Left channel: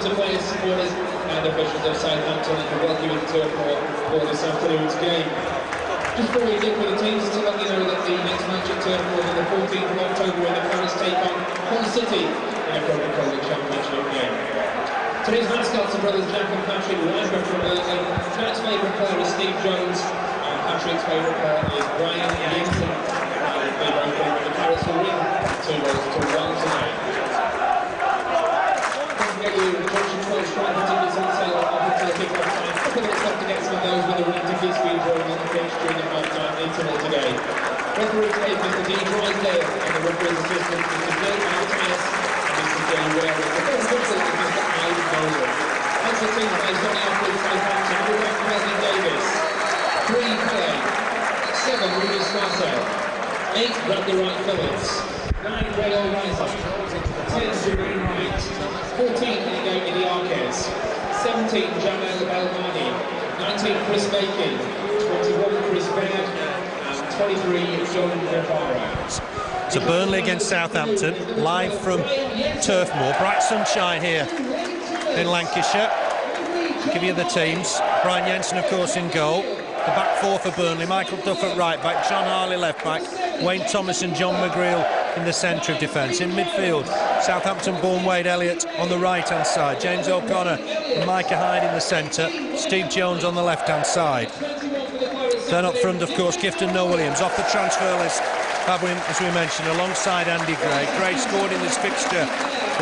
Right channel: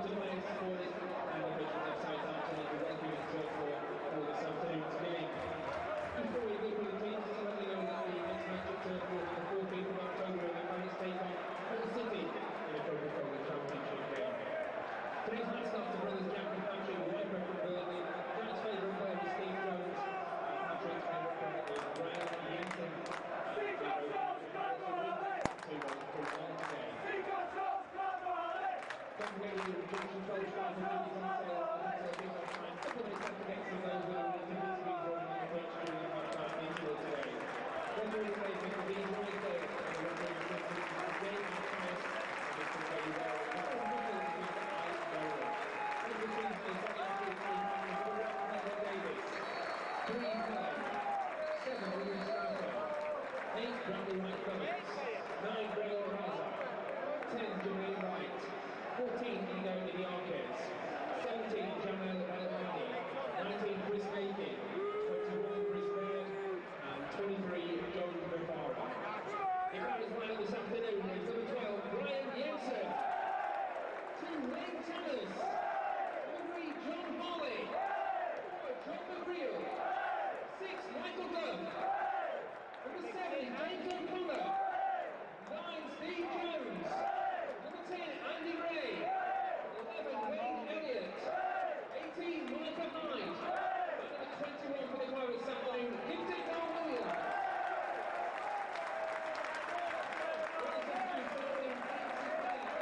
to players, supporters and officials of Southampton, and welcome you to Turf Moor for this afternoon's game. Just before we look for the teams, to let you know that the next match at Turf Moor on the 14th of October when the Paris take on Hull City in a Cotterill Championship game. Today's mascots are brothers Jack and Patrick, live from Burnley. Jack's favourite player is Steve Jones, and Patrick's favourite player is Brian Jensen. They both think the Paris will win 2-1 today. Get you Junction 12 strike tickets on sale up until kick-off time. A couple of minutes left to get some of those with the winning tickets being drawn on the pitch during the half-time interval today. Referee today is Mr. Drysdale, and the referee's assistant Mr. Bill Matthias and Mr. Jay Ware. The first official is Mr. Hyde. That's the team based on the outfield Southampton. Quarterback Wesley Davis, 3 Pele, 7 Rudi Skácel, 8 Bradley Wright Phillips, 9 Noel-Williams, 10 Jermaine Wright, 14 in the Arquez, 17 Jamel Belmadi, 19 Chris Bacon, 21 Chris Baird, and 23 John Guevara. So Burnley against Southampton, live from Turf Moor. Bright sunshine here in Lancashire. I'll give you the teams. Brian Jensen, of course, in goal. The back four for Burnley, Michael Duff at right back, John Harley left back, Wayne Thomas and John McGreal in the centre of defence. In midfield, Southampton-born Wade Elliott on the right-hand side, James O'Connor and Micah Hyde in the centre, Steve Jones on the left-hand side. Then up front, of course, Gifton, Noel-Williams. Off the transfer list, as we mentioned, alongside Andy Gray. Gray scored in this fixture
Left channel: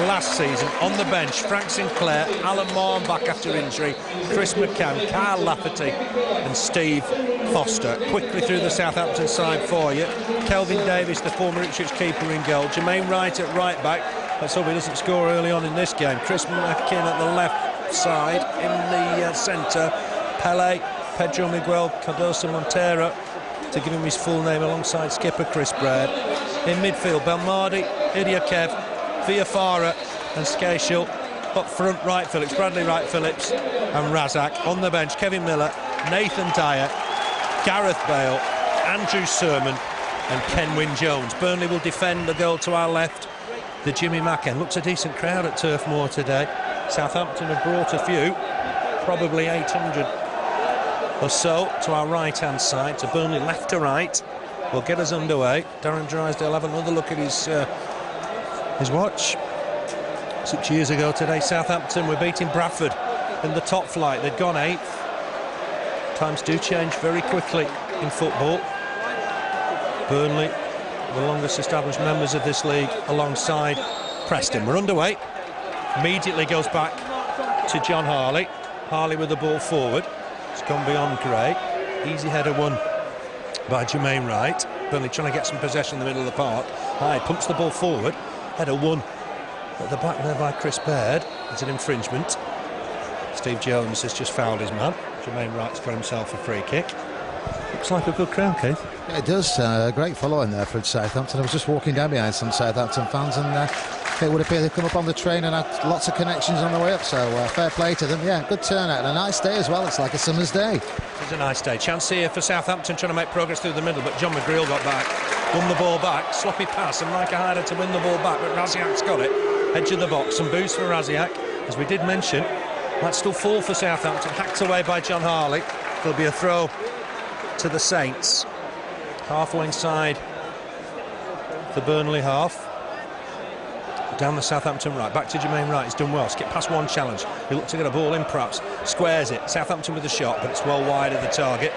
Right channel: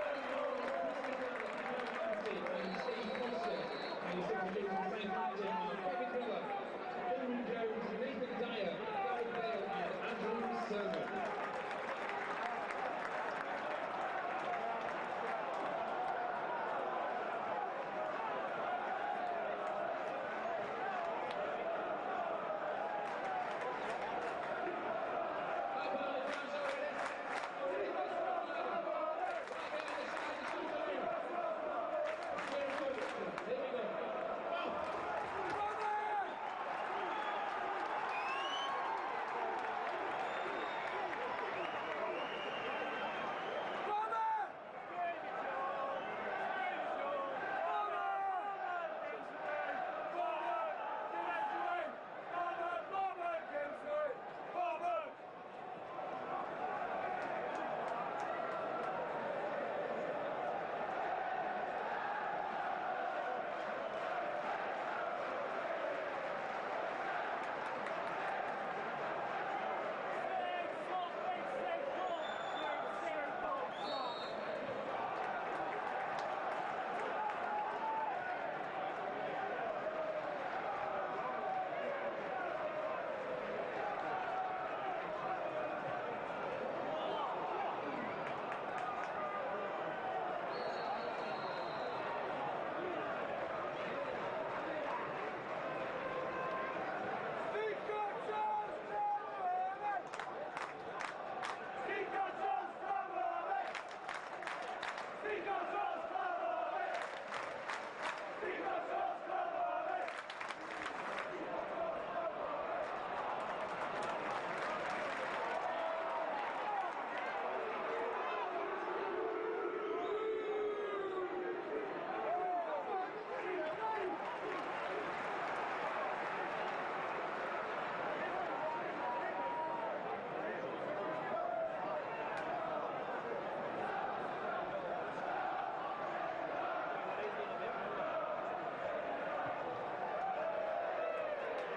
last season. On the bench, Frank Sinclair, Alan Morn back after injury, Chris McCann, Kyle Lafferty and Steve Foster. Quickly through the Southampton side for you. Kelvin Davis, the former Ipswich keeper, in goal. Jermaine Wright at right back. Let's hope he doesn't score early on in this game. Chris McCann at the left side. In the centre, Pele, Pedro Miguel Cardoso Montero, to give him his full name, alongside skipper Chris Baird. In midfield, Belmadi, Idiokev, Viafara and Skácel. Up front, Wright Phillips, Bradley Wright Phillips and Rasiak. On the bench, Kevin Miller, Nathan Dyer, Gareth Bale, Andrew Sermon and Ken Wynne-Jones. Burnley will defend the goal to our left, the Jimmy Macken. Looks a decent crowd at Turf Moor today. Southampton have brought a few, probably 800 or so to our right-hand side. To Burnley left to right will get us underway. Darren Drysdale have another look at his watch. 6 years ago today, Southampton were beating Bradford in the top flight. They'd gone 8th. Times do change very quickly in football. Burnley, the longest established members of this league, alongside Preston. We're underway. Immediately goes back to John Harley. Harley with the ball forward. It's gone beyond Gray. Easy header won by Jermaine Wright. Burnley trying to get some possession in the middle of the park. Hyde pumps the ball forward. Header won at the back there by Chris Baird. It's an infringement. Steve Jones has just fouled his man. Jermaine Wright's got himself a free kick. Looks like a good crowd, Keith. Yeah, it does. Great following there for Southampton. I was just walking down behind some Southampton fans, and it would appear they've come up on the train and had lots of connections on the way up, so fair play to them. Yeah, good turnout and a nice day as well. It's like a summer's day. It's a nice day. Chance here for Southampton, trying to make progress through the middle, but John McGreal got back, won the ball back, sloppy pass, and Micah Hyde to win the ball back, but Rasiak's got it. Edge of the box, some boost for Rasiak. As we did mention, might still fall for Southampton, hacked away by John Harley. There'll be a throw to the Saints. Halfway inside the Burnley half. Down the Southampton right, back to Jermaine Wright. He's done well, skip past one challenge. He looked to get a ball in, perhaps squares it. Southampton with a shot, but it's well wide of the target.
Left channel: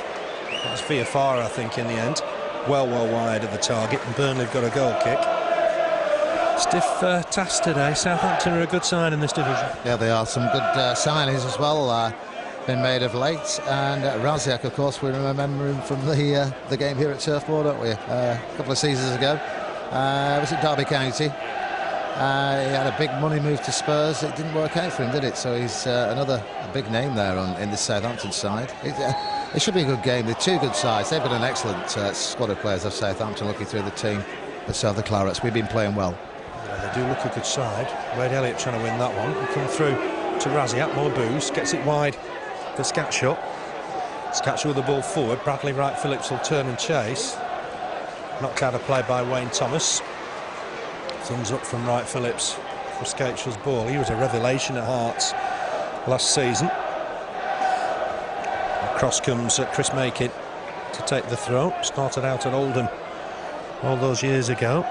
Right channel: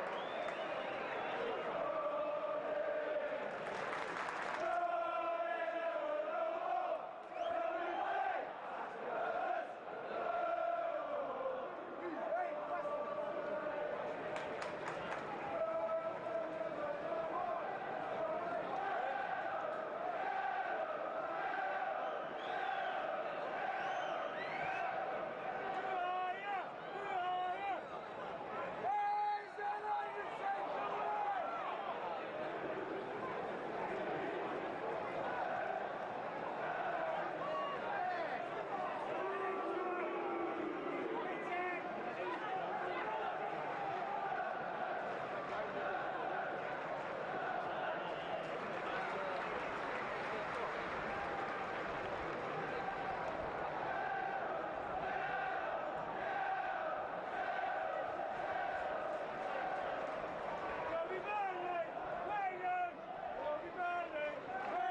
It was Viafara, I think, in the end. Well wide of the target, and Burnley have got a goal kick. Stiff task today. Southampton are a good side in this division. Yeah, they are. Some good signings as well been made of late, and Rasiak, of course, we remember him from the game here at Turf Moor, don't we? A couple of seasons ago. Was it Derby County? He had a big money move to Spurs. It didn't work out for him, did it? So he's another big name there in the Southampton side. It should be a good game. They're two good sides. They've got an excellent squad of players of Southampton. Looking through the team, so the Clarets, we've been playing well. Yeah, they do look a good side. Wade Elliott trying to win that one. He come through to Rasiak, more boost, gets it wide for Skácel. Skácel with the ball forward. Bradley Wright Phillips will turn and chase. Knocked out of play by Wayne Thomas. Thumbs up from Wright Phillips for Skácel's ball. He was a revelation at Hearts last season. Across comes Chris Micah to take the throw. Started out at Oldham all those years ago.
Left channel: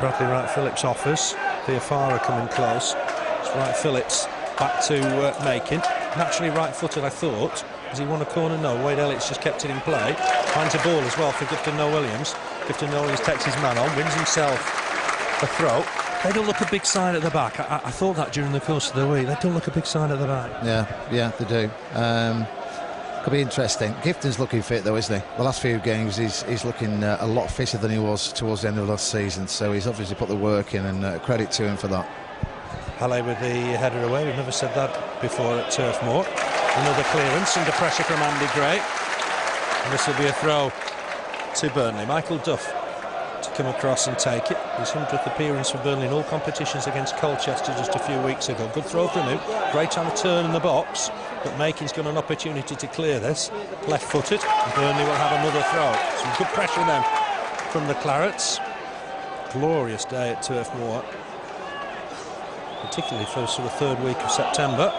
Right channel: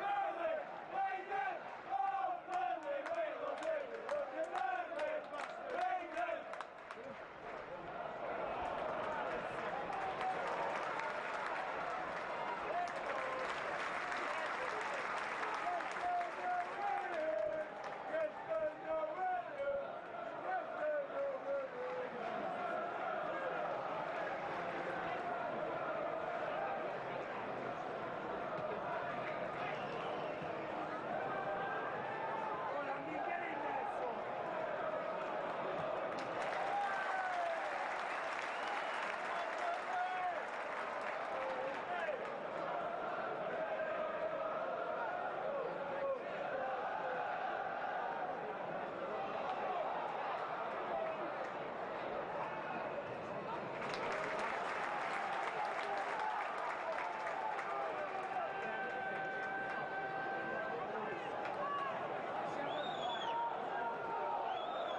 Bradley Wright-Phillips offers. Theofara coming close. It's Wright-Phillips back to Micah. Naturally right-footed, I thought. Has he won a corner? No. Wade Elliott's just kept it in play. Finds a ball as well for Gifton Noel-Williams. Gifton Noel-Williams takes his man on, wins himself a throw. They don't look a big side at the back. I thought that during the course of the week. They don't look a big side at the back. Yeah, they do. Could be interesting. Gifton's looking fit though, isn't he? The last few games he's looking a lot fitter than he was towards the end of last season, so he's obviously put the work in, and credit to him for that. Harley with the header away. We've never said that before at Turf Moor. Another clearance under pressure from Andy Gray, and this will be a throw to Burnley. Michael Duff to come across and take it. His 100th appearance for Burnley in all competitions against Colchester just a few weeks ago. Good throw from him. Great time to turn in the box, but Makin's got an opportunity to clear this. Left-footed. Burnley will have another throw. Some good pressure then from the Clarets. Glorious day at Turf Moor, particularly for sort of third week of September.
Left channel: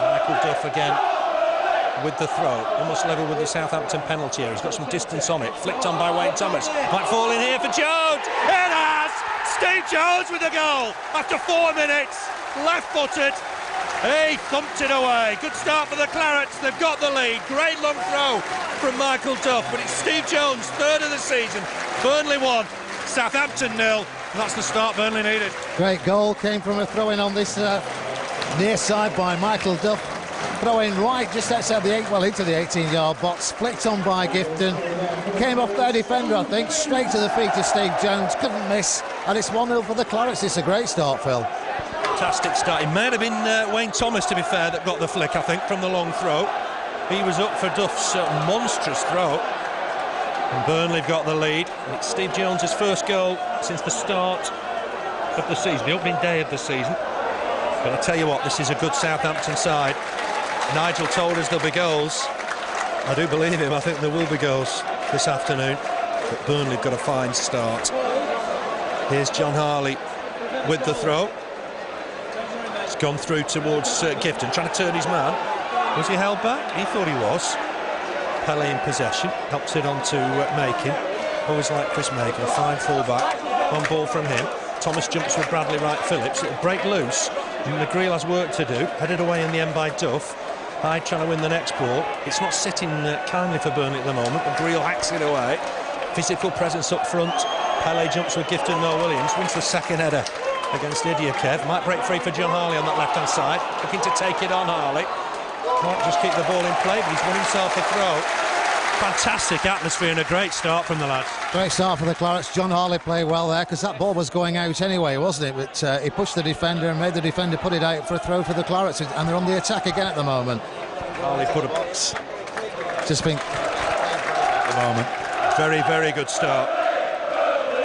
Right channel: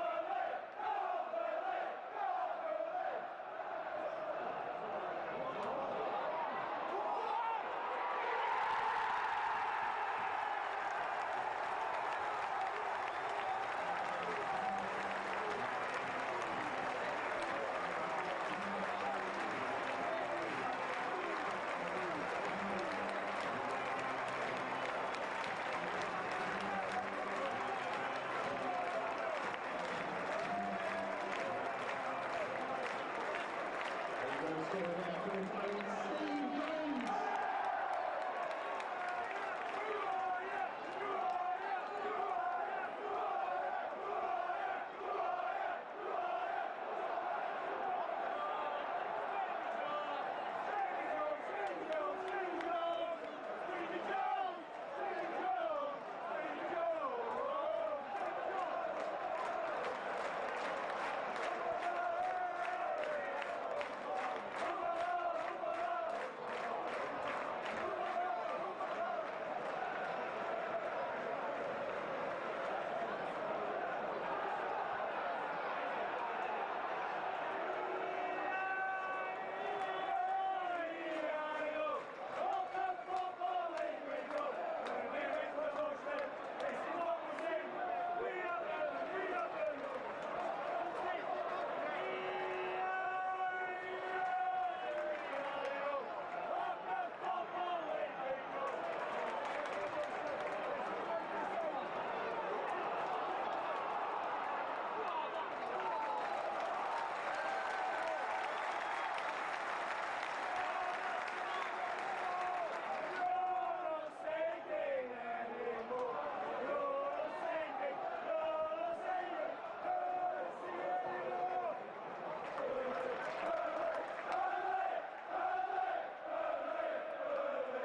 Michael Duff again with the throw, almost level with the Southampton penalty area. He's got some distance on it, flicked on by Wayne Thomas. Might fall in here for Jones. It has! Steve Jones with the goal after 4 minutes, left-footed. He thumped it away. Good start for the Clarets. They've got the lead. Great long throw from Michael Duff, but it's Steve Jones, third of the season. Burnley 1, Southampton 0. That's the start Burnley needed. Great goal came from a throw-in on this near side by Michael Duff. Throw-in right just outside the into the 18-yard box. Flicked on by Gifton. Came off their defender, I think, straight to the feet of Steve Jones. Couldn't miss, and it's 1-0 for the Clarets. It's a great start, Phil. Fantastic start. It might have been Wayne Thomas, to be fair, that got the flick, I think, from the long throw. He was up for Duff's monstrous throw. And Burnley have got the lead. And it's Steve Jones' first goal since the start of the season, the opening day of the season. But I tell you what, this is a good Southampton side. Nigel told us there'll be goals. I do believe him. I think there will be goals this afternoon. But Burnley have got a fine start. Here's John Harley with the throw. It's gone through towards Gifton, trying to turn his man. Was he held back? He thought he was. Pele in possession, helps it on to Micah. Always like Chris Micah, a fine full-back. On ball from him. Thomas jumps with Bradley Wright-Phillips. It'll break loose. McGreal has work to do. Headed away in the end by Duff. Hyde trying to win the next ball. It's not sitting kindly for Burnley at the moment. McGreal hacks it away. Physical presence up front. Pele jumps with Gifton Noel-Williams. Wins the second header against Elliott. Might break free for John Harley on that left-hand side. Looking to take it on, Harley. Might just keep the ball in play, but he's won himself a throw. Fantastic atmosphere and a great start from the lads. Great start for the Clarets. John Harley played well there, because that ball was going out anyway, wasn't it? But he pushed the defender and made the defender put it out for a throw for the Clarets, and they're on the attack again at the moment. Harley put a... Just been... at the moment. Very, very good start.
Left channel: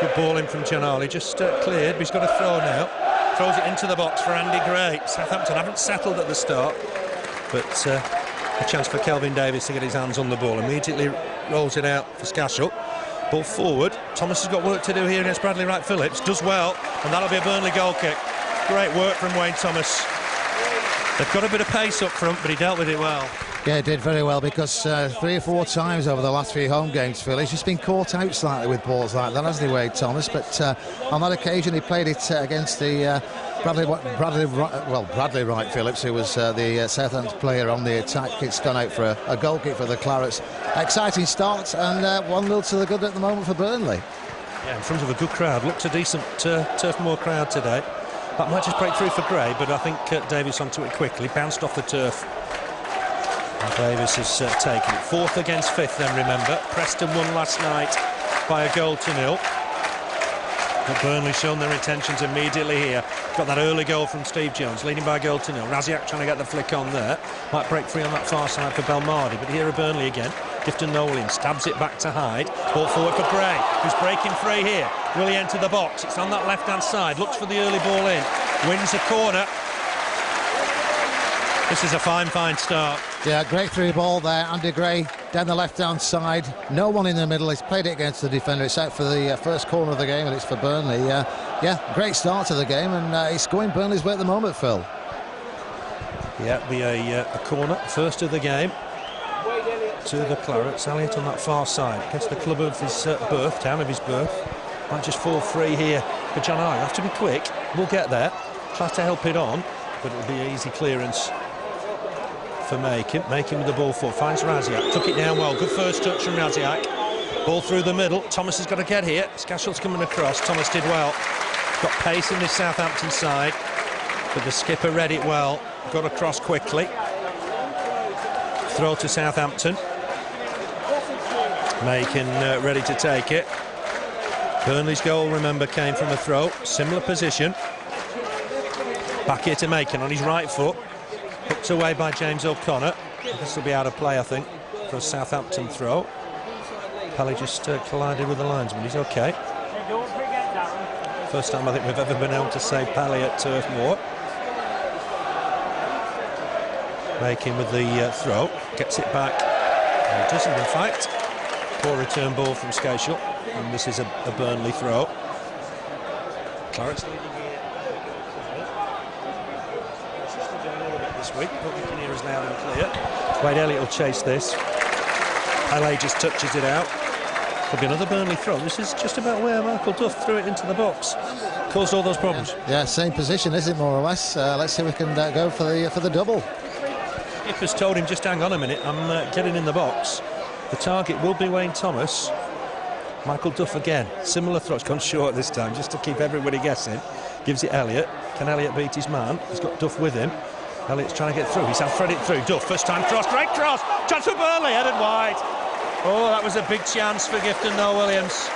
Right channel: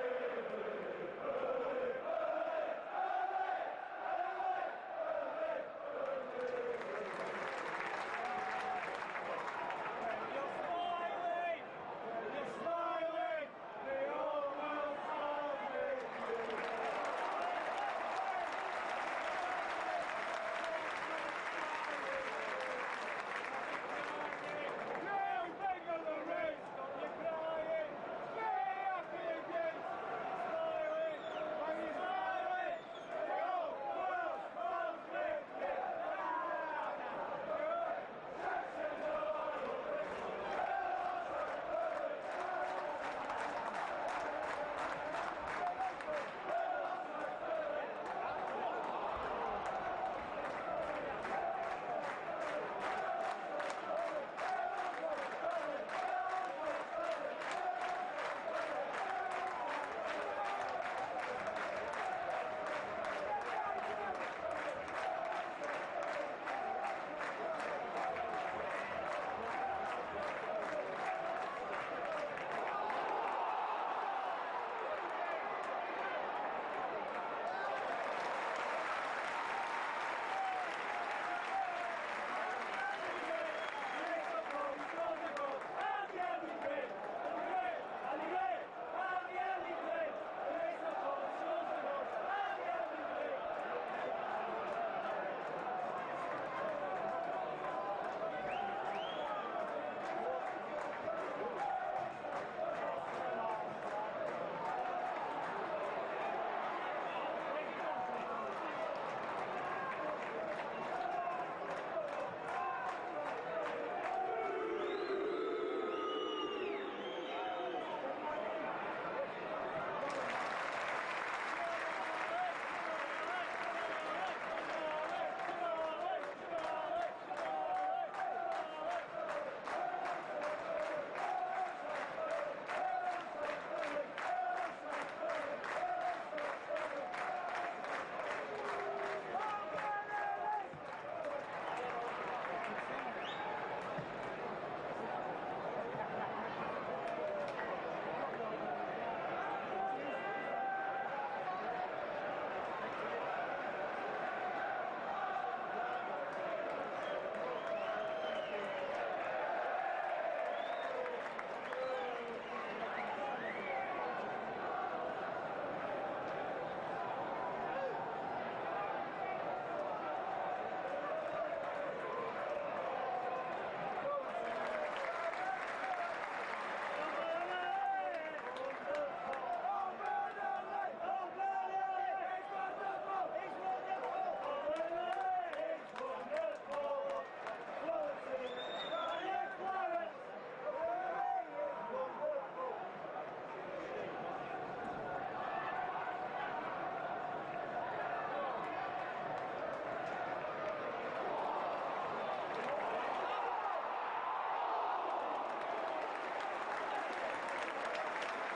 Good ball in from John Harley. Just cleared, but he's got a throw now. Throws it into the box for Andy Gray. Southampton haven't settled at the start, but a chance for Kelvin Davis to get his hands on the ball. Immediately rolls it out for Skácel. Ball forward. Thomas has got work to do here against Bradley Wright-Phillips. Does well, and that'll be a Burnley goal kick. Great work from Wayne Thomas. They've got a bit of pace up front, but he dealt with it well. Yeah, he did very well, because 3 or 4 times over the last few home games, Phil, he's just been caught out slightly with balls like that, hasn't he, Wayne Thomas? But on that occasion, he played it against the Bradley Wright-Phillips, who was the Southampton player on the attack. It's gone out for a goal kick for the Clarets. Exciting start, and 1-0 to the good at the moment for Burnley. Yeah, in front of a good crowd. Looks a decent Turf Moor crowd today. That might just break through for Gray, but I think Davis onto it quickly. Bounced off the turf. And Davis has taken it. 4th against 5th, then, remember. Preston won last night by 1-0. But Burnley shown their intentions immediately here. Got that early goal from Steve Jones, leading by 1-0. Rasiak trying to get the flick on there. Might break free on that far side for Belmardi, but here are Burnley again. Gifton Noel-Williams stabs it back to Hyde. Ball forward for Gray, who's breaking free here. Will he enter the box? It's on that left-hand side. Looks for the early ball in. Wins a corner. This is a fine, fine start. Yeah, great through ball there. Andy Gray down the left-hand side. No one in the middle. He's played it against the defender. It's out for the first corner of the game, and it's for Burnley. Yeah, great start to the game, and it's going Burnley's way at the moment, Phil. Yeah, it'll be a corner, first of the game. To the Clarets. Elliott on that far side against the club of his birth, town of his birth. Might just fall free here for John Hyde. Have to be quick. We'll get there. Tries to help it on, but it'll be an easy clearance for Micah. Micah with the ball forward. Finds Rasiak. Took it down well. Good first touch from Rasiak. Ball through the middle. Thomas has got to get here. Skácel's coming across. Thomas did well. Got pace in this Southampton side, but the skipper read it well. Got across quickly. Throw to Southampton. Micah ready to take it. Burnley's goal, remember, came from a throw. Similar position. Back here to Micah on his right foot. Hooked away by James O'Connor. This will be out of play, I think, for a Southampton throw. Pelly just collided with the linesman. He's OK. First time I think we've ever been able to save Pelly at Turf Moor. Making with the throw. Gets it back. And he doesn't, in fact. Poor return ball from Skácel, and this is a Burnley throw. Clarets leading here this week, but we can hear us loud and clear. Wade Elliott will chase this. Pelé just touches it out. Could be another Burnley throw. This is just about where Michael Duff threw it into the box. Caused all those problems. Yeah, same position, is it, more or less? Let's see if we can go for the double. Skipper's told him, just hang on a minute, I'm getting in the box. The target will be Wayne Thomas. Michael Duff again. Similar throw. It's gone short this time, just to keep everybody guessing. Gives it Elliott. Can Elliott beat his man? He's got Duff with him. Elliott's trying to get through. He's thread it through. Duff, first time cross. Great cross. Chance for Burley. Headed wide. Oh, that was a big chance for Gifton, Noel-Williams.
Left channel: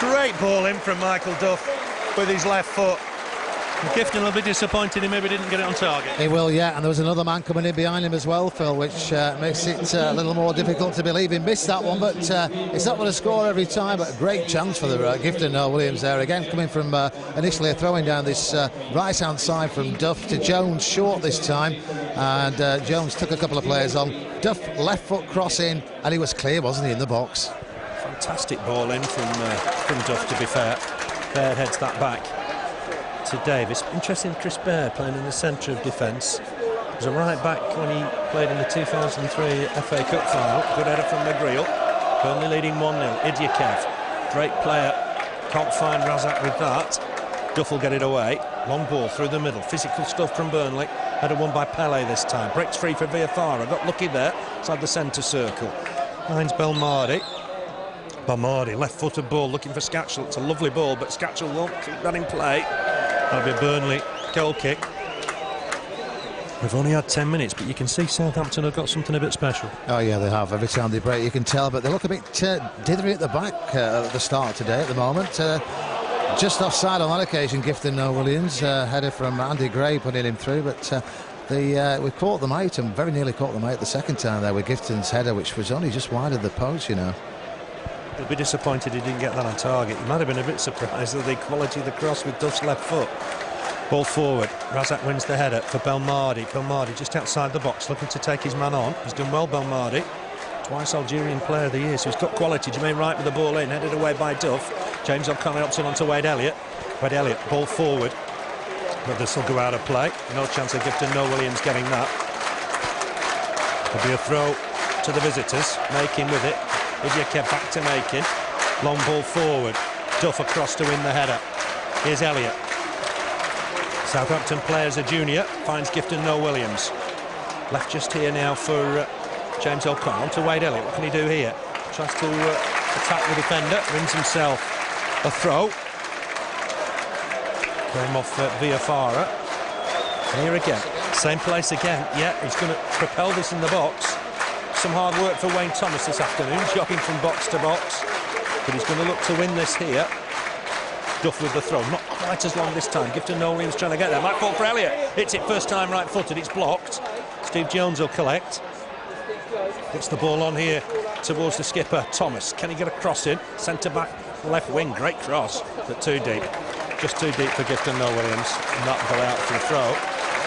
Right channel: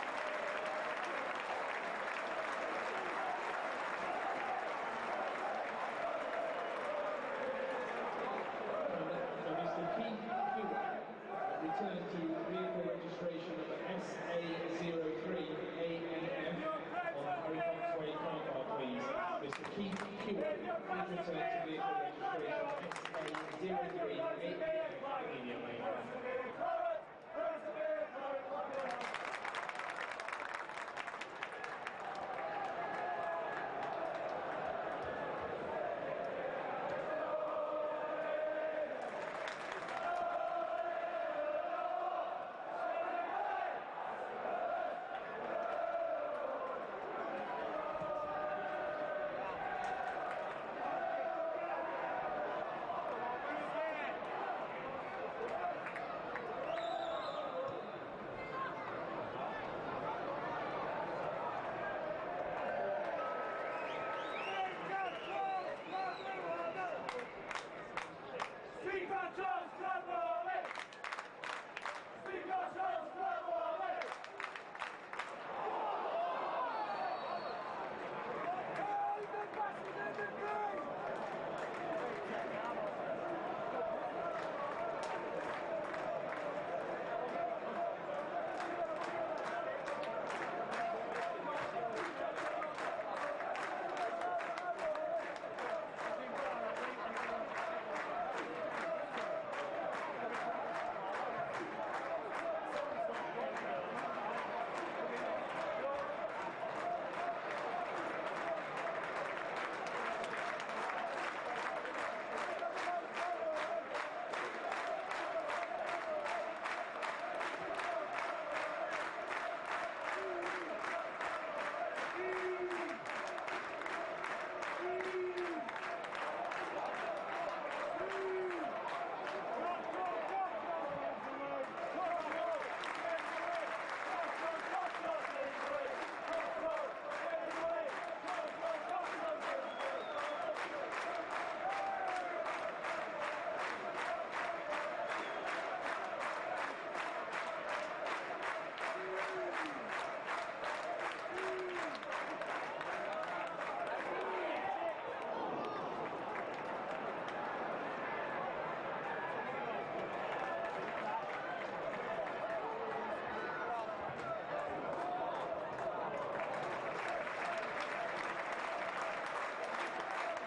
Great ball in from Michael Duff with his left foot. Gifton will be disappointed he maybe didn't get it on target. He will, yeah, and there was another man coming in behind him as well, Phil, which makes it a little more difficult to believe he missed that one, but it's not going to score every time, but a great chance for the Gifton Noel-Williams there again, coming from initially throwing down this right-hand side from Duff to Jones, short this time, and Jones took a couple of players on. Duff left foot cross in, and he was clear, wasn't he, in the box? Fantastic ball in from Duff, to be fair. Baird heads that back to Davis. Interesting, Chris Baird playing in the centre of defence. He was a right back when he played in the 2003 FA Cup final. Good header from McGreal. Burnley leading 1-0. Idyakev, great player. Can't find Rasiak with that. Duff will get it away. Long ball through the middle. Physical stuff from Burnley. Header won by Pelé this time. Breaks free for Viafara. Got lucky there. Inside the centre circle. Finds Belmardi. Belmardi, left-footed ball, looking for Skácel. It's a lovely ball, but Skácel won't keep that in play. That'll be a Burnley goal kick. We've only had 10 minutes, but you can see Southampton have got something a bit special. Oh yeah, they have. Every time they break, you can tell, but they look a bit dithery at the back at the start today at the moment. Just offside on that occasion, Gifton Noel-Williams, header from Andy Gray putting him through, but we caught them out, and very nearly caught them out the second time there with Gifton's header, which was only just wide of the post, you know. He'll be disappointed he didn't get that on target. He might have been a bit surprised at the quality of the cross with Duff's left foot. Ball forward. Rasiak wins the header for Belmardi. Belmardi just outside the box, looking to take his man on. He's done well, Belmardi. Twice Algerian Player of the Year, so he's got quality. Jermaine Wright with the ball in, headed away by Duff. James O'Connor opts on to Wade Elliott. Wade Elliott, ball forward. But this will go out of play. No chance of Gifton Noel-Williams getting that. There'll be a throw to the visitors. Making with it. Idyakev back to Making. Long ball forward. Duff across to win the header. Here's Elliott. Southampton player as a junior. Finds Gifton Noel-Williams. Left just here now for James O'Connor. On to Wade Elliott. What can he do here? Tries to attack the defender. Wins himself a throw. Came off Viafara. Here again. Same place again. Yeah, he's going to propel this in the box. Some hard work for Wayne Thomas this afternoon, jogging from box to box, but he's going to look to win this here. Duff with the throw, not quite as long this time. Gifton Noel-Williams trying to get there. Might fall for Elliott. Hits it first time right-footed. It's blocked. Steve Jones will collect. Gets the ball on here towards the skipper, Thomas. Can he get a cross in? Centre back, left wing. Great cross, but too deep. Just too deep for Gifton Noel-Williams, and that'll go out for the throw.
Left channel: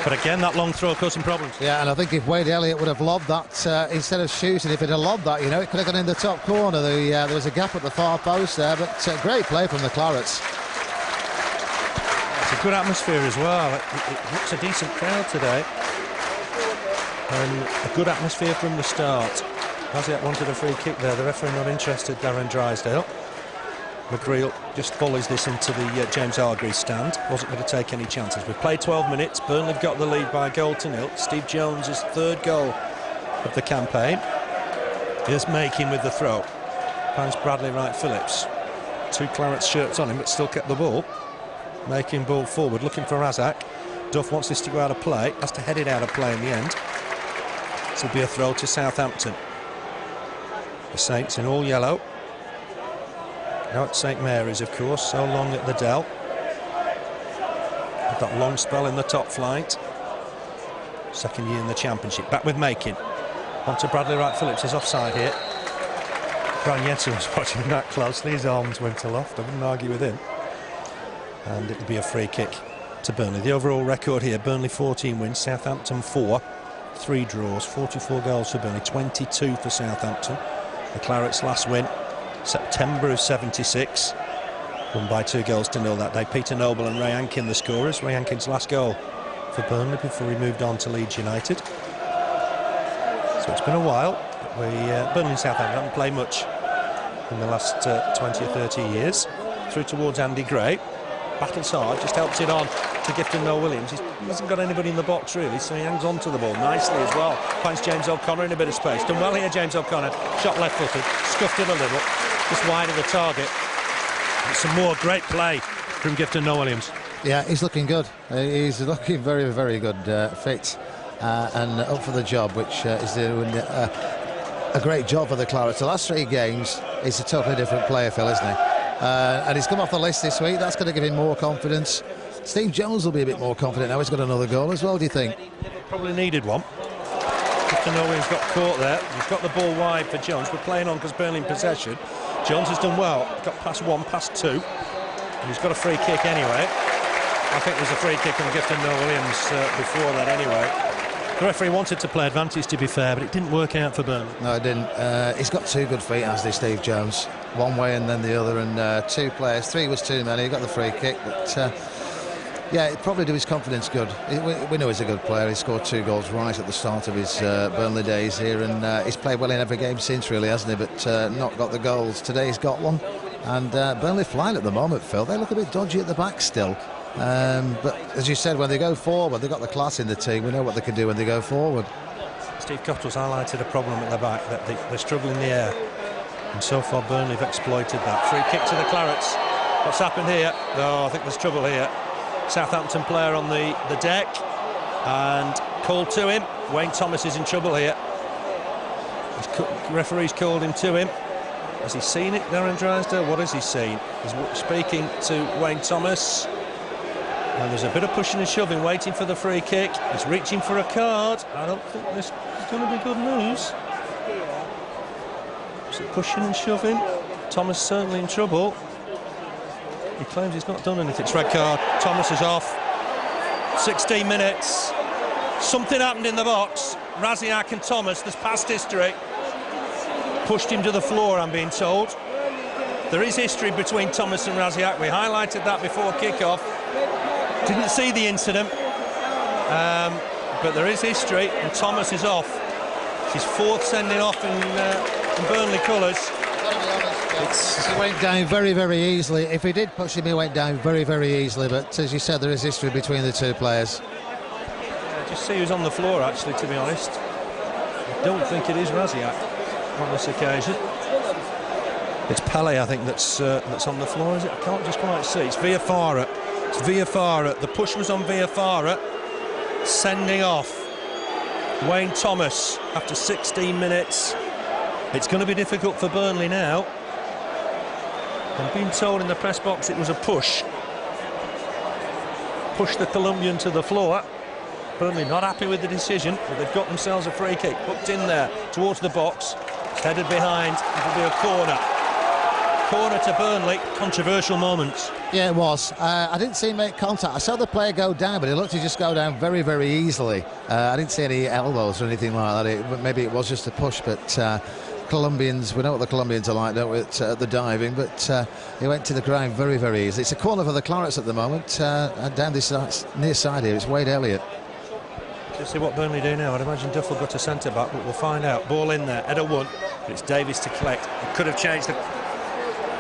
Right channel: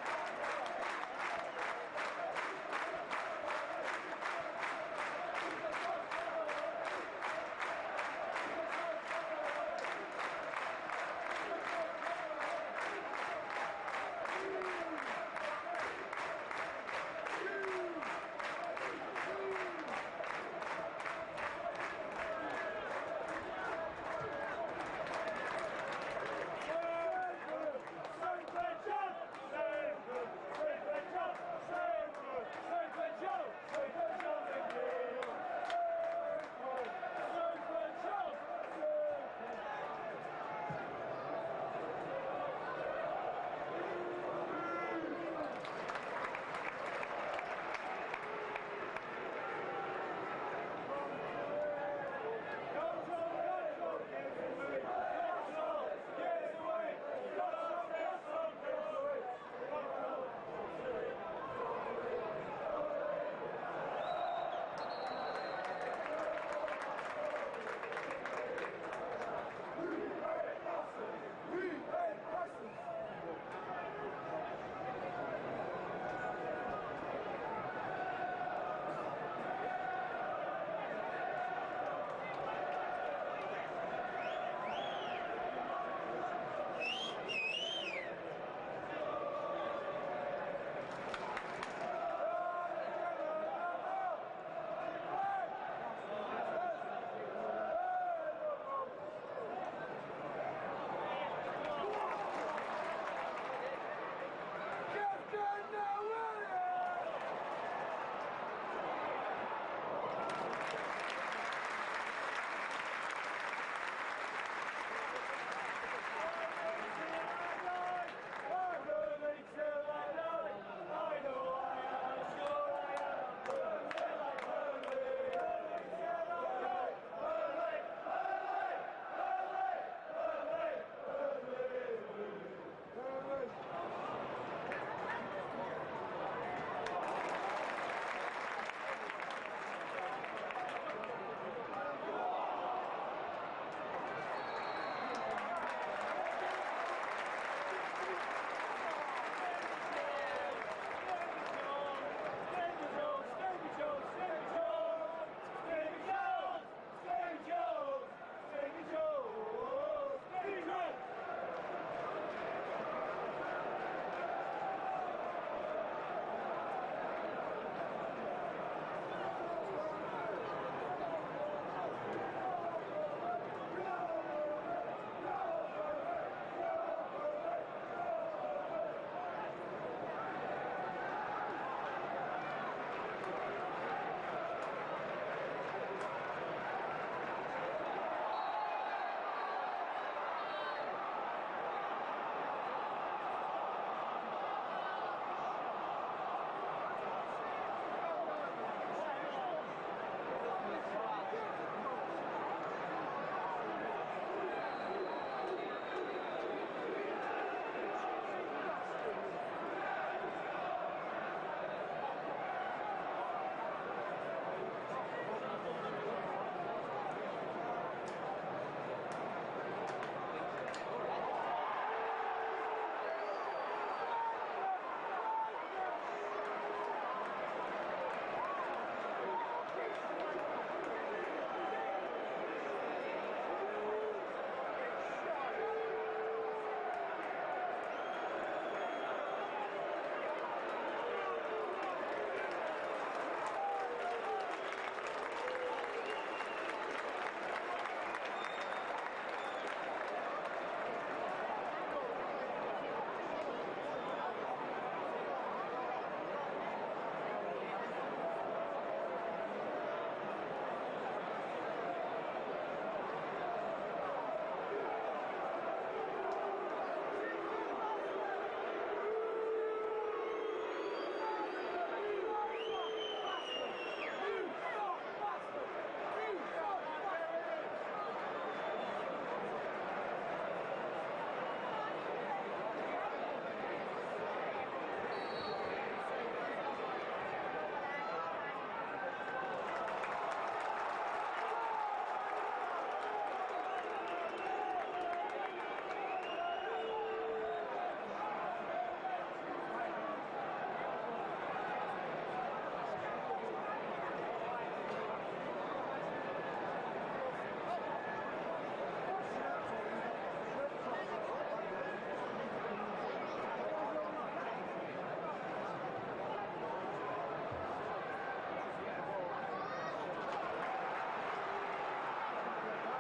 But again, that long throw caused some problems. Yeah, and I think if Wade Elliott would have lobbed that instead of shooting, if he'd have lobbed that, you know, it could have gone in the top corner. There was a gap at the far post there, but great play from the Clarets. It's a good atmosphere as well. It looks a decent crowd today. And a good atmosphere from the start. Rasiak wanted a free kick there. The referee not interested, Darren Drysdale. McGreal just volleys this into the James Hargreaves stand. Wasn't going to take any chances. We've played 12 minutes. Burnley have got the lead by a goal to nil. Steve Jones' third goal of the campaign. Here's Making with the throw. Finds Bradley Wright-Phillips. 2 Clarets shirts on him, but still kept the ball. Making ball forward, looking for Rasiak. Duff wants this to go out of play. Has to head it out of play in the end. This will be a throw to Southampton. The Saints in all yellow. Now at St Mary's, of course, so long at the Dell. Had that long spell in the top flight. Second year in the Championship. Back with Making. On to Bradley Wright-Phillips. He's offside here. Brian Jensen was watching that closely. His arms went aloft. I wouldn't argue with him. And it'll be a free kick to Burnley. The overall record here, Burnley 14 wins, Southampton 4. 3 draws, 44 goals for Burnley, 22 for Southampton. The Clarets' last win, September of '76, won by 2 goals to nil that day. Peter Noble and Ray Ankin the scorers. Ray Ankin's last goal for Burnley before he moved on to Leeds United. So it's been a while. But Burnley and Southampton haven't played much in the last 20 or 30 years. Through towards Andy Gray. Battles hard, just helps it on to Gifton Noel-Williams. He hasn't got anybody in the box really, so he hangs on to the ball nicely as well. Finds James O'Connor in a bit of space. Done well here, James O'Connor. Shot left-footed, scuffed it a little, just wide of the target. But some more great play from Gifton Noel-Williams. Yeah, he's looking good. He's looking very, very good, fit and up for the job, which is doing a great job for the Clarets. The last 3 games, he's a totally different player, Phil, isn't he? And he's come off the list this week. That's going to give him more confidence. Steve Jones will be a bit more confident now. He's got another goal as well, do you think? Probably needed one. Gifton Noel-Williams got caught there. He's got the ball wide for Jones. We're playing on because Burnley in possession. Jones has done well. Got past 1, past 2. And he's got a free kick anyway. I think there's a free kick on Gifton Noel-Williams before that anyway. The referee wanted to play advantage, to be fair, but it didn't work out for Burnley. No, it didn't. He's got 2 good feet, hasn't he, Steve Jones? One way and then the other, and 2 players. 3 was too many. He got the free kick, but yeah, it probably do his confidence good. We know he's a good player. He scored 2 goals right at the start of his Burnley days here, and he's played well in every game since, really, hasn't he? But not got the goals. Today he's got one, and Burnley flying at the moment, Phil. They look a bit dodgy at the back still. But as you said, when they go forward, they've got the class in the team. We know what they can do when they go forward. Steve Cottill's highlighted a problem at the back, that they struggle in the air, and so far Burnley have exploited that. Free kick to the Clarets. What's happened here? Oh, I think there's trouble here. Southampton player on the deck, and called to him. Wayne Thomas is in trouble here. Referee's called him to him. Has he seen it, Darren Drysdale? What has he seen? He's speaking to Wayne Thomas. And there's a bit of pushing and shoving, waiting for the free kick. He's reaching for a card. I don't think this is going to be good news. Is it pushing and shoving? Thomas certainly in trouble. He claims he's not done anything. It's red card. Thomas is off. 16 minutes. Something happened in the box. Rasiak and Thomas, there's past history. Pushed him to the floor, I'm being told. There is history between Thomas and Rasiak. We highlighted that before kick-off. Didn't see the incident, but there is history, and Thomas is off. It's his 4th sending off in Burnley colours. He went down very, very easily. If he did push him, he went down very, very easily. But as you said, there is history between the 2 players. Just see who's on the floor, actually, to be honest. I don't think it is Rasiak on this occasion. It's Pele, I think, that's on the floor, is it? I can't just quite see. It's Viafara. It's Viafara. The push was on Viafara. Sending off Wayne Thomas after 16 minutes. It's going to be difficult for Burnley now. I'm being told in the press box it was a push. Push the Colombian to the floor. Burnley not happy with the decision, but they've got themselves a free kick. Hooked in there towards the box. It's headed behind. It'll be a corner. Corner to Burnley. Controversial moments. Yeah, it was. I didn't see him make contact. I saw the player go down, but it looked to just go down very, very easily. I didn't see any elbows or anything like that. Maybe it was just a push, but Colombians, we know what the Colombians are like, don't we, at the diving, but he went to the ground very, very easily. It's a corner for the Clarets at the moment, and down this near side here, it's Wade Elliott. Let's see what Burnley do now. I'd imagine Duff will go to centre-back, but we'll find out. Ball in there, header one, but it's Davies to collect. It could have changed the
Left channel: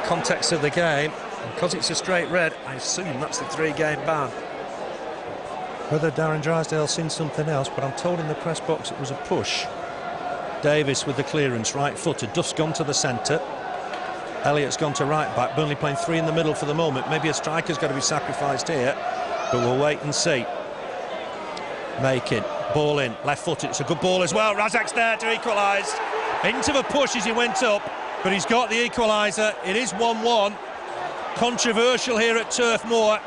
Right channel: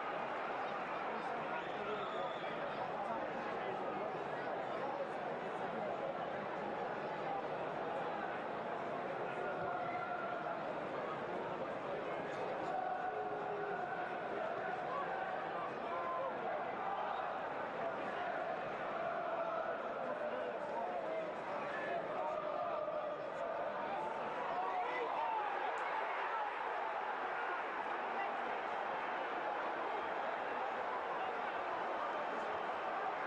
context of the game. Because it's a straight red, I assume that's the 3-game ban. Whether Darren Drysdale's seen something else, but I'm told in the press box it was a push. Davies with the clearance, right-footed. Duff's gone to the centre. Elliott's gone to right-back. Burnley playing 3 in the middle for the moment. Maybe a striker's got to be sacrificed here, but we'll wait and see. Making, ball in, left-footed. It's a good ball as well. Rasiak's there to equalise. Into the push as he went up, but he's got the equaliser. It is 1-1. Controversial here at Turf Moor,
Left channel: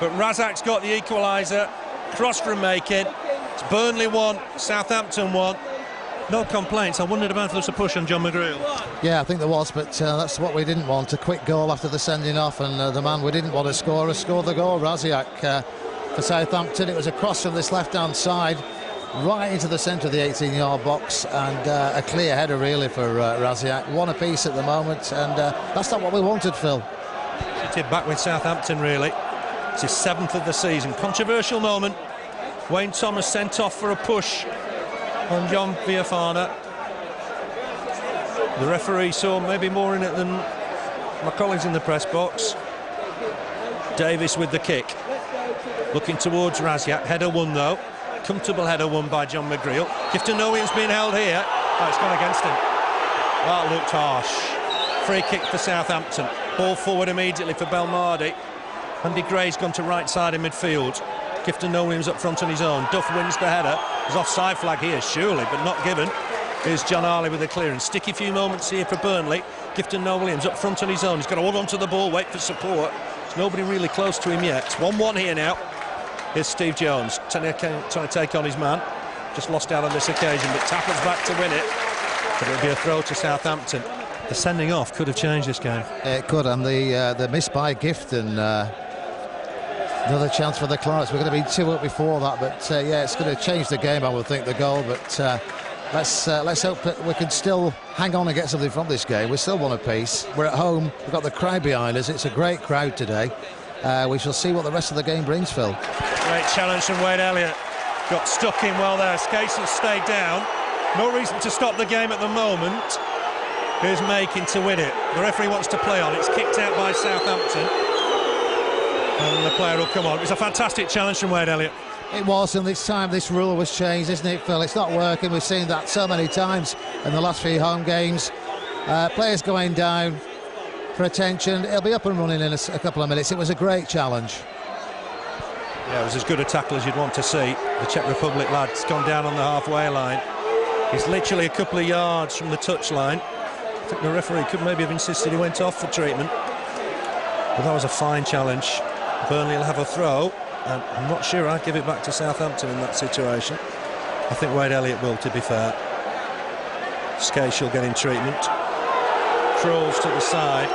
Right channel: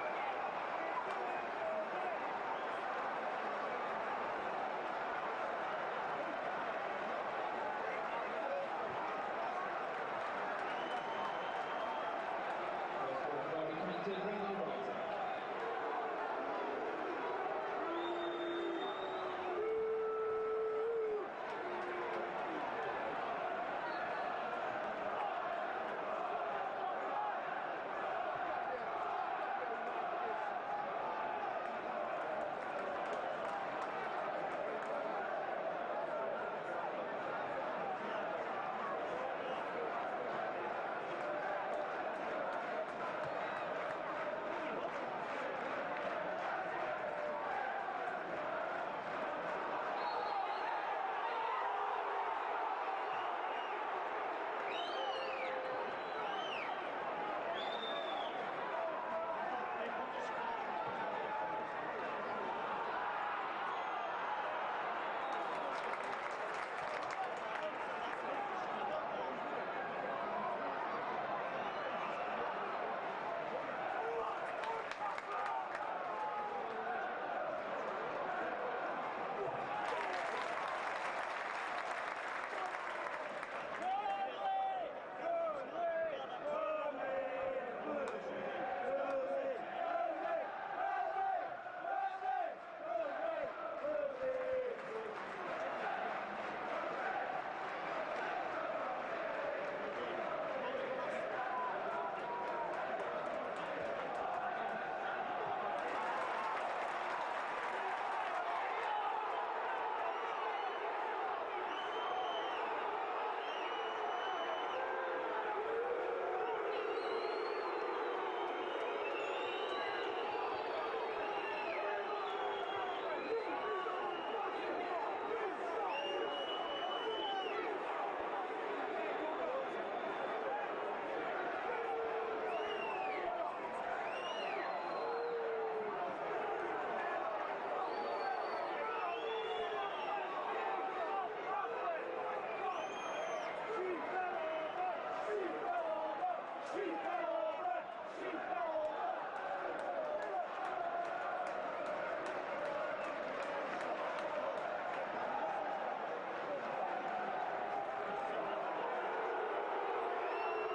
but Rasiak's got the equaliser. Cross from Making. It's Burnley 1, Southampton 1. No complaints. I wondered about if there was a push on John McGreal. Yeah, I think there was, but that's what we didn't want. A quick goal after the sending off, and the man we didn't want to score has scored the goal. Rasiak for Southampton. It was a cross from this left-hand side right into the centre of the 18-yard box, and a clear header really for Rasiak. One apiece at the moment, and that's not what we wanted, Phil. Back with Southampton, really. It's his 7th of the season. Controversial moment. Wayne Thomas sent off for a push on John Viafana. The referee saw maybe more in it than my colleagues in the press box. Davies with the kick. Looking towards Rasiak. Header one, though. Comfortable header one by John McGreal. Gifton Noel-Williams being held here. Oh, it's gone against him. That looked harsh. Free kick for Southampton. Ball forward immediately for Belmardi. Andy Gray's gone to right side in midfield. Gifton Noel-Williams up front on his own. Duff wins the header. There's offside flag here, surely, but not given. Here's John Harley with the clearance. Sticky few moments here for Burnley. Gifton Noel-Williams up front on his own. He's got to hold on to the ball, wait for support. There's nobody really close to him yet. It's 1-1 here now. Here's Steve Jones trying to take on his man. Just lost out on this occasion, but tackles back to win it. But it'll be a throw to Southampton. The sending off could have changed this game. It could, and the miss by Gifton. Another chance for the Clarets. We're going to be 2 up before that, but yeah, it's going to change the game, I would think, the goal. But let's hope that we can still hang on and get something from this game. We still want a piece. We're at home. We've got the crowd behind us. It's a great crowd today. We shall see what the rest of the game brings, Phil. Great challenge from Wade Elliott. Got stuck in well there. Skácel stayed down. No reason to stop the game at the moment. Here's Making to win it. The referee wants to play on. It's kicked out by Southampton. And the player will come on. It was a fantastic challenge from Wade Elliott. It was, and this time this rule was changed, isn't it, Phil? It's not working. We've seen that so many times in the last few home games. Players going down for attention. It'll be up and running in a couple of minutes. It was a great challenge. Yeah, it was as good a tackle as you'd want to see. The Czech Republic lad's gone down on the halfway line. He's literally a couple of yards from the touchline. I think the referee could maybe have insisted he went off for treatment. But that was a fine challenge. Burnley will have a throw, and I'm not sure I'd give it back to Southampton in that situation. I think Wade Elliott will, to be fair. Skácel getting treatment. Crawls to the side.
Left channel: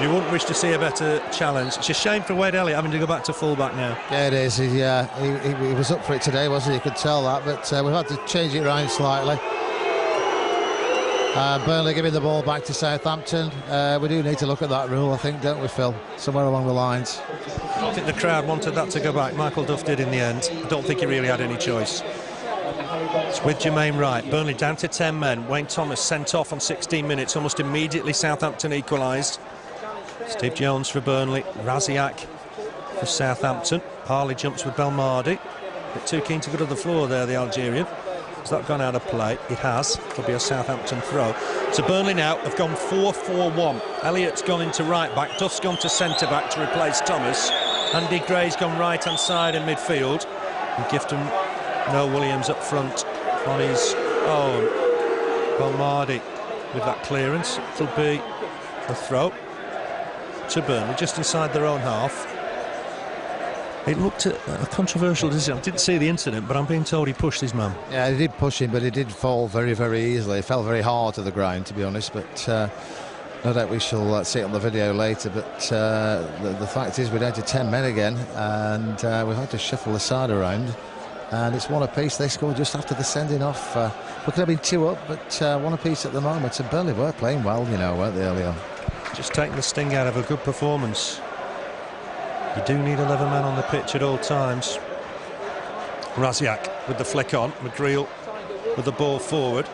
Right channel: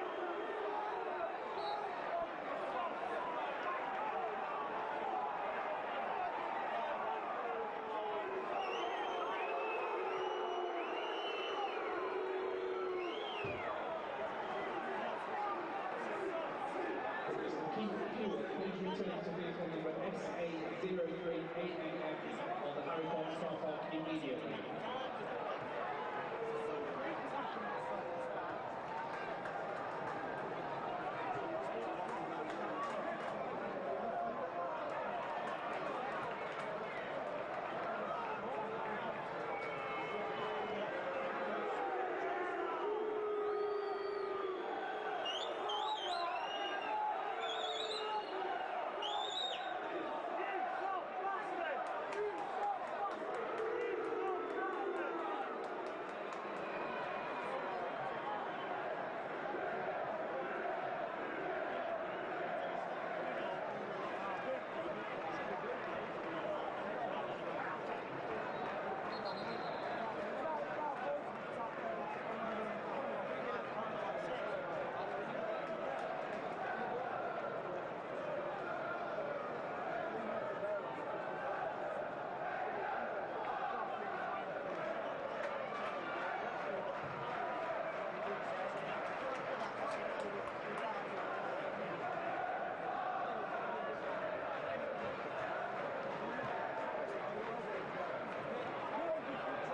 You wouldn't wish to see a better challenge. It's a shame for Wade Elliott having to go back to full-back now. Yeah, it is. He was up for it today, wasn't he? You could tell that, but we've had to change it around slightly. Burnley giving the ball back to Southampton. We do need to look at that rule, I think, don't we, Phil? Somewhere along the lines. I think the crowd wanted that to go back. Michael Duff did in the end. I don't think he really had any choice. It's with Jermaine Wright. Burnley down to 10 men. Wayne Thomas sent off on 16 minutes. Almost immediately Southampton equalised. Steve Jones for Burnley. Rasiak for Southampton. Harley jumps with Belmardi. Bit too keen to go to the floor there, the Algerian. Has that gone out of play? It has. It'll be a Southampton throw. So Burnley now have gone 4-4-1. Elliott's gone into right back. Duff's gone to centre back to replace Thomas. Andy Gray's gone right hand side in midfield. And Gifton Noel-Williams up front on his own. Belmardi with that clearance. It'll be a throw to Burnley just inside their own half. It looked a controversial decision. I didn't see the incident, but I'm being told he pushed his man. Yeah, he did push him, but he did fall very, very easily. He fell very hard to the ground, to be honest. But No doubt we shall see it on the video later, but the fact is we're down to 10 men again, and we've had to shuffle the side around, and it's one apiece. They scored just after the sending off. We could have been 2 up, but one apiece at the moment, and Burnley were playing well, you know, weren't they, early on? Just taking the sting out of a good performance. You do need 11 men on the pitch at all times. Rasiak with the flick on, McGreal with the ball forward,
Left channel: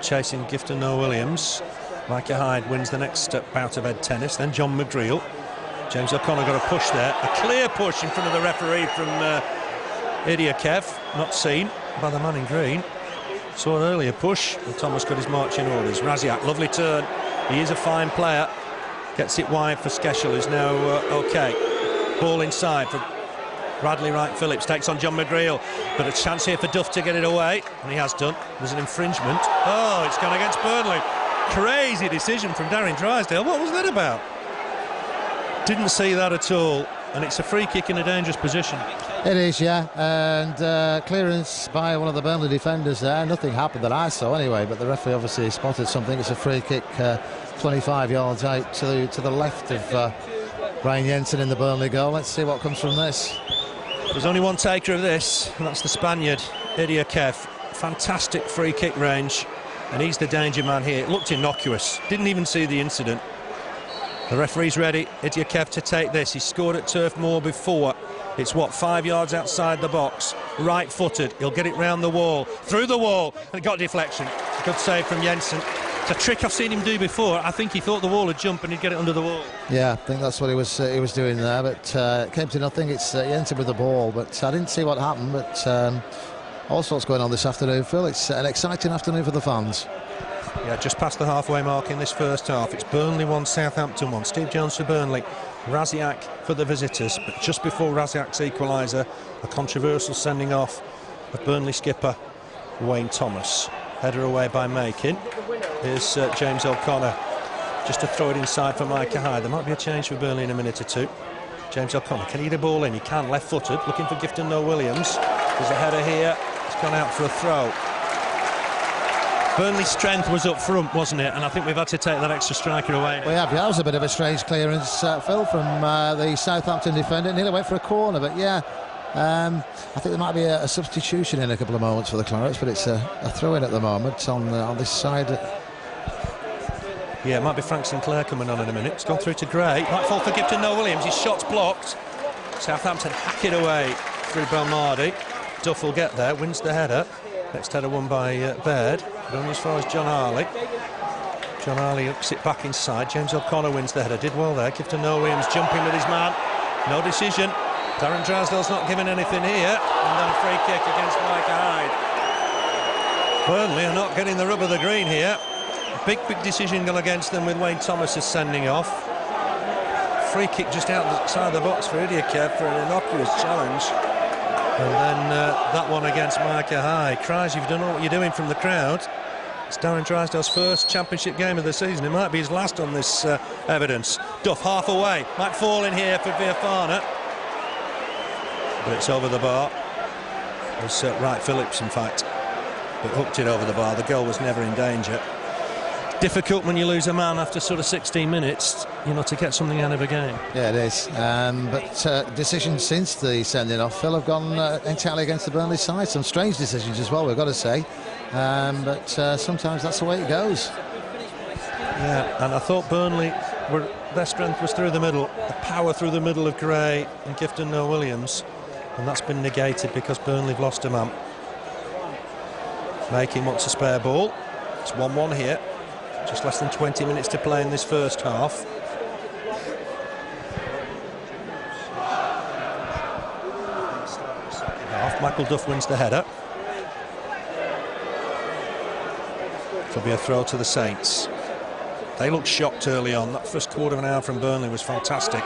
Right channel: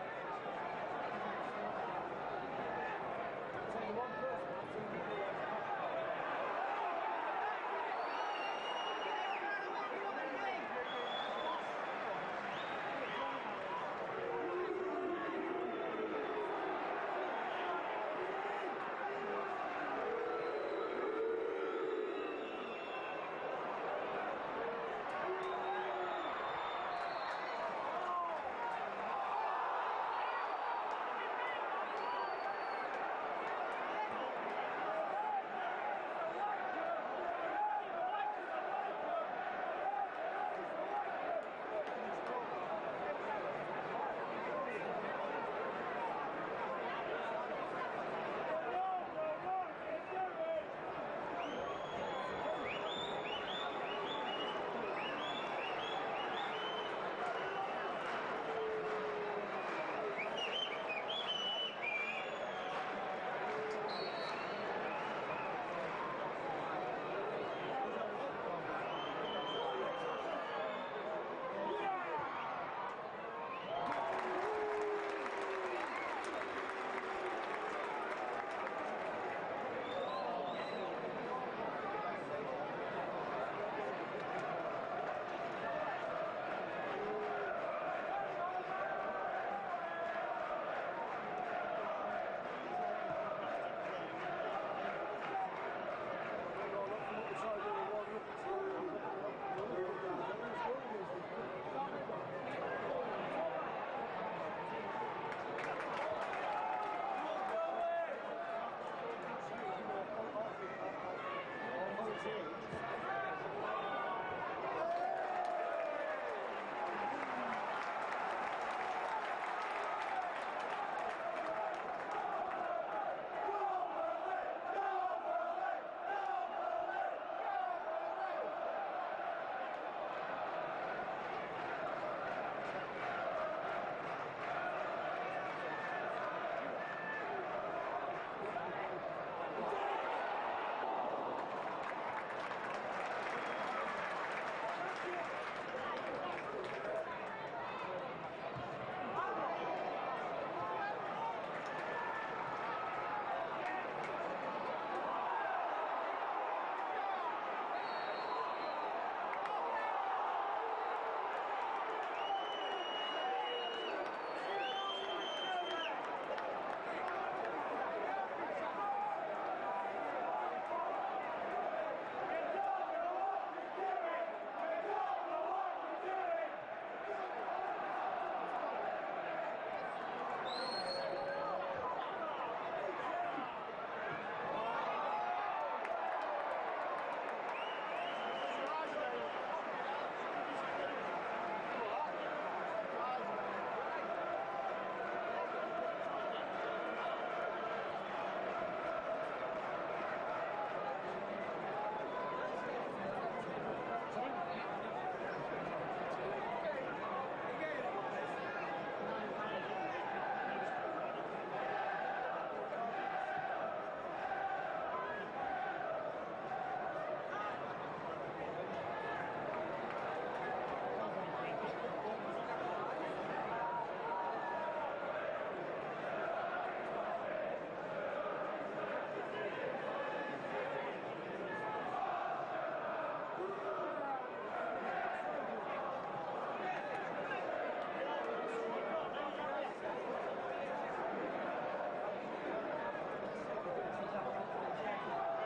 chasing Gifton Noel-Williams. Micah Hyde wins the next bout of head tennis, then John McGreal. James O'Connor got a push there, a clear push in front of the referee from Elliott, not seen by the man in green. Saw an earlier push, and Thomas got his marching orders. Rasiak, lovely turn, he is a fine player, gets it wide for Skácel, who's now OK. Ball inside for Bradley Wright-Phillips, takes on John McGreal, but a chance here for Duff to get it away, and he has done. There's an infringement. Oh, it's gone against Burnley. Crazy decision from Darren Drysdale. What was that about? Didn't see that at all, and it's a free kick in a dangerous position. It is, yeah, and clearance by one of the Burnley defenders there. Nothing happened that I saw anyway, but the referee obviously spotted something. It's a free kick 25 yards out to the left of Ryan Jensen in the Burnley goal. Let's see what comes from this. There's only one taker of this, and that's the Spaniard, Elliott. Fantastic free kick range, and he's the danger man here. It looked innocuous, didn't even see the incident. The referee's ready, Elliott, to take this. He scored at Turf Moor before. It's what, 5 yards outside the box, right-footed. He'll get it round the wall, through the wall, and it got deflection. Good save from Jensen. It's a trick I've seen him do before. I think he thought the wall would jump and he'd get it under the wall. Yeah, I think that's what he was doing there, but it came to nothing. It's Jensen with the ball, but I didn't see what happened. But all sorts going on this afternoon, Phil. It's an exciting afternoon for the fans. Yeah, just past the halfway mark in this first half. It's Burnley 1, Southampton 1. Steve Jones for Burnley, Rasiak for the visitors. But just before Rasiak's equaliser, a controversial sending off of Burnley skipper Wayne Thomas. Header away by Micah. Here's James O'Connor just to throw it inside for Micah Hyde. There might be a change for Burnley in a minute or two. James O'Connor, can he get a ball in? He can, left-footed, looking for Gifton Noel-Williams. There's a header here, it's gone out for a throw. Burnley's strength was up front, wasn't it? And I think we've had to take that extra striker away. Well, yeah, that was a bit of a strange clearance, Phil, from the Southampton defender. It nearly went for a corner, but yeah, I think there might be a substitution in a couple of moments for the Clarets, but it's a throw-in at the moment on this side. Yeah, it might be Frank Sinclair coming on in a minute. It's gone through to Gray. Might fall for Gifton Noel-Williams. His shot's blocked. Southampton hack it away through Belmardi. Duff will get there, wins the header. Next header won by Baird. Going as far as John Harley. John Harley hooks it back inside. James O'Connor wins the header. Did well there. Gifton Noel-Williams jumping with his man. No decision. Darren Drysdale's not giving anything here. And then a free kick against Micah Hyde. Burnley are not getting the rub of the green here. Big decision gone against them with Wayne Thomas is sending off. Free kick just outside the box for Elliott for an innocuous challenge. And then that one against Micah Hyde. Cries, you've done all what you're doing from the crowd. It's Darren Drysdale's first championship game of the season. It might be his last on this evidence. Duff half away. Might fall in here for Viafana. But it's over the bar. It was Wright-Phillips, in fact, but hooked it over the bar. The goal was never in danger. Difficult when you lose a man after sort of 16 minutes, you know, to get something out of a game. Yeah, it is. But decisions since the sending off, Phil, have gone entirely against the Burnley side. Some strange decisions as well, we've got to say. But sometimes that's the way it goes. Yeah, and I thought Burnley, their strength was through the middle, the power through the middle of Gray and Gifton Noel-Williams, and that's been negated because Burnley have lost a man. Making wants a spare ball. It's 1-1 here. Just less than 20 minutes to play in this first half. Michael Duff wins the header. It'll be a throw to the Saints. They looked shocked early on. That first quarter of an hour from Burnley was fantastic.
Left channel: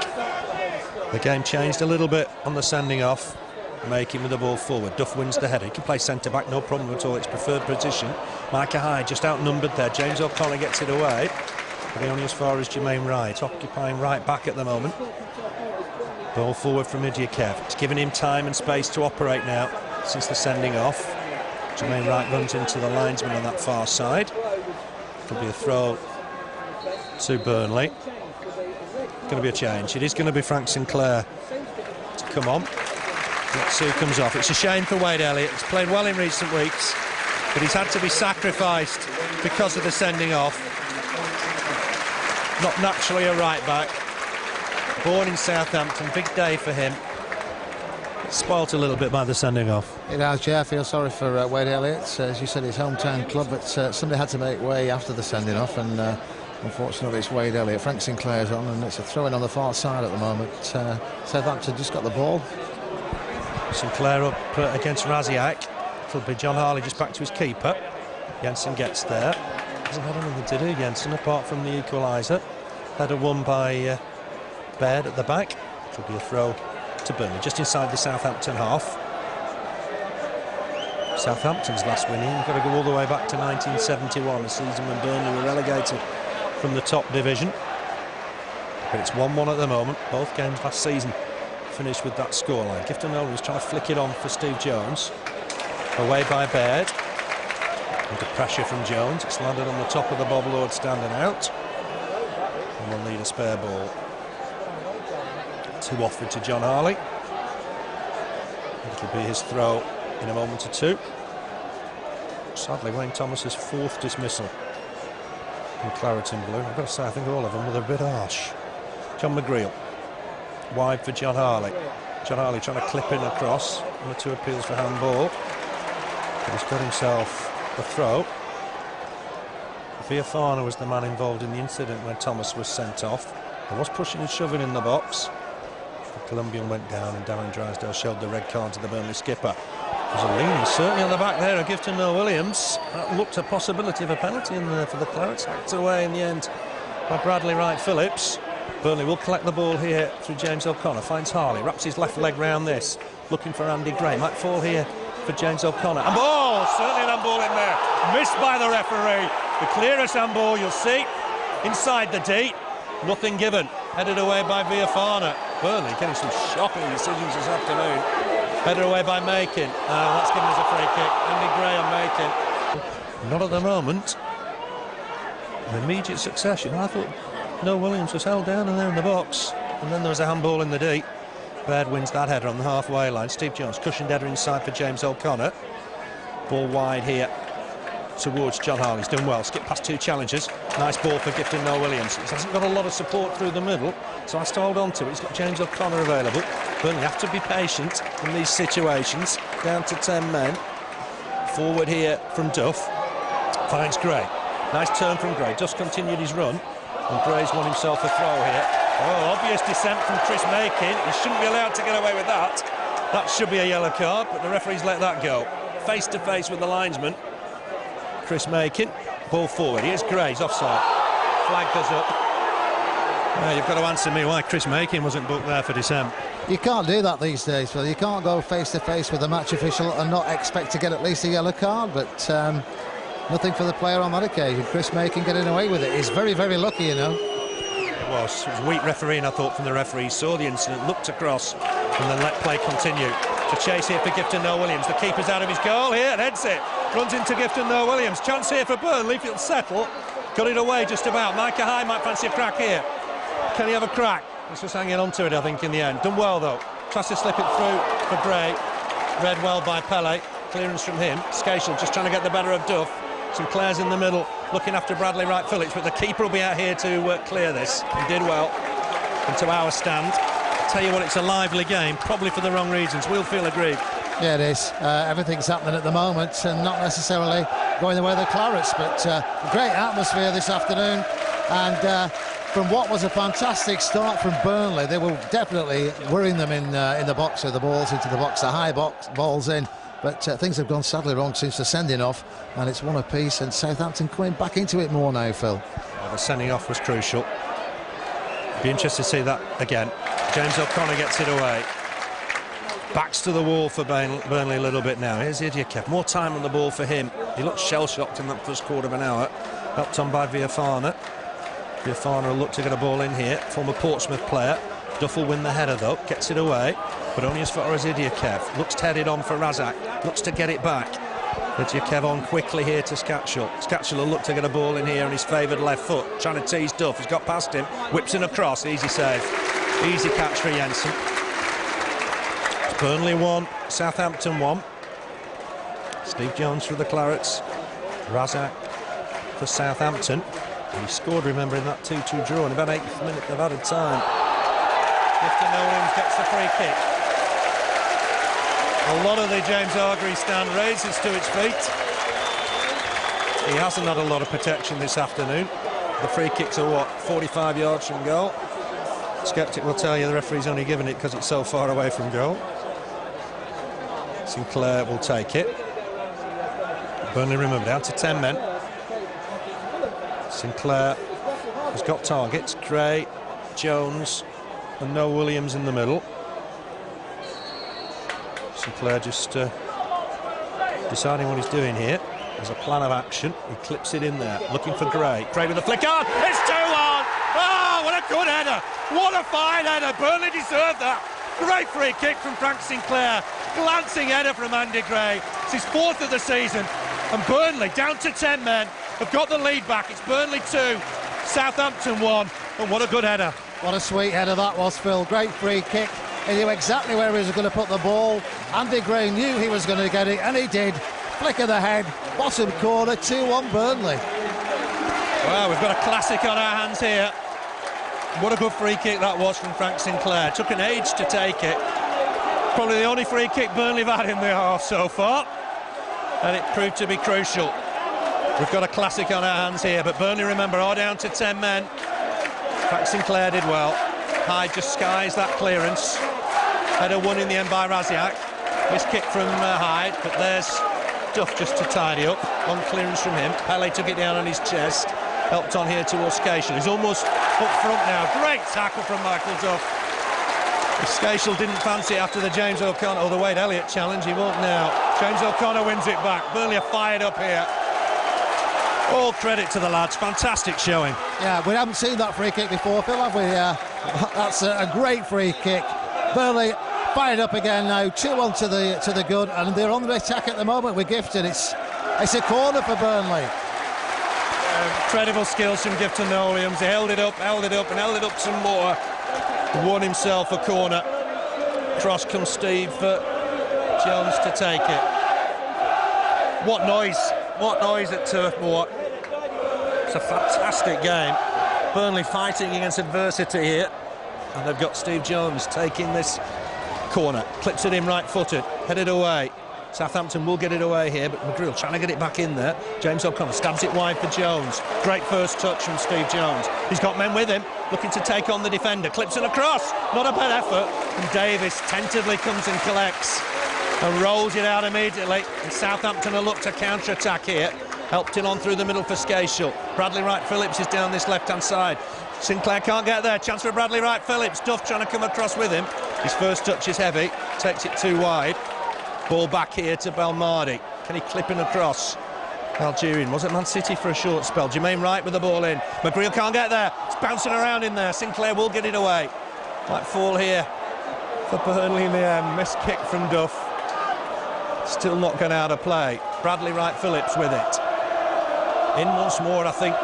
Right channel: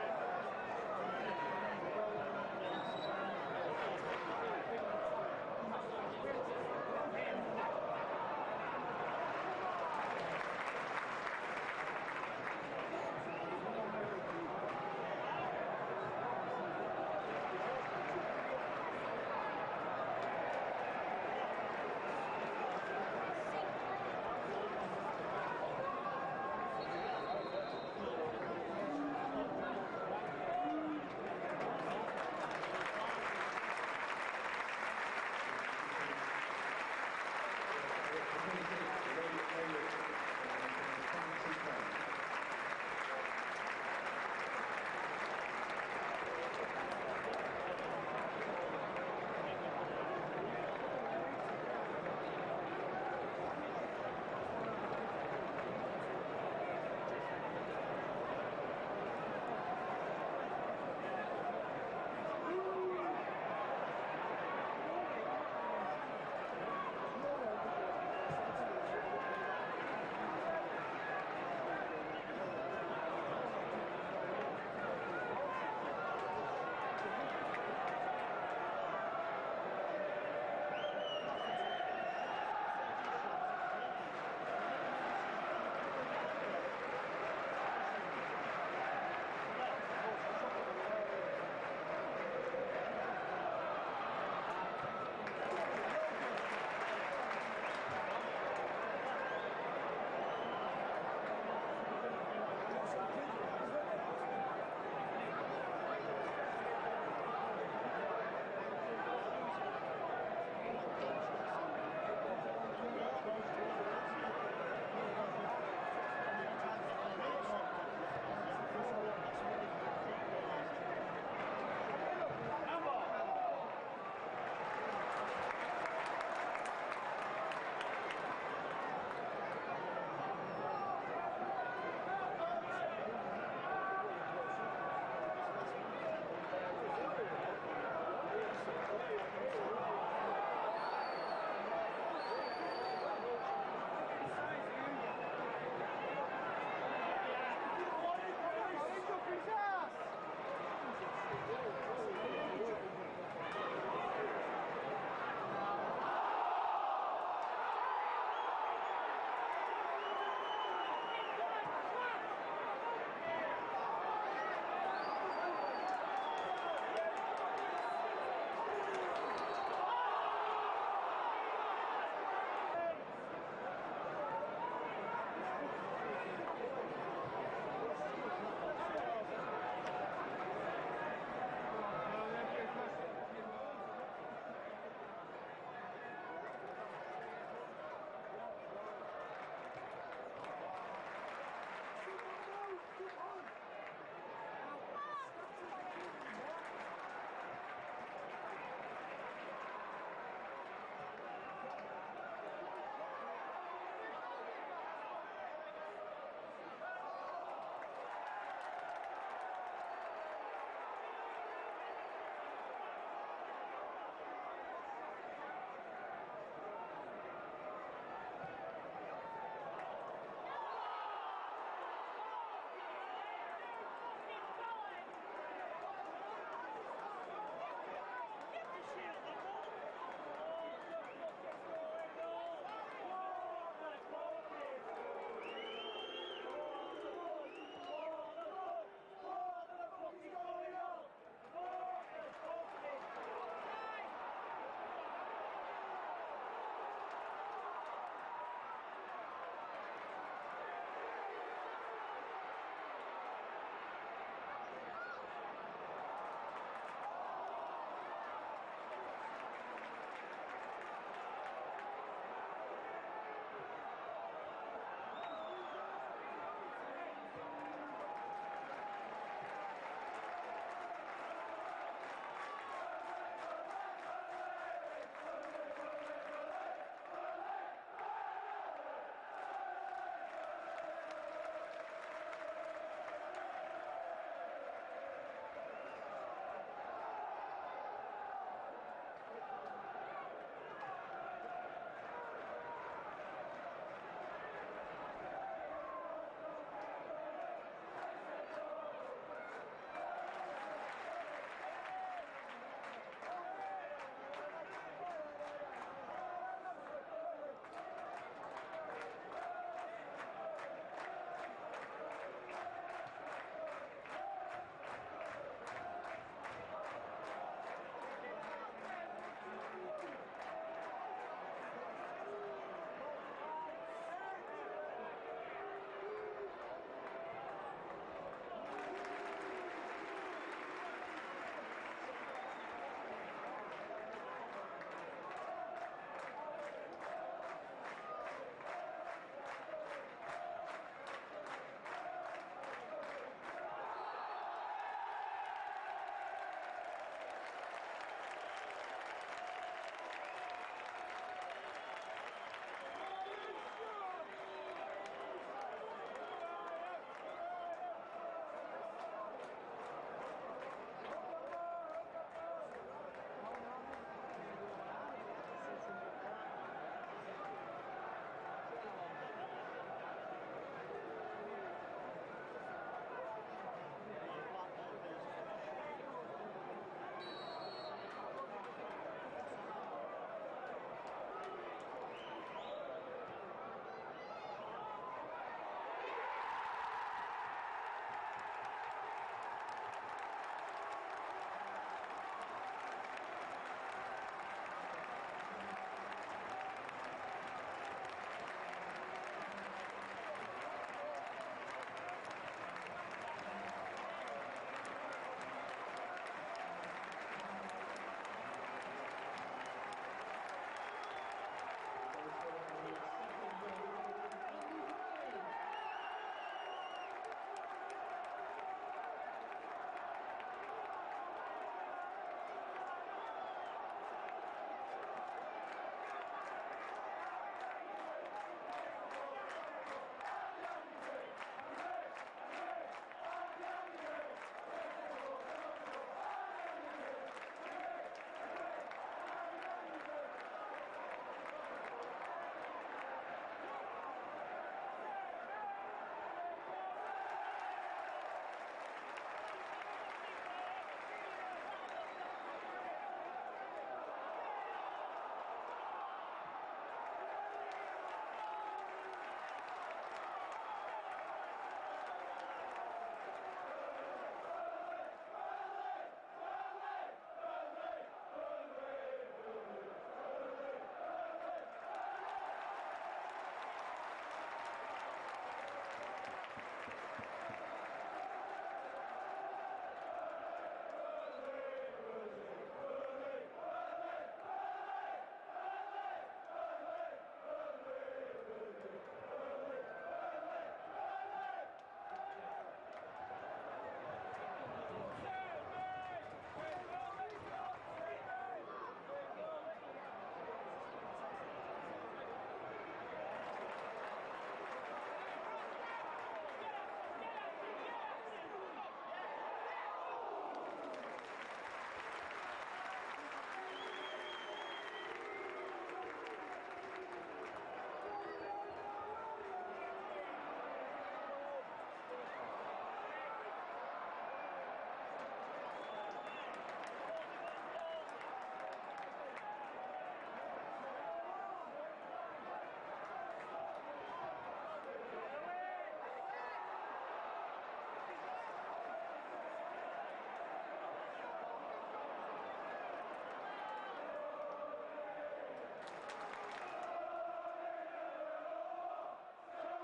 The game changed a little bit on the sending off. Making with the ball forward. Duff wins the header. He can play centre-back, no problem at all. It's preferred position. Micah Hyde just outnumbered there. James O'Connor gets it away. But only as far as Jermaine Wright, occupying right back at the moment. Ball forward from Elliott. It's giving him time and space to operate now since the sending off. Jermaine Wright runs into the linesman on that far side. Could be a throw to Burnley. Going to be a change. It is going to be Frank Sinclair to come on. Let's see who comes off. It's a shame for Wade Elliott. He's played well in recent weeks, but he's had to be sacrificed because of the sending off. Not naturally a right back. Born in Southampton, big day for him. Spoilt a little bit by the sending off. It has, yeah. I feel sorry for Wade Elliott. As you said, his hometown club, but somebody had to make way after the sending off, and unfortunately it's Wade Elliott. Frank Sinclair's on, and it's a throw-in on the far side at the moment. Southampton just got the ball. Sinclair up against Rasiak. It'll be John Harley just back to his keeper. Jensen gets there. Hasn't had anything to do, Jensen, apart from the equaliser. Header won by Baird at the back. It'll be a throw to Burnley, just inside the Southampton half. Southampton's last winning, you've got to go all the way back to 1971, the season when Burnley were relegated from the top division. But it's 1-1 at the moment. Both games last season finished with that scoreline. Gifton was trying to flick it on for Steve Jones. Away by Baird. Under pressure from Jones. It's landed on the top of the Bob Lord standing out. And we'll need a spare ball. To offer to John Harley. It'll be his throw in a moment or two. Sadly, Wayne Thomas's fourth dismissal in claret and blue. I've got to say, I think all of them were a bit harsh. John McGreal. Wide for John Harley. John Harley trying to clip in across. One or two appeals for handball. But he's got himself a throw. Viafana was the man involved in the incident when Thomas was sent off. There was pushing and shoving in the box. The Colombian went down, and Darren Drysdale showed the red card to the Burnley skipper. There's a lean, certainly on the back there of Gifton Noel-Williams. That looked a possibility of a penalty in there for the Clarets. Hacked away in the end by Bradley Wright-Phillips. Burnley will collect the ball here through James O'Connor. Finds Harley, wraps his left leg round this. Looking for Andy Gray. Might fall here for James O'Connor. And ball! Certainly an handball in there. Missed by the referee. The clearest handball you'll see inside the D. Nothing given. Headed away by Viafana. Burnley getting some shocking decisions this afternoon. Headed away by Macon. That's given us a free kick. Andy Gray on Macon. Not at the moment. An immediate succession. I thought Noel-Williams was held down in there in the box. And then there was a handball in the D. Baird wins that header on the halfway line. Steve Jones, cushioned header inside for James O'Connor. Ball wide here towards John Harley. He's done well. Skip past two challengers. Nice ball for Gifton Noel-Williams. He hasn't got a lot of support through the middle, so has to hold on to it. He's got James O'Connor available. Burnley have to be patient in these situations. Down to 10 men. Forward here from Duff. Finds Gray. Nice turn from Gray. Duff continued his run, and Gray's won himself a throw here. Oh, obvious descent from Chris Macon. He shouldn't be allowed to get away with that. That should be a yellow card, but the referee's let that go. Face to face with the linesman. Chris Macon, ball forward. Here's Gray, he's offside. Flag goes up. You've got to answer me why Chris Macon wasn't booked there for dissent. You can't do that these days, Phil. You can't go face to face with a match official and not expect to get at least a yellow card, but nothing for the player on that occasion. Chris Macon getting away with it. He's very, very lucky, you know. It was weak refereeing, I thought, from the referee. He saw the incident, looked across, and then let play continue. To chase here for Gifton Noel-Williams. The keeper's out of his goal here and heads it. Runs into Gifton Noel-Williams. Chance here for Burnley if it'll settle. Got it away just about. Micah Hyde might fancy a crack here. Can he have a crack? He's just hanging on to it, I think, in the end. Done well, though. Tries to slip it through for Gray. Read well by Pele. Clearance from him. Skácel just trying to get the better of Duff. Sinclair's in the middle, looking after Bradley Wright-Phillips, but the keeper will be out here to clear this. He did well into our stand. Tell you what, it's a lively game, probably for the wrong reasons. We'll feel aggrieved. Yeah, it is. Everything's happening at the moment, and not necessarily going the way of the Clarets, but great atmosphere this afternoon. And from what was a fantastic start from Burnley, they were definitely worrying them in the box, with the balls into the box, the high box balls in. But things have gone sadly wrong since the sending off, and it's one apiece, and Southampton coming back into it more now, Phil. Well, the sending off was crucial. Be interested to see that again. James O'Connor gets it away. Backs to the wall for Burnley a little bit now. Here's Elliott. More time on the ball for him. He looked shell-shocked in that first quarter of an hour. Helped on by Viafana. Viafana will look to get a ball in here. Former Portsmouth player. Duff will win the header though. Gets it away, but only as far as Elliott. Looks to head it on for Rasiak. Looks to get it back. Kev on quickly here to Skácel. Skácel will look to get a ball in here on his favoured left foot, trying to tease Duff. He's got past him, whips in across, easy save. Easy catch for Jensen. It's Burnley 1, Southampton 1. Steve Jones for the Clarets. Rasiak for Southampton. He scored, remember, in that 2-2 draw in about 8th minute of added time. Gifton Noel-Williams gets the free kick. A lot of the James Hargreaves stand raises to its feet. He hasn't had a lot of protection this afternoon. The free kicks are, what, 45 yards from goal? Skeptic will tell you the referee's only given it because it's so far away from goal. Sinclair will take it. Burnley, remember, down to 10 men. Sinclair has got targets. Gray, Jones and Noel-Williams in the middle. Sinclair just deciding what he's doing here. There's a plan of action. He clips it in there, looking for Gray. Gray with a flick on. It's 2-1. Oh, what a good header. What a fine header. Burnley deserved that. Great free kick from Frank Sinclair. Glancing header from Andy Gray. It's his 4th of the season. And Burnley, down to 10 men, have got the lead back. It's Burnley 2, Southampton 1. And what a good header. What a sweet header that was, Phil. Great free kick. He knew exactly where he was going to put the ball. Andy Gray knew he was going to get it, and he did. Flick of the head, bottom corner, 2-1 Burnley. Well, we've got a classic on our hands here. What a good free kick that was from Frank Sinclair. Took an age to take it. Probably the only free kick Burnley have had in the half so far. And it proved to be crucial. We've got a classic on our hands here, but Burnley, remember, are down to 10 men. Frank Sinclair did well. Hyde just skies that clearance. Header won in the end by Rasiak. Missed kick from Hyde, but there's Duff just to tidy up. One clearance from him. Pele took it down on his chest. Helped on here towards Skácel. He's almost up front now. Great tackle from Michael Duff. If Skácel didn't fancy it after the James O'Connor or the Wade Elliott challenge, he won't now. James O'Connor wins it back. Burnley are fired up here. All credit to the lads. Fantastic showing. Yeah, we haven't seen that free kick before, Phil, have we? That's a great free kick. Burnley fired up again now. 2-1 to the good, and they're on the attack at the moment with Gifton. It's a corner for Burnley. Incredible skills from Gifton Noel-Williams. He held it up, and held it up some more. Won himself a corner. Cross comes Steve Jones to take it. What noise at Turf Moor. It's a fantastic game. Burnley fighting against adversity here, and they've got Steve Jones taking this corner. Clips it in right-footed, headed away. Southampton will get it away here, but McGreal trying to get it back in there. James O'Connor stabs it wide for Jones. Great first touch from Steve Jones. He's got men with him, looking to take on the defender. Clips it across, not a bad effort. And Davis tentatively comes and collects and rolls it out immediately. And Southampton will look to counter-attack here. Helped it on through the middle for Skácel. Bradley Wright-Phillips is down this left-hand side. Sinclair can't get there. Chance for Bradley Wright-Phillips. Duff trying to come across with him. His first touch is heavy. Takes it too wide. Ball back here to Belmardi. Can he clip in across? Algerian. Was it Man City for a short spell? Jermaine Wright with the ball in. McGreal can't get there. It's bouncing around in there. Sinclair will get it away. Might fall here for Burnley in the end. Missed kick from Duff. Still not going out of play. Bradley Wright-Phillips with it. In once more, I think,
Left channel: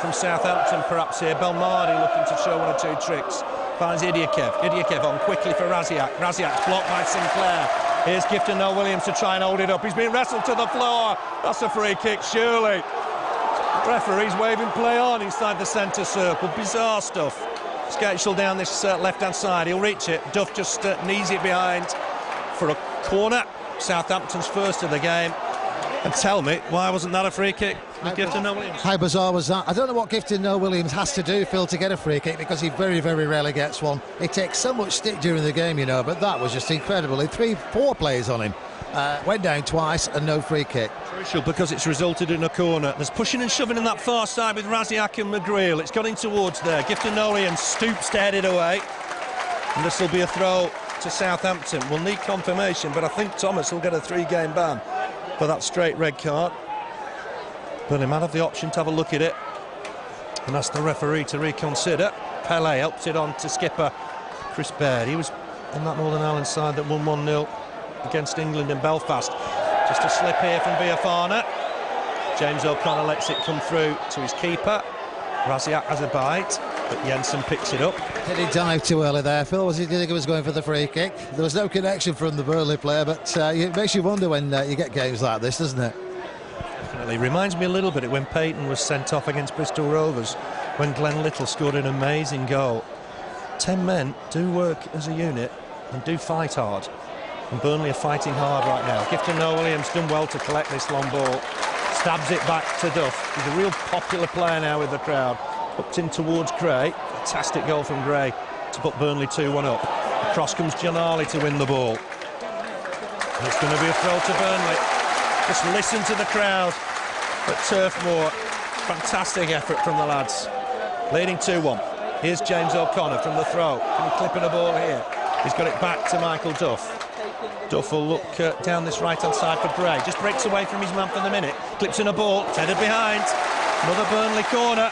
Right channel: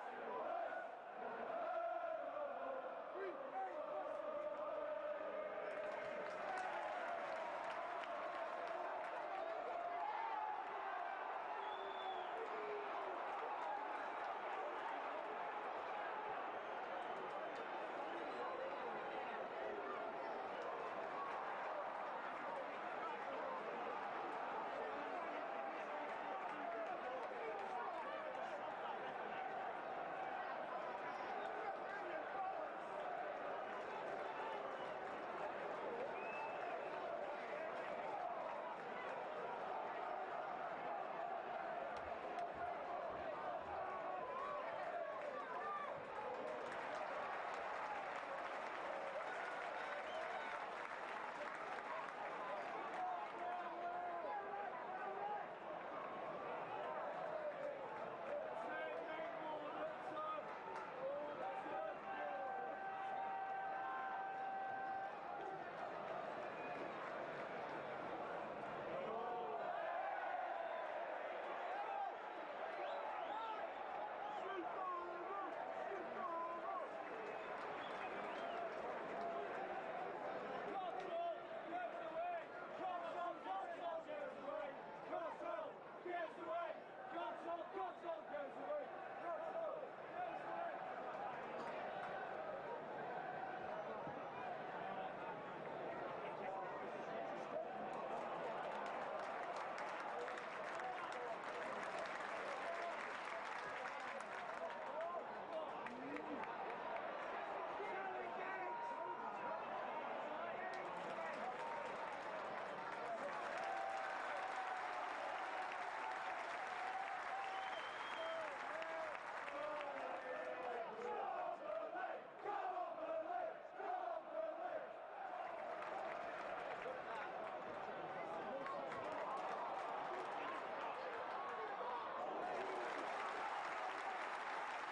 from Southampton perhaps here. Belmardi looking to show one or two tricks. Finds Idiokev on quickly for Rasiak. Rasiak's blocked by Sinclair. Here's Gifton Noel-Williams to try and hold it up. He's been wrestled to the floor. That's a free kick, surely. Referee's waving play on inside the centre circle. Bizarre stuff. Skácel down this left-hand side. He'll reach it. Duff just knees it behind for a corner. Southampton's first of the game. And tell me, why wasn't that a free kick with Gifton Noel-Williams? How bizarre was that? I don't know what Gifton Noel-Williams has to do, Phil, to get a free kick, because he very, very rarely gets one. He takes so much stick during the game, you know, but that was just incredible. He 3-4 players on him. Went down twice and no free kick. Crucial because it's resulted in a corner. There's pushing and shoving in that far side with Rasiak and McGreal. It's got in towards there. Gifton Noel-Williams stoops to head it away. And this will be a throw to Southampton. We'll need confirmation, but I think Thomas will get a 3-game ban for that straight red card. Burnley might have the option to have a look at it and ask the referee to reconsider. Pele helps it on to skipper Chris Baird. He was on that Northern Ireland side that won 1-0 against England in Belfast. Just a slip here from Biafana. James O'Connor lets it come through to his keeper. Rasiak has a bite, but Jensen picks it up. Did he dive too early there, Phil? Did he think he was going for the free kick? There was no connection from the Burnley player, but it makes you wonder when you get games like this, doesn't it? Definitely. Reminds me a little bit of when Peyton was sent off against Bristol Rovers, when Glenn Little scored an amazing goal. 10 men do work as a unit and do fight hard. And Burnley are fighting hard right now. Gifton Noel-Williams done well to collect this long ball. Stabs it back to Duff. He's a real popular player now with the crowd. Hooked in towards Gray. Fantastic goal from Gray to put Burnley 2-1 up. Across comes John Harley to win the ball. And it's going to be a throw to Burnley. Just listen to the crowd at Turf Moor. Fantastic effort from the lads. Leading 2-1. Here's James O'Connor from the throw. Can he clip in a ball here? He's got it back to Michael Duff. Duff will look down this right-hand side for Gray. Just breaks away from his man for the minute. Clips in a ball. It's headed behind. Another Burnley corner.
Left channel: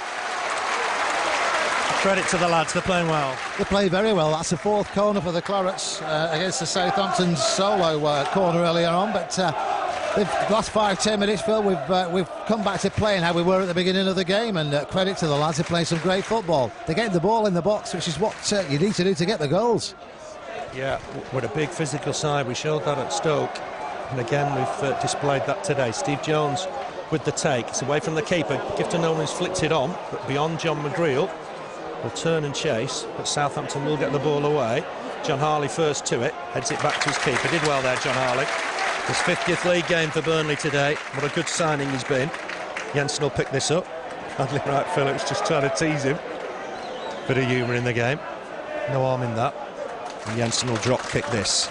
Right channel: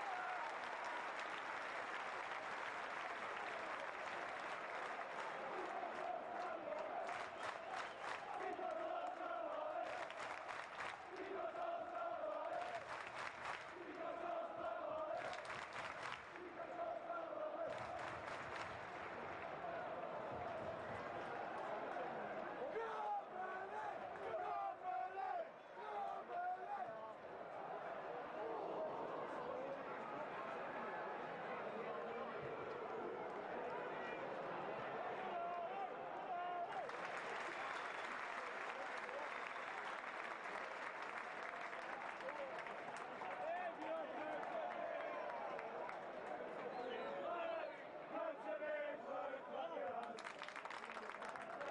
Credit to the lads. They're playing well. They play very well. That's the fourth corner for the Clarets against the Southampton solo corner earlier on. But the last 5-10 minutes, Phil, we've come back to playing how we were at the beginning of the game. And credit to the lads. They're playing some great football. They're getting the ball in the box, which is what you need to do to get the goals. Yeah, we're a big physical side. We showed that at Stoke, and again we've displayed that today. Steve Jones with the take. It's away from the keeper. Gifton Noel-Williams flicks it on, but beyond John McGreal. Will turn and chase, but Southampton will get the ball away. John Harley first to it, heads it back to his keeper. Did well there, John Harley. His 50th league game for Burnley today. What a good signing he's been. Jensen will pick this up. Bradley Wright Phillips just trying to tease him. Bit of humour in the game. No harm in that. And Jensen will drop kick this.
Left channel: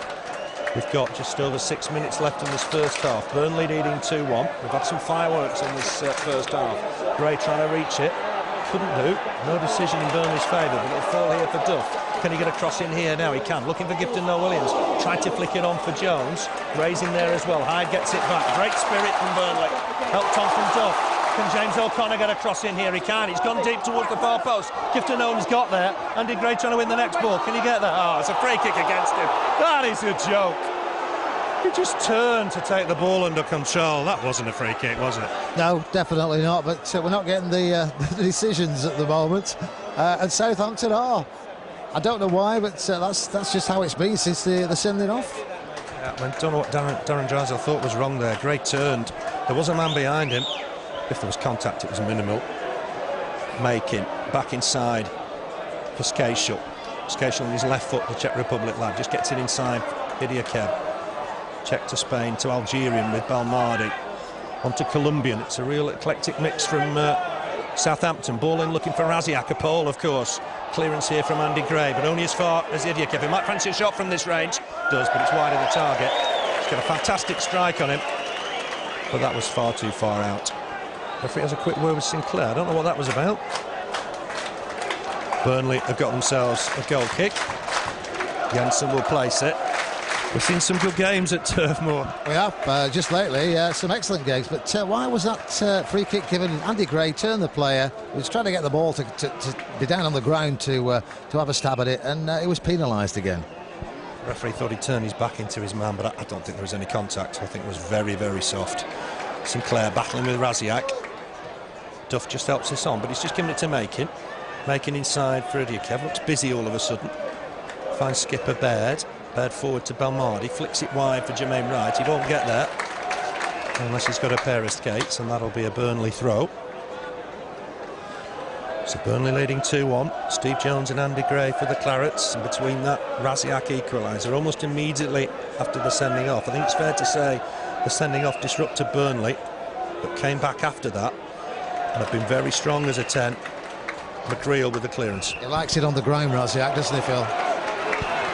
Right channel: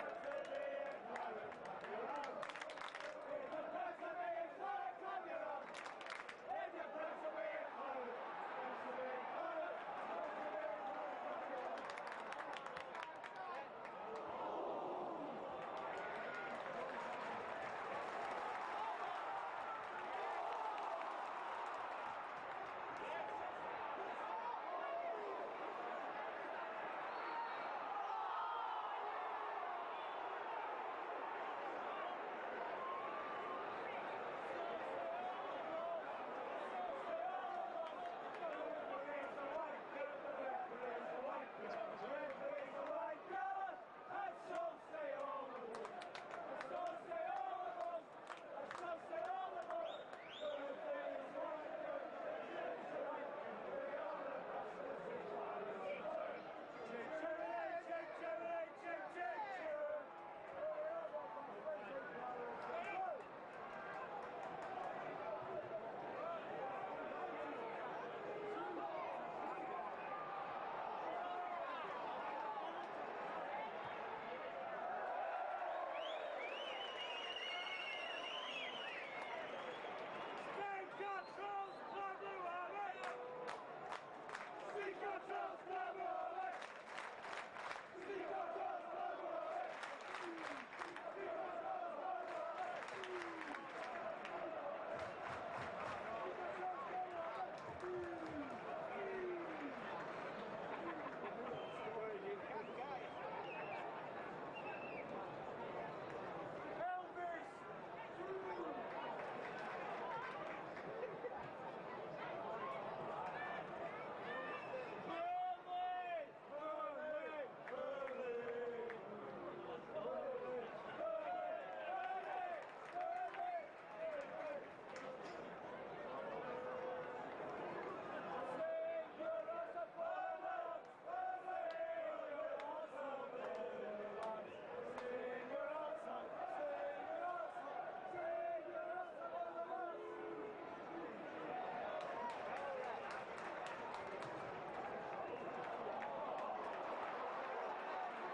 We've got just over 6 minutes left in this first half. Burnley leading 2-1. We've had some fireworks in this first half. Gray trying to reach it. Couldn't do. No decision in Burnley's favour, but it'll fall here for Duff. Can he get a cross in here now? He can. Looking for Gifton Noel-Williams. Tried to flick it on for Jones. Gray's in there as well. Hyde gets it back. Great spirit from Burnley. Helped on from Duff. Can James O'Connor get a cross in here? He can. He's gone deep towards the far post. Gifton Noel-Williams got there. Andy Gray trying to win the next ball. Can he get there? Oh, it's a free kick against him. That is a joke. He just turned to take the ball under control. That wasn't a free kick, was it? No, definitely not. But we're not getting the decisions at the moment. And Southampton are. I don't know why, but that's just how it's been since the sending off. Yeah, I don't know what Darren Drysdale thought was wrong there. Gray turned. There was a man behind him. If there was contact, it was minimal. Making back inside for Skácel. Skácel on his left foot, the Czech Republic lad, just gets it inside. Idiokev. Czech to Spain, to Algerian with Balmardi. On to Colombian. It's a real eclectic mix from Southampton. Ball in looking for Rasiak, a pole, of course. Clearance here from Andy Gray, but only as far as Idiokev. He might fancy a shot from this range. Does, but it's wide of the target. He's got a fantastic strike on him, but that was far too far out. Referee has a quick word with Sinclair. I don't know what that was about. Burnley have got themselves a goal kick. Jensen will place it. We've seen some good games at Turf Moor. We have, just lately, some excellent games. But why was that free kick given? Andy Gray turned the player. He was trying to get the ball to be down on the ground to have a stab at it, and it was penalised again. The referee thought he'd turn his back into his man, but I don't think there was any contact. I think it was very, very soft. Sinclair battling with Rasiak. Duff just helps this on, but he's just giving it to Making. Making inside for Idiokev. Looks busy all of a sudden. Finds skipper Baird. Baird forward to Balmardi, flicks it wide for Jermaine Wright. He won't get there unless he's got a pair of skates, and that'll be a Burnley throw. So Burnley leading 2-1. Steve Jones and Andy Gray for the Clarets, and between that Rasiak equaliser almost immediately after the sending off. I think it's fair to say the sending off disrupted Burnley, but came back after that and have been very strong as a 10. McGreal with the clearance. He likes it on the ground, Rasiak, doesn't he, Phil?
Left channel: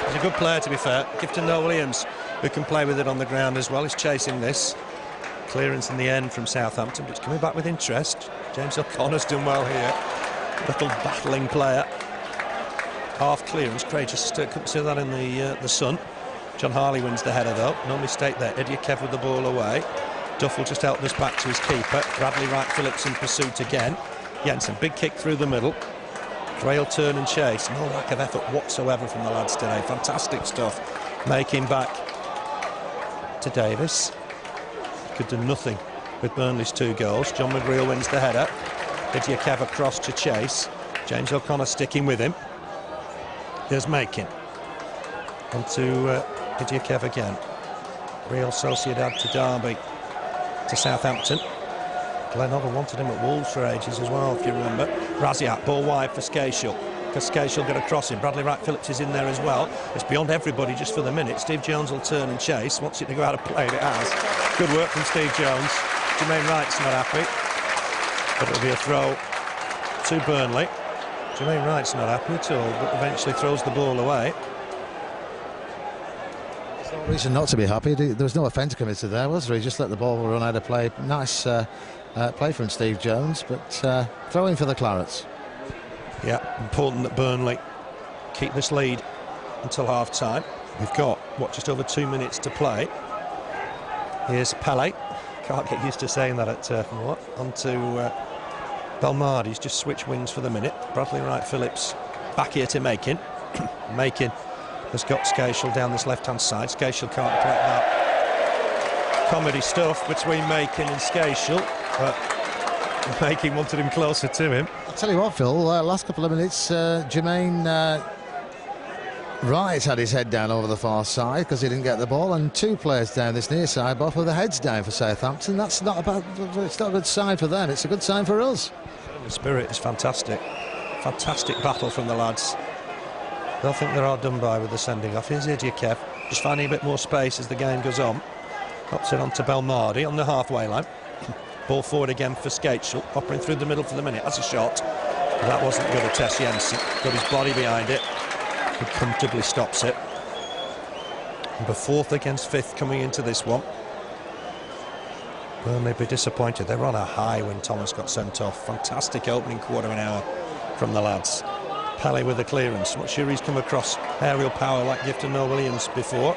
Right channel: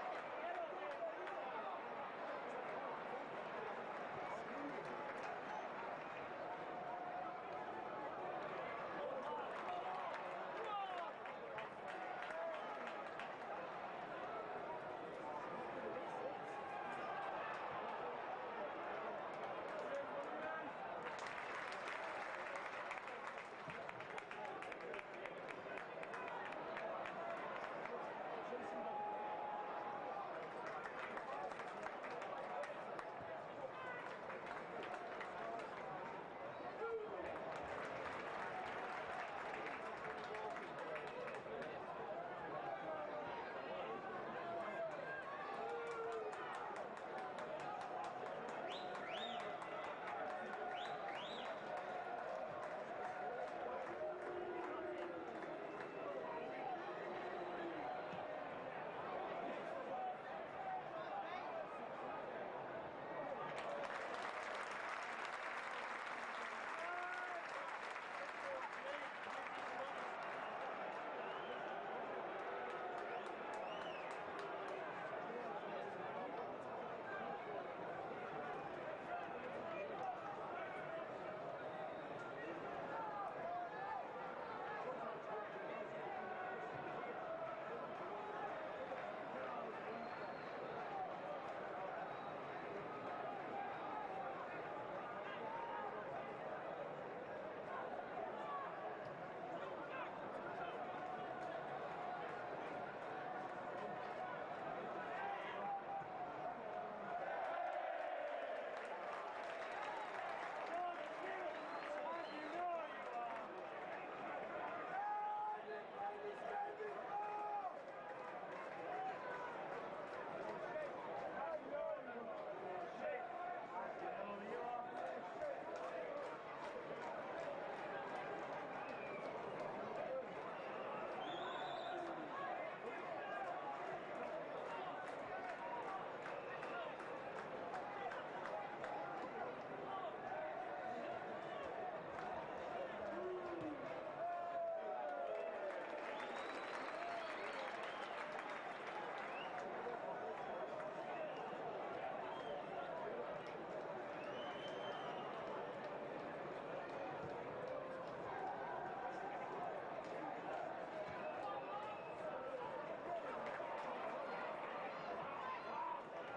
He's a good player, to be fair. Gifton Noel-Williams, who can play with it on the ground as well, is chasing this. Clearance in the end from Southampton, but it's coming back with interest. James O'Connor's done well here. Little battling player. Half clearance. Craig just couldn't see that in the sun. John Harley wins the header, though. No mistake there. Idiokev with the ball away. Duff will just help this back to his keeper. Bradley Wright Phillips in pursuit again. Jensen, big kick through the middle. Gray will turn and chase. No lack of effort whatsoever from the lads today. Fantastic stuff. Making back to Davis. could do nothing with Burnley's 2 goals. John McGreal wins the header. Kev across to chase. James O'Connor sticking with him. Here's Micah. On to Kev again. Real Sociedad to Derby to Southampton. Glenn Hoddle wanted him at Wolves for ages as well, if you remember. Rasiak, ball wide for Skácel. Because Skácel got a crossing. Bradley Wright-Phillips is in there as well. It's beyond everybody just for the minute. Steve Jones will turn and chase. Wants it to go out of play, and it has. Good work from Steve Jones. Jermaine Wright's not happy. But it'll be a throw to Burnley. Jermaine Wright's not happy at all, but eventually throws the ball away. No reason not to be happy. There was no offence committed there, was there? He just let the ball run out of play. Nice play from Steve Jones, but throw-in for the Clarets. Yeah, important that Burnley keep this lead until half-time. We've got, just over 2 minutes to play. Here's Pele. Can't get used to saying that at Turf Moor. On to Belmardi's just switched wings for the minute. Bradley Wright-Phillips back here to Micah. Micah has got Skácel down this left-hand side. Skácel can't collect that. Comedy stuff between Micah and Skácel, but Micah wanted him closer to him. I'll tell you what, Phil, last couple of minutes, Jermaine Wright had his head down over the far side because he didn't get the ball, and 2 players down this near side, both with their heads down for Southampton. That's not it's not a good sign for them, it's a good sign for us. The spirit is fantastic. Fantastic battle from the lads. They'll think they're hard done by with the sending off. Here's Kev, just finding a bit more space as the game goes on. Pops it on to Belmardi on the halfway line. Ball forward again for Skácel, popping through the middle for the minute. That's a shot. That wasn't good to test Jensen. Got his body behind it. He comfortably stops it. Number 4th against 5th coming into this one. Burnley be disappointed. They were on a high when Thomas got sent off. Fantastic opening quarter of an hour from the lads. Pele with the clearance. Not sure he's come across aerial power like Gifton Noel-Williams before.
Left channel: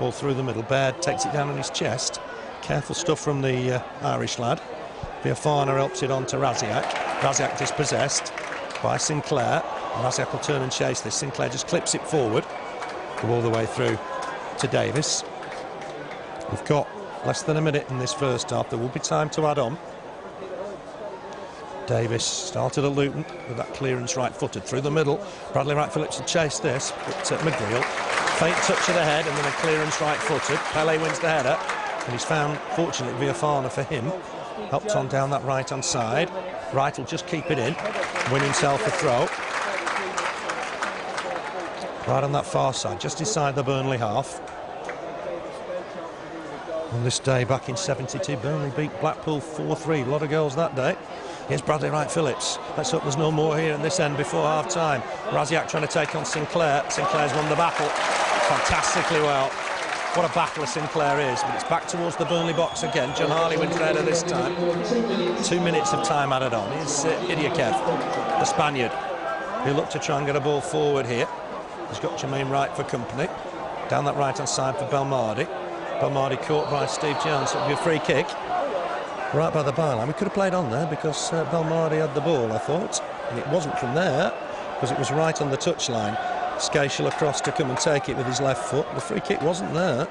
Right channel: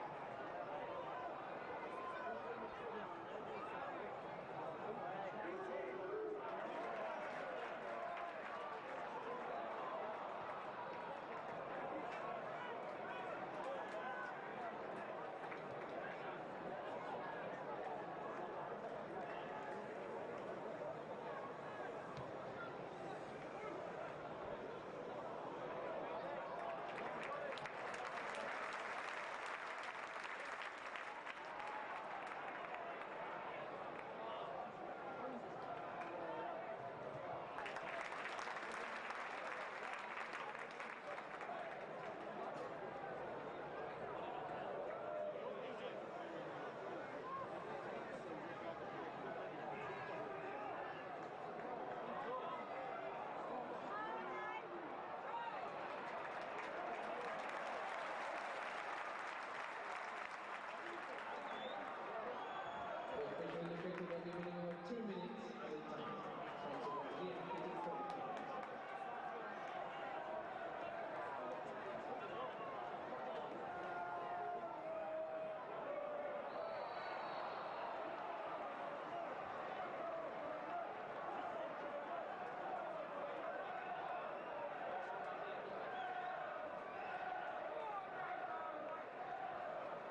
Ball through the middle. Baird takes it down on his chest. Careful stuff from the Irish lad. Biafana helps it on to Rasiak. Rasiak dispossessed by Sinclair. Rasiak will turn and chase this. Sinclair just clips it forward. Go all the way through to Davis. We've got less than a minute in this first half. There will be time to add on. Davis started at Luton with that clearance right-footed through the middle. Bradley Wright-Phillips had chased this, but McGreal, faint touch of the head and then a clearance right-footed. Pele wins the header, and he's found, fortunately, Biafana for him. Helped on down that right-hand side. Wright will just keep it in, win himself a throw. Right on that far side, just inside the Burnley half. On this day back in '72, Burnley beat Blackpool 4-3. A lot of goals that day. Here's Bradley Wright-Phillips. Let's hope there's no more here in this end before half-time. Rasiak trying to take on Sinclair. Sinclair's won the battle fantastically well. What a battler Sinclair is, but it's back towards the Burnley box again. John Harley wins the header this time. 2 minutes of time added on. Here's Kev, the Spaniard. He'll look to try and get a ball forward here. He's got Jermaine Wright for company. Down that right-hand side for Belmardi. Belmardi caught by Steve Jones. It'll be a free kick. Right by the byline. We could have played on there because Belmardi had the ball, I thought. And it wasn't from there because it was right on the touchline. Skácel across to come and take it with his left foot. The free kick wasn't there.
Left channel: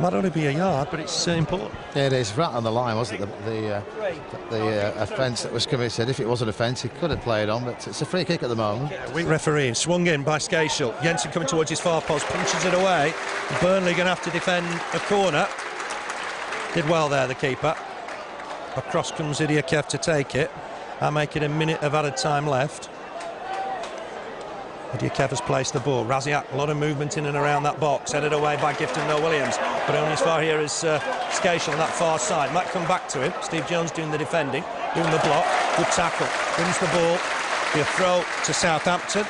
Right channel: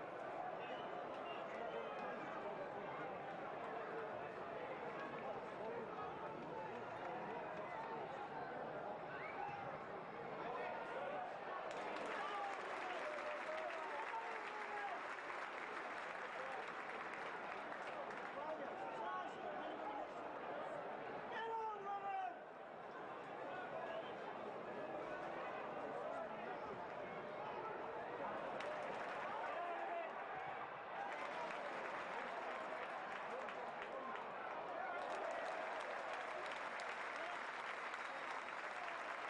Might only be a yard, but it's important. Yeah, it is right on the line, wasn't it? The offence that was committed. If it was an offence, he could have played on, but it's a free kick at the moment. Weak referee, swung in by Skácel. Jensen coming towards his far post, punches it away. Burnley going to have to defend a corner. Did well there, the keeper. Across comes Kev to take it. I'll make it a minute of added time left. Kev has placed the ball. Rasiak, a lot of movement in and around that box, headed away by Gifton Noel-Williams, but only as far here as Skácel on that far side. Might come back to him. Steve Jones doing the defending, doing the block. Good tackle. Wins the ball. Be a throw to Southampton.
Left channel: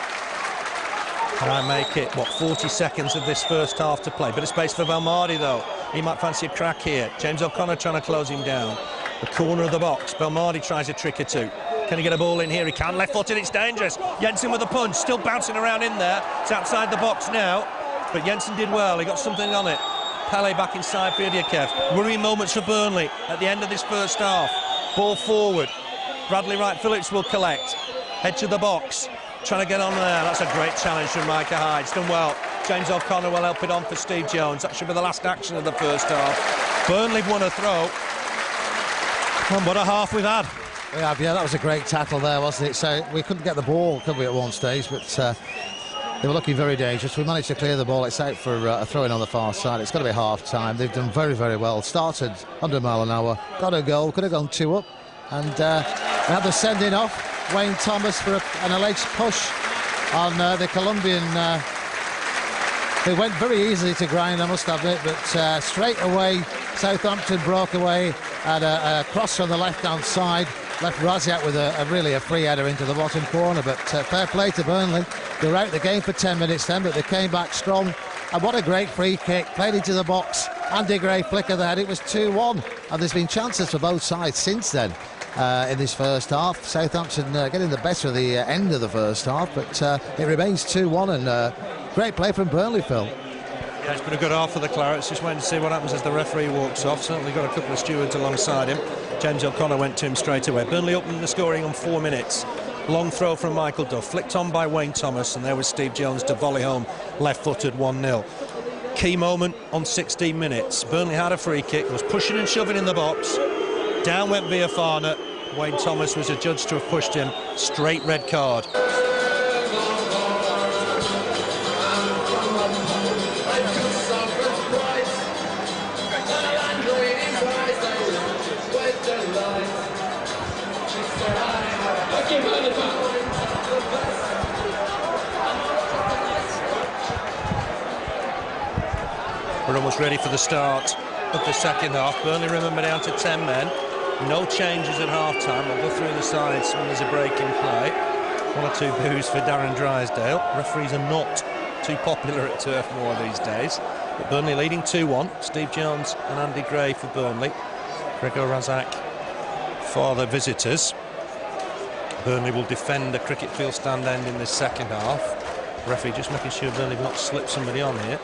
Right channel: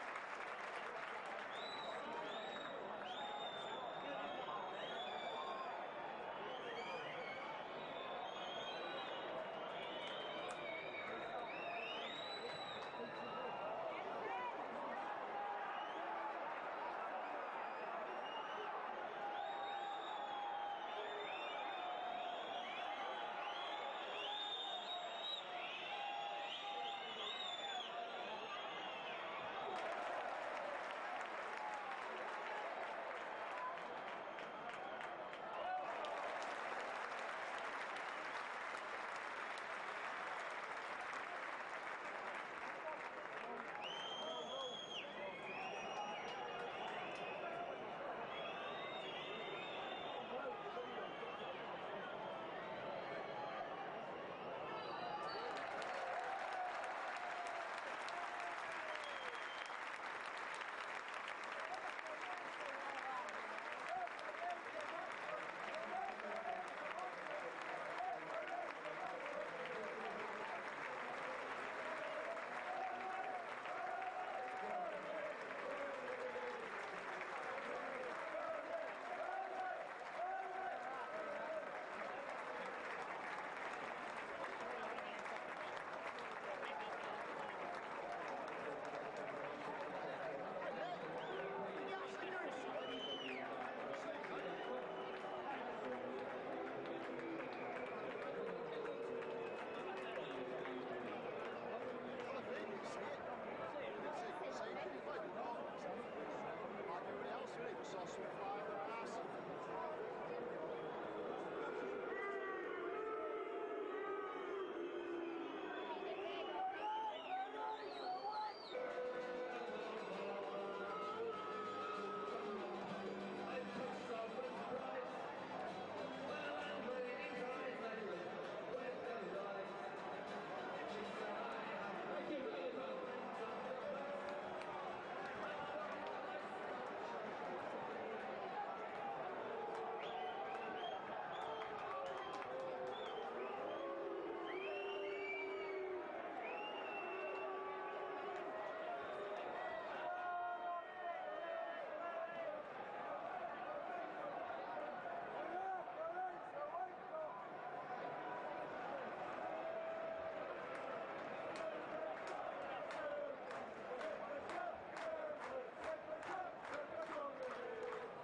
And I make it, 40 seconds of this first half to play. Bit of space for Belmardi, though. He might fancy a crack here. James O'Connor trying to close him down. The corner of the box. Belmardi tries a trick or two. Can he get a ball in here? He can. Left-footed, it's dangerous. Jensen with a punch, still bouncing around in there. It's outside the box now, but Jensen did well. He got something on it. Pele back inside for Kev. Worrying moments for Burnley at the end of this first half. Ball forward. Bradley Wright-Phillips will collect. Edge of the box. Trying to get on there. That's a great challenge from Micah Hyde. It's done well. James O'Connor will help it on for Steve Jones. That should be the last action of the first half. Burnley have won a throw. And what a half we've had. We have, yeah, that was a great tackle there, wasn't it? So we couldn't get the ball, could we, at one stage, but they were looking very dangerous. We managed to clear the ball. It's out for a throw-in on the far side. It's got to be half-time. They've done very, very well. Started 100 mile an hour, got a goal, could have gone 2 up, and we had the sending off. Wayne Thomas for an alleged push on the Colombian. It went very easily to grind, I must admit, but straight away Southampton broke away at a cross from the left-hand side. Left Rasiak with really a free header into the bottom corner, but fair play to Burnley. They were out the game for 10 minutes then, but they came back strong. And what a great free kick, played into the box. Andy Gray flicker the head, it was 2-1. And there's been chances for both sides since then in this first half. Southampton getting the better of the end of the first half, but it remains 2-1, and great play from Burnley, Phil. Yeah, it's been a good half for the Clarets. Just waiting to see what happens as the referee walks off. Certainly got a couple of stewards alongside him. James O'Connor went to him straight away. Burnley opened the scoring on 4 minutes. Long throw from Michael Duff, flicked on by Wayne Thomas, and there was Steve Jones to volley home, left-footed 1-0. Key moment on 16 minutes. Burnley had a free kick, was pushing and shoving in the box. Down went Viafana. Wayne Thomas was adjudged to have pushed him. Straight red card. We're almost ready for the start of the second half. Burnley, remember, down to 10 men. No changes at half-time. We'll go through the sides when there's a break in play. 1 or 2 boos for Darren Drysdale. Referees are not too popular at Turf Moor these days. But Burnley leading 2-1. Steve Jones and Andy Gray for Burnley. Grzegorz Rasiak for the visitors. Burnley will defend a cricket field stand end in this second half. Referee just making sure Burnley have not slipped somebody on here.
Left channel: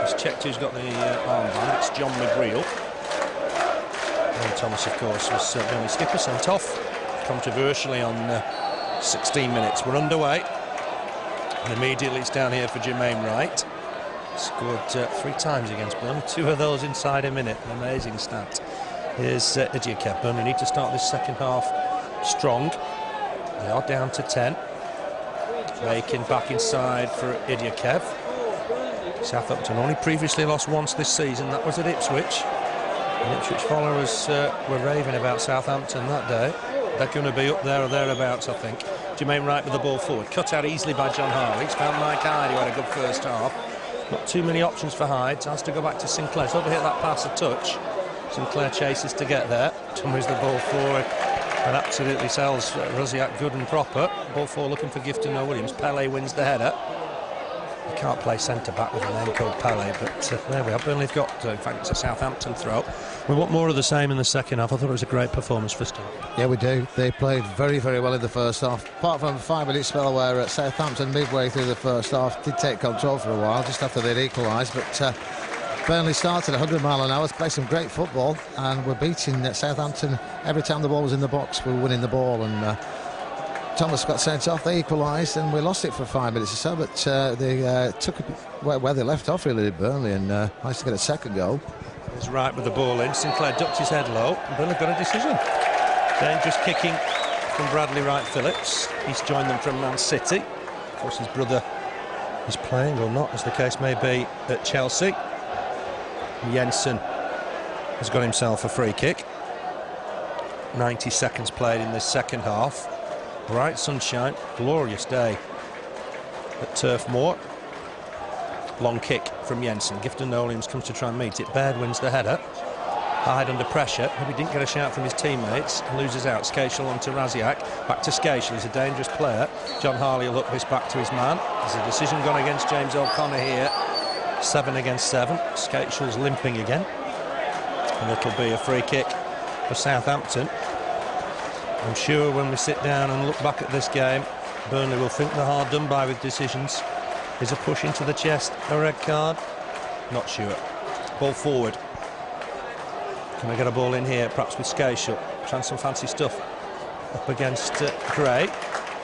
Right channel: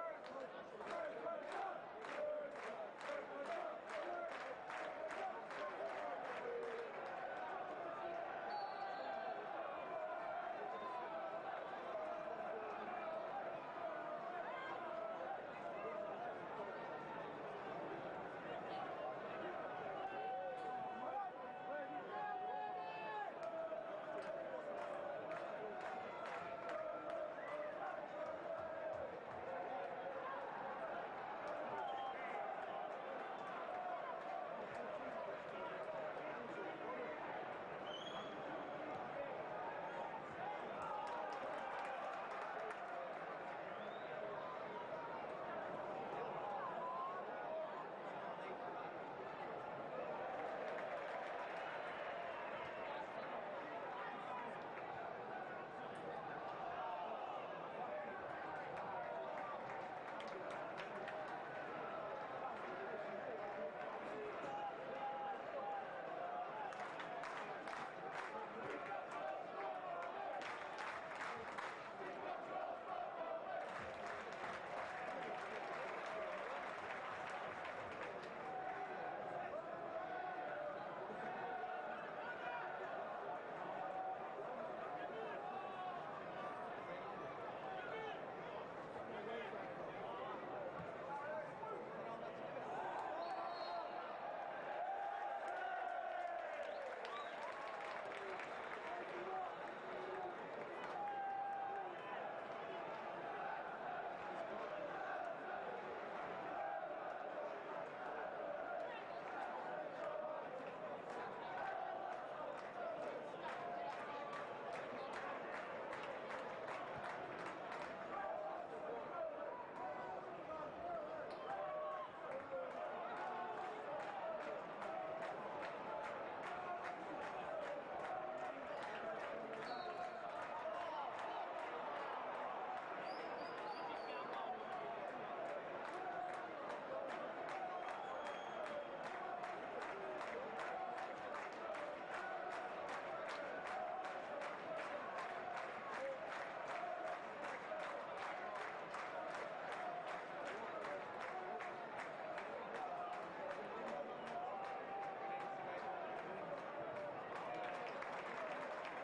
He's checked who's got the armband. It's John McGreal. And Thomas, of course, was Burnley skipper, sent off controversially on 16 minutes. We're underway. And immediately it's down here for Jermaine Wright. Scored 3 times against Burnley. 2 of those inside a minute. An amazing stat. Here's Elliott. Burnley need to start this second half strong. They are down to 10. Making back inside for Elliott. Southampton only previously lost once this season. That was at Ipswich. And Ipswich followers were raving about Southampton that day. They're going to be up there or thereabouts, I think. Jermaine Wright with the ball forward. Cut out easily by John Harley. It's found Micah Hyde, who had a good first half. Not too many options for Hyde. Has to go back to Sinclair. So overhit that pass a touch. Sinclair chases to get there. Moves the ball forward and absolutely sells Rasiak good and proper. Ball forward looking for Gifton Noel-Williams. Pele wins the header. You can't play centre-back with a name called Pele, but there we are. Burnley have got, in fact, it's a Southampton throw. We want more of the same in the second half. I thought it was a great performance for Steve. Yeah, we do. They played very, very well in the first half. Apart from a 5-minute spell where Southampton, midway through the first half, did take control for a while, just after they'd equalised. But Burnley started 100 mile an hour, played some great football, and were beating Southampton every time the ball was in the box. We were winning the ball, and Thomas got sent off. They equalised, and we lost it for 5 minutes or so. But they took where they left off, really, did Burnley, and managed to get a second goal. He's right with the ball in. Sinclair ducked his head low, and Burnley got a decision. Dangerous kicking from Bradley Wright-Phillips. He's joined them from Man City. Of course, his brother is playing, or not, as the case may be, at Chelsea. Jensen has got himself a free kick. 90 seconds played in this second half. Bright sunshine, glorious day at Turf Moor. Long kick from Jensen. Gifton Noel-Williams comes to try and meet it. Baird wins the header. Hyde under pressure. Maybe didn't get a shout from his teammates. Loses out. Skácel on to Rasiak. Back to Skácel. He's a dangerous player. John Harley will look this back to his man. There's a decision gone against James O'Connor here. 7 against 7. Skácel's limping again. And it'll be a free kick for Southampton. I'm sure when we sit down and look back at this game, Burnley will think they're hard done by with decisions. Is a push into the chest a red card? Not sure. Ball forward. Can we get a ball in here, perhaps with Skácel? Trying some fancy stuff up against Gray.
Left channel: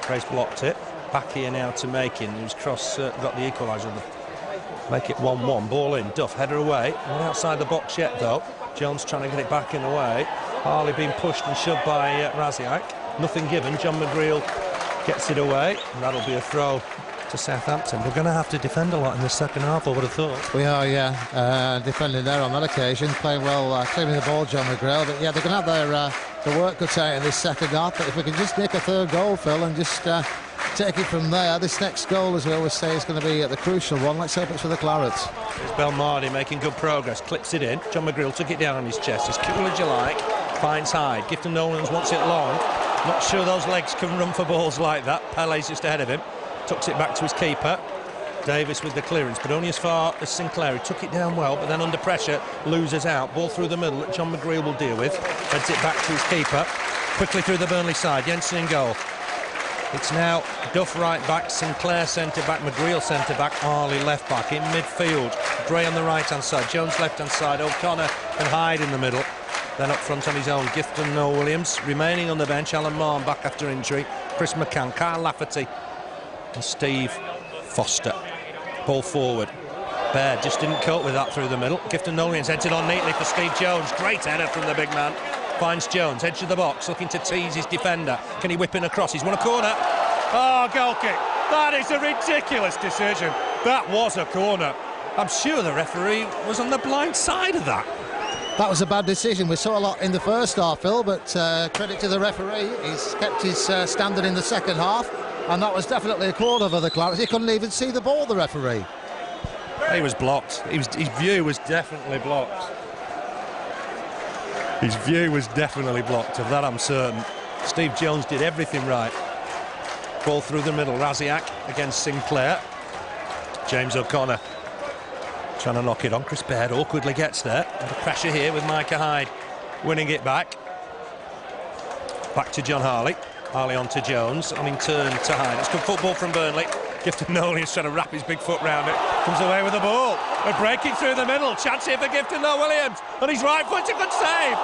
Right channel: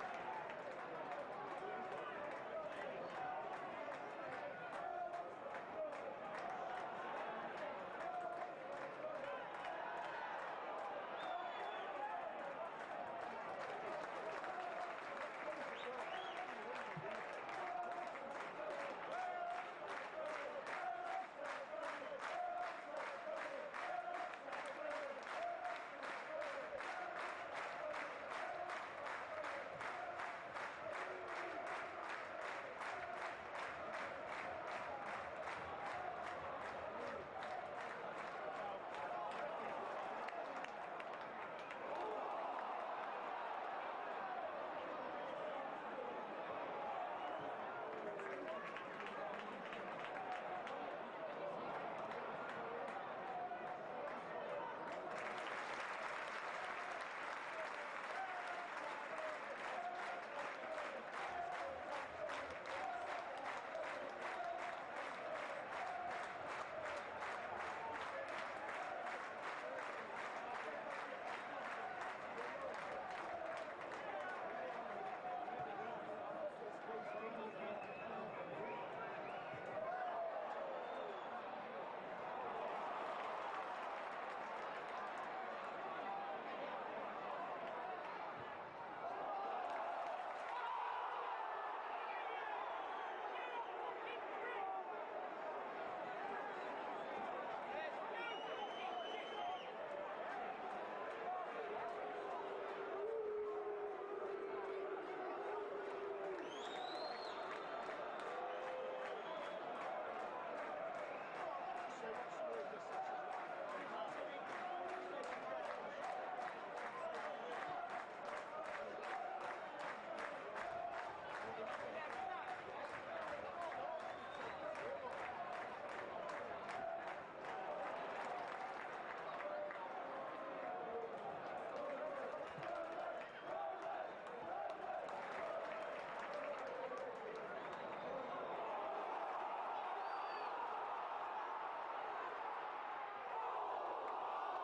Gray's blocked it. Back here now to Micah, who's got the equaliser. Make it 1-1. Ball in. Duff, header away. Not outside the box yet, though. Jones trying to get it back in the way. Harley being pushed and shoved by Rasiak. Nothing given. John McGreal gets it away, and that'll be a throw to Southampton. We're going to have to defend a lot in the second half, I would have thought. We are, yeah, defending there on that occasion, playing well, clearing the ball, John McGreal. But yeah, they're going to have their work cut out in this second half. But if we can just nick a third goal, Phil, and just take it from there, this next goal, as we always say, is going to be the crucial one. Let's hope it's for the Clarets. Here's Belmardi making good progress, clips it in. John McGreal took it down on his chest, as cool as you like. Finds Hyde. Gifton Noel-Williams wants it long. Not sure those legs can run for balls like that. Pele's just ahead of him. Tucks it back to his keeper. Davis with the clearance, but only as far as Sinclair. He took it down well, but then under pressure loses out. Ball through the middle that John McGreal will deal with. Heads it back to his keeper. Quickly through the Burnley side. Jensen in goal. It's now Duff right back, Sinclair centre back, McGreal centre back, Harley left back. In midfield, Gray on the right hand side, Jones left hand side, O'Connor and Hyde in the middle. Then up front on his own, Gifton, Noel-Williams. Remaining on the bench, Alan Marn back after injury, Chris McCann, Kyle Lafferty and Steve Foster. Ball forward. Baird just didn't cope with that through the middle. Gifton Noel-Williams heads it on neatly for Steve Jones. Great header from the big man. Finds Jones, edge of the box, looking to tease his defender. Can he whip in across? He's won a corner. Oh, goal kick. That is a ridiculous decision. That was a corner. I'm sure the referee was on the blind side of that. That was a bad decision. We saw a lot in the first half, Phil, but credit to the referee. He's kept his standard in the second half, and that was definitely a corner for the Clarets. He couldn't even see the ball, the referee. He was blocked. His view was definitely blocked. His view was definitely blocked, of that I'm certain. Steve Jones did everything right. Ball through the middle, Rasiak against Sinclair. James O'Connor trying to knock it on. Chris Baird awkwardly gets there. Under pressure here with Micah Hyde winning it back. Back to John Harley. Harley on to Jones, and in turn to Hyde. It's good football from Burnley. Gifton Noel-Williams trying to wrap his big foot round it. Comes away with the ball. We're breaking through the middle. Chance here for Gifton Noel-Williams. On his right foot, a good save.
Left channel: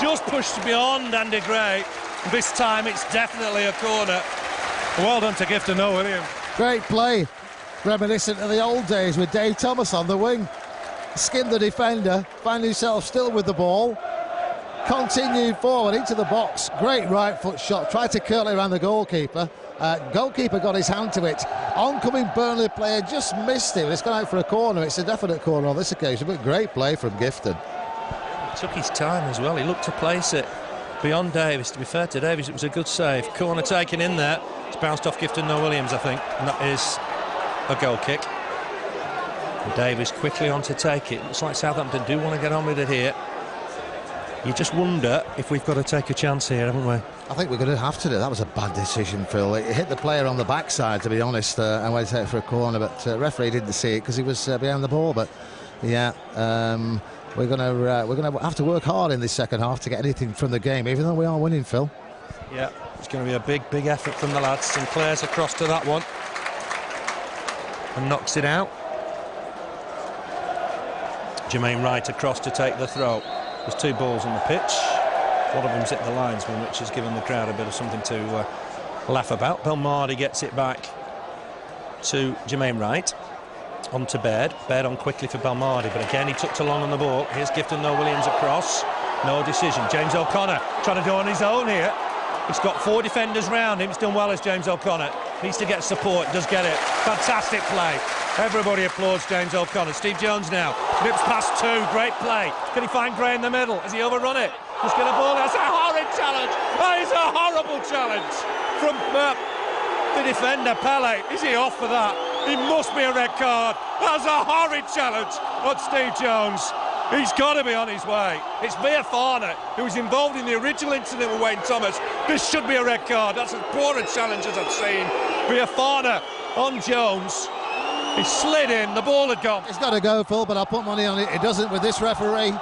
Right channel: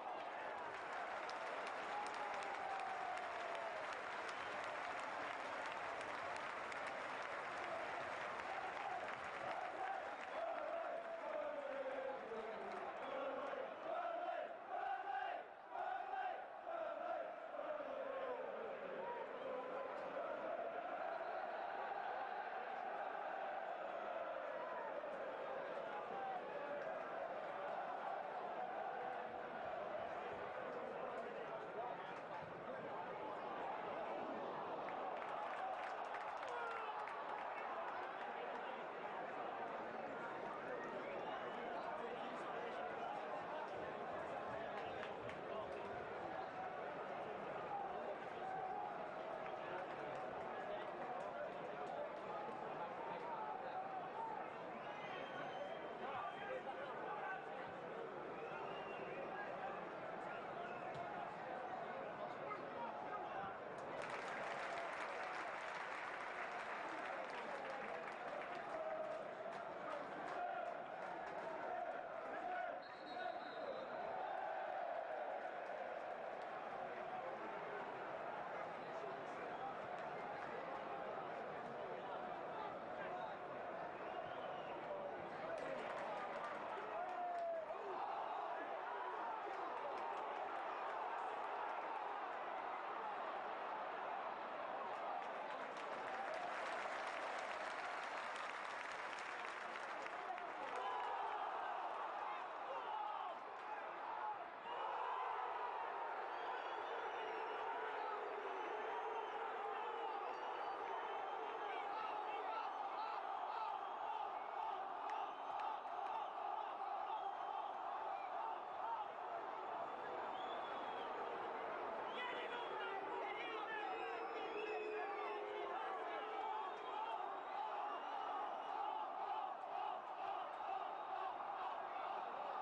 Just pushed beyond Andy Gray. This time it's definitely a corner. Well done to Gifton Noel-Williams. Great play. Reminiscent of the old days with Dave Thomas on the wing. Skinned the defender, found himself still with the ball. Continued forward into the box. Great right foot shot. Tried to curl it around the goalkeeper. Goalkeeper got his hand to it. Oncoming Burnley player just missed it. It's gone out for a corner. It's a definite corner on this occasion, but great play from Gifton. He took his time as well. He looked to place it beyond Davis. To be fair to Davis, it was a good save. Corner taken in there. It's bounced off Gifton Noel-Williams, I think, and that is a goal kick. And Davis quickly on to take it. Looks like Southampton do want to get on with it here. You just wonder if we've got to take a chance here, haven't we? I think we're going to have to do. That was a bad decision, Phil. It hit the player on the backside, to be honest, and went out for a corner, but referee didn't see it because he was behind the ball. But yeah, we're going to have to work hard in this second half to get anything from the game, even though we are winning, Phil. Yeah, it's going to be a big effort from the lads. Sinclair's across to that one and knocks it out. Jermaine Wright across to take the throw. There's two balls on the pitch. One of them's hit the linesman, which has given the crowd a bit of something to laugh about. Belmardi gets it back to Jermaine Wright. On to Baird. Baird on quickly for Belmardi, but again he took too long on the ball. Here's Gifton Noel-Williams across. No decision. James O'Connor trying to do on his own here. He's got four defenders round him. He's done well as James O'Connor. Needs to get support. Does get it. Fantastic play. Everybody applauds James O'Connor. Steve Jones now. Nips past two. Great play. Can he find Gray in the middle? Has he overrun it? Just get a ball. That's a horrid challenge. That is a horrible challenge from the defender, Pele. Is he off for that? He must be a red card. That's a horrid challenge on Steve Jones. He's got to be on his way. It's Viafana who was involved in the original incident with Wayne Thomas. This should be a red card. That's as poor a challenge as I've seen. Viafana on Jones. He slid in, the ball had gone. It's got to go, Phil, but I'll put money on it. It doesn't with this referee. He's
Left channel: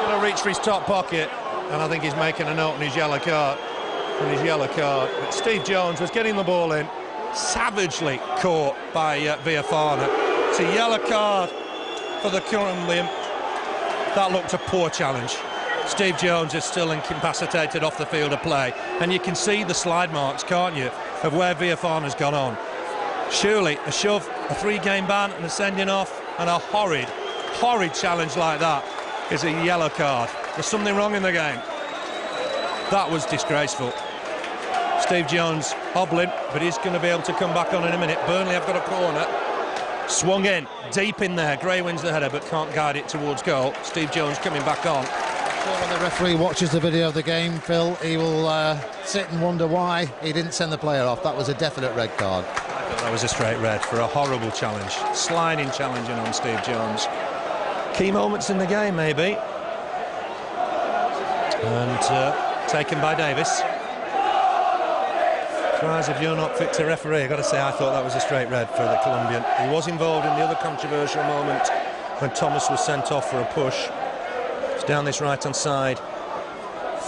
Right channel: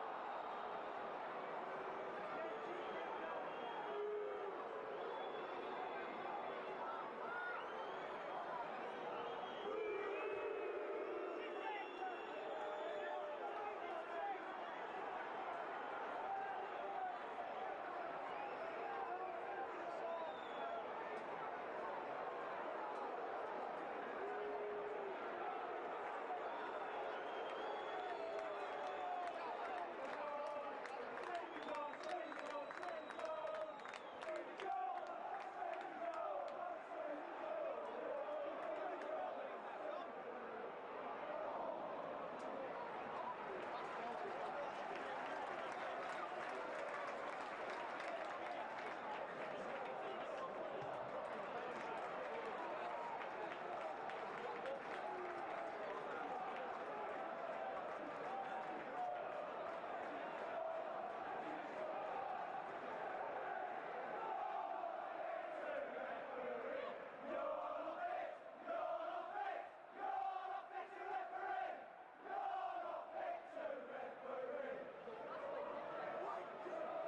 going to reach for his top pocket, and I think he's making a note on his yellow card. But Steve Jones was getting the ball in, savagely caught by Viafana. It's a yellow card for the current limb. That looked a poor challenge. Steve Jones is still incapacitated off the field of play, and you can see the slide marks, can't you, of where Viafana's gone on. Surely a shove, a 3-game ban and a sending off, and a horrid horrid challenge like that is a yellow card. There's something wrong in the game. That was disgraceful. Steve Jones hobbling, but he's going to be able to come back on in a minute. Burnley have got a corner. Swung in, deep in there. Gray wins the header, but can't guide it towards goal. Steve Jones coming back on. When the referee watches the video of the game, Phil, he will sit and wonder why he didn't send the player off. That was a definite red card. I thought that was a straight red for a horrible challenge. Sliding challenging on Steve Jones. Key moments in the game, maybe. And taken by Davis. Cries if you're not fit to referee. I've got to say, I thought that was a straight red for the Colombian. He was involved in the other controversial moment when Thomas was sent off for a push. It's down this right-hand side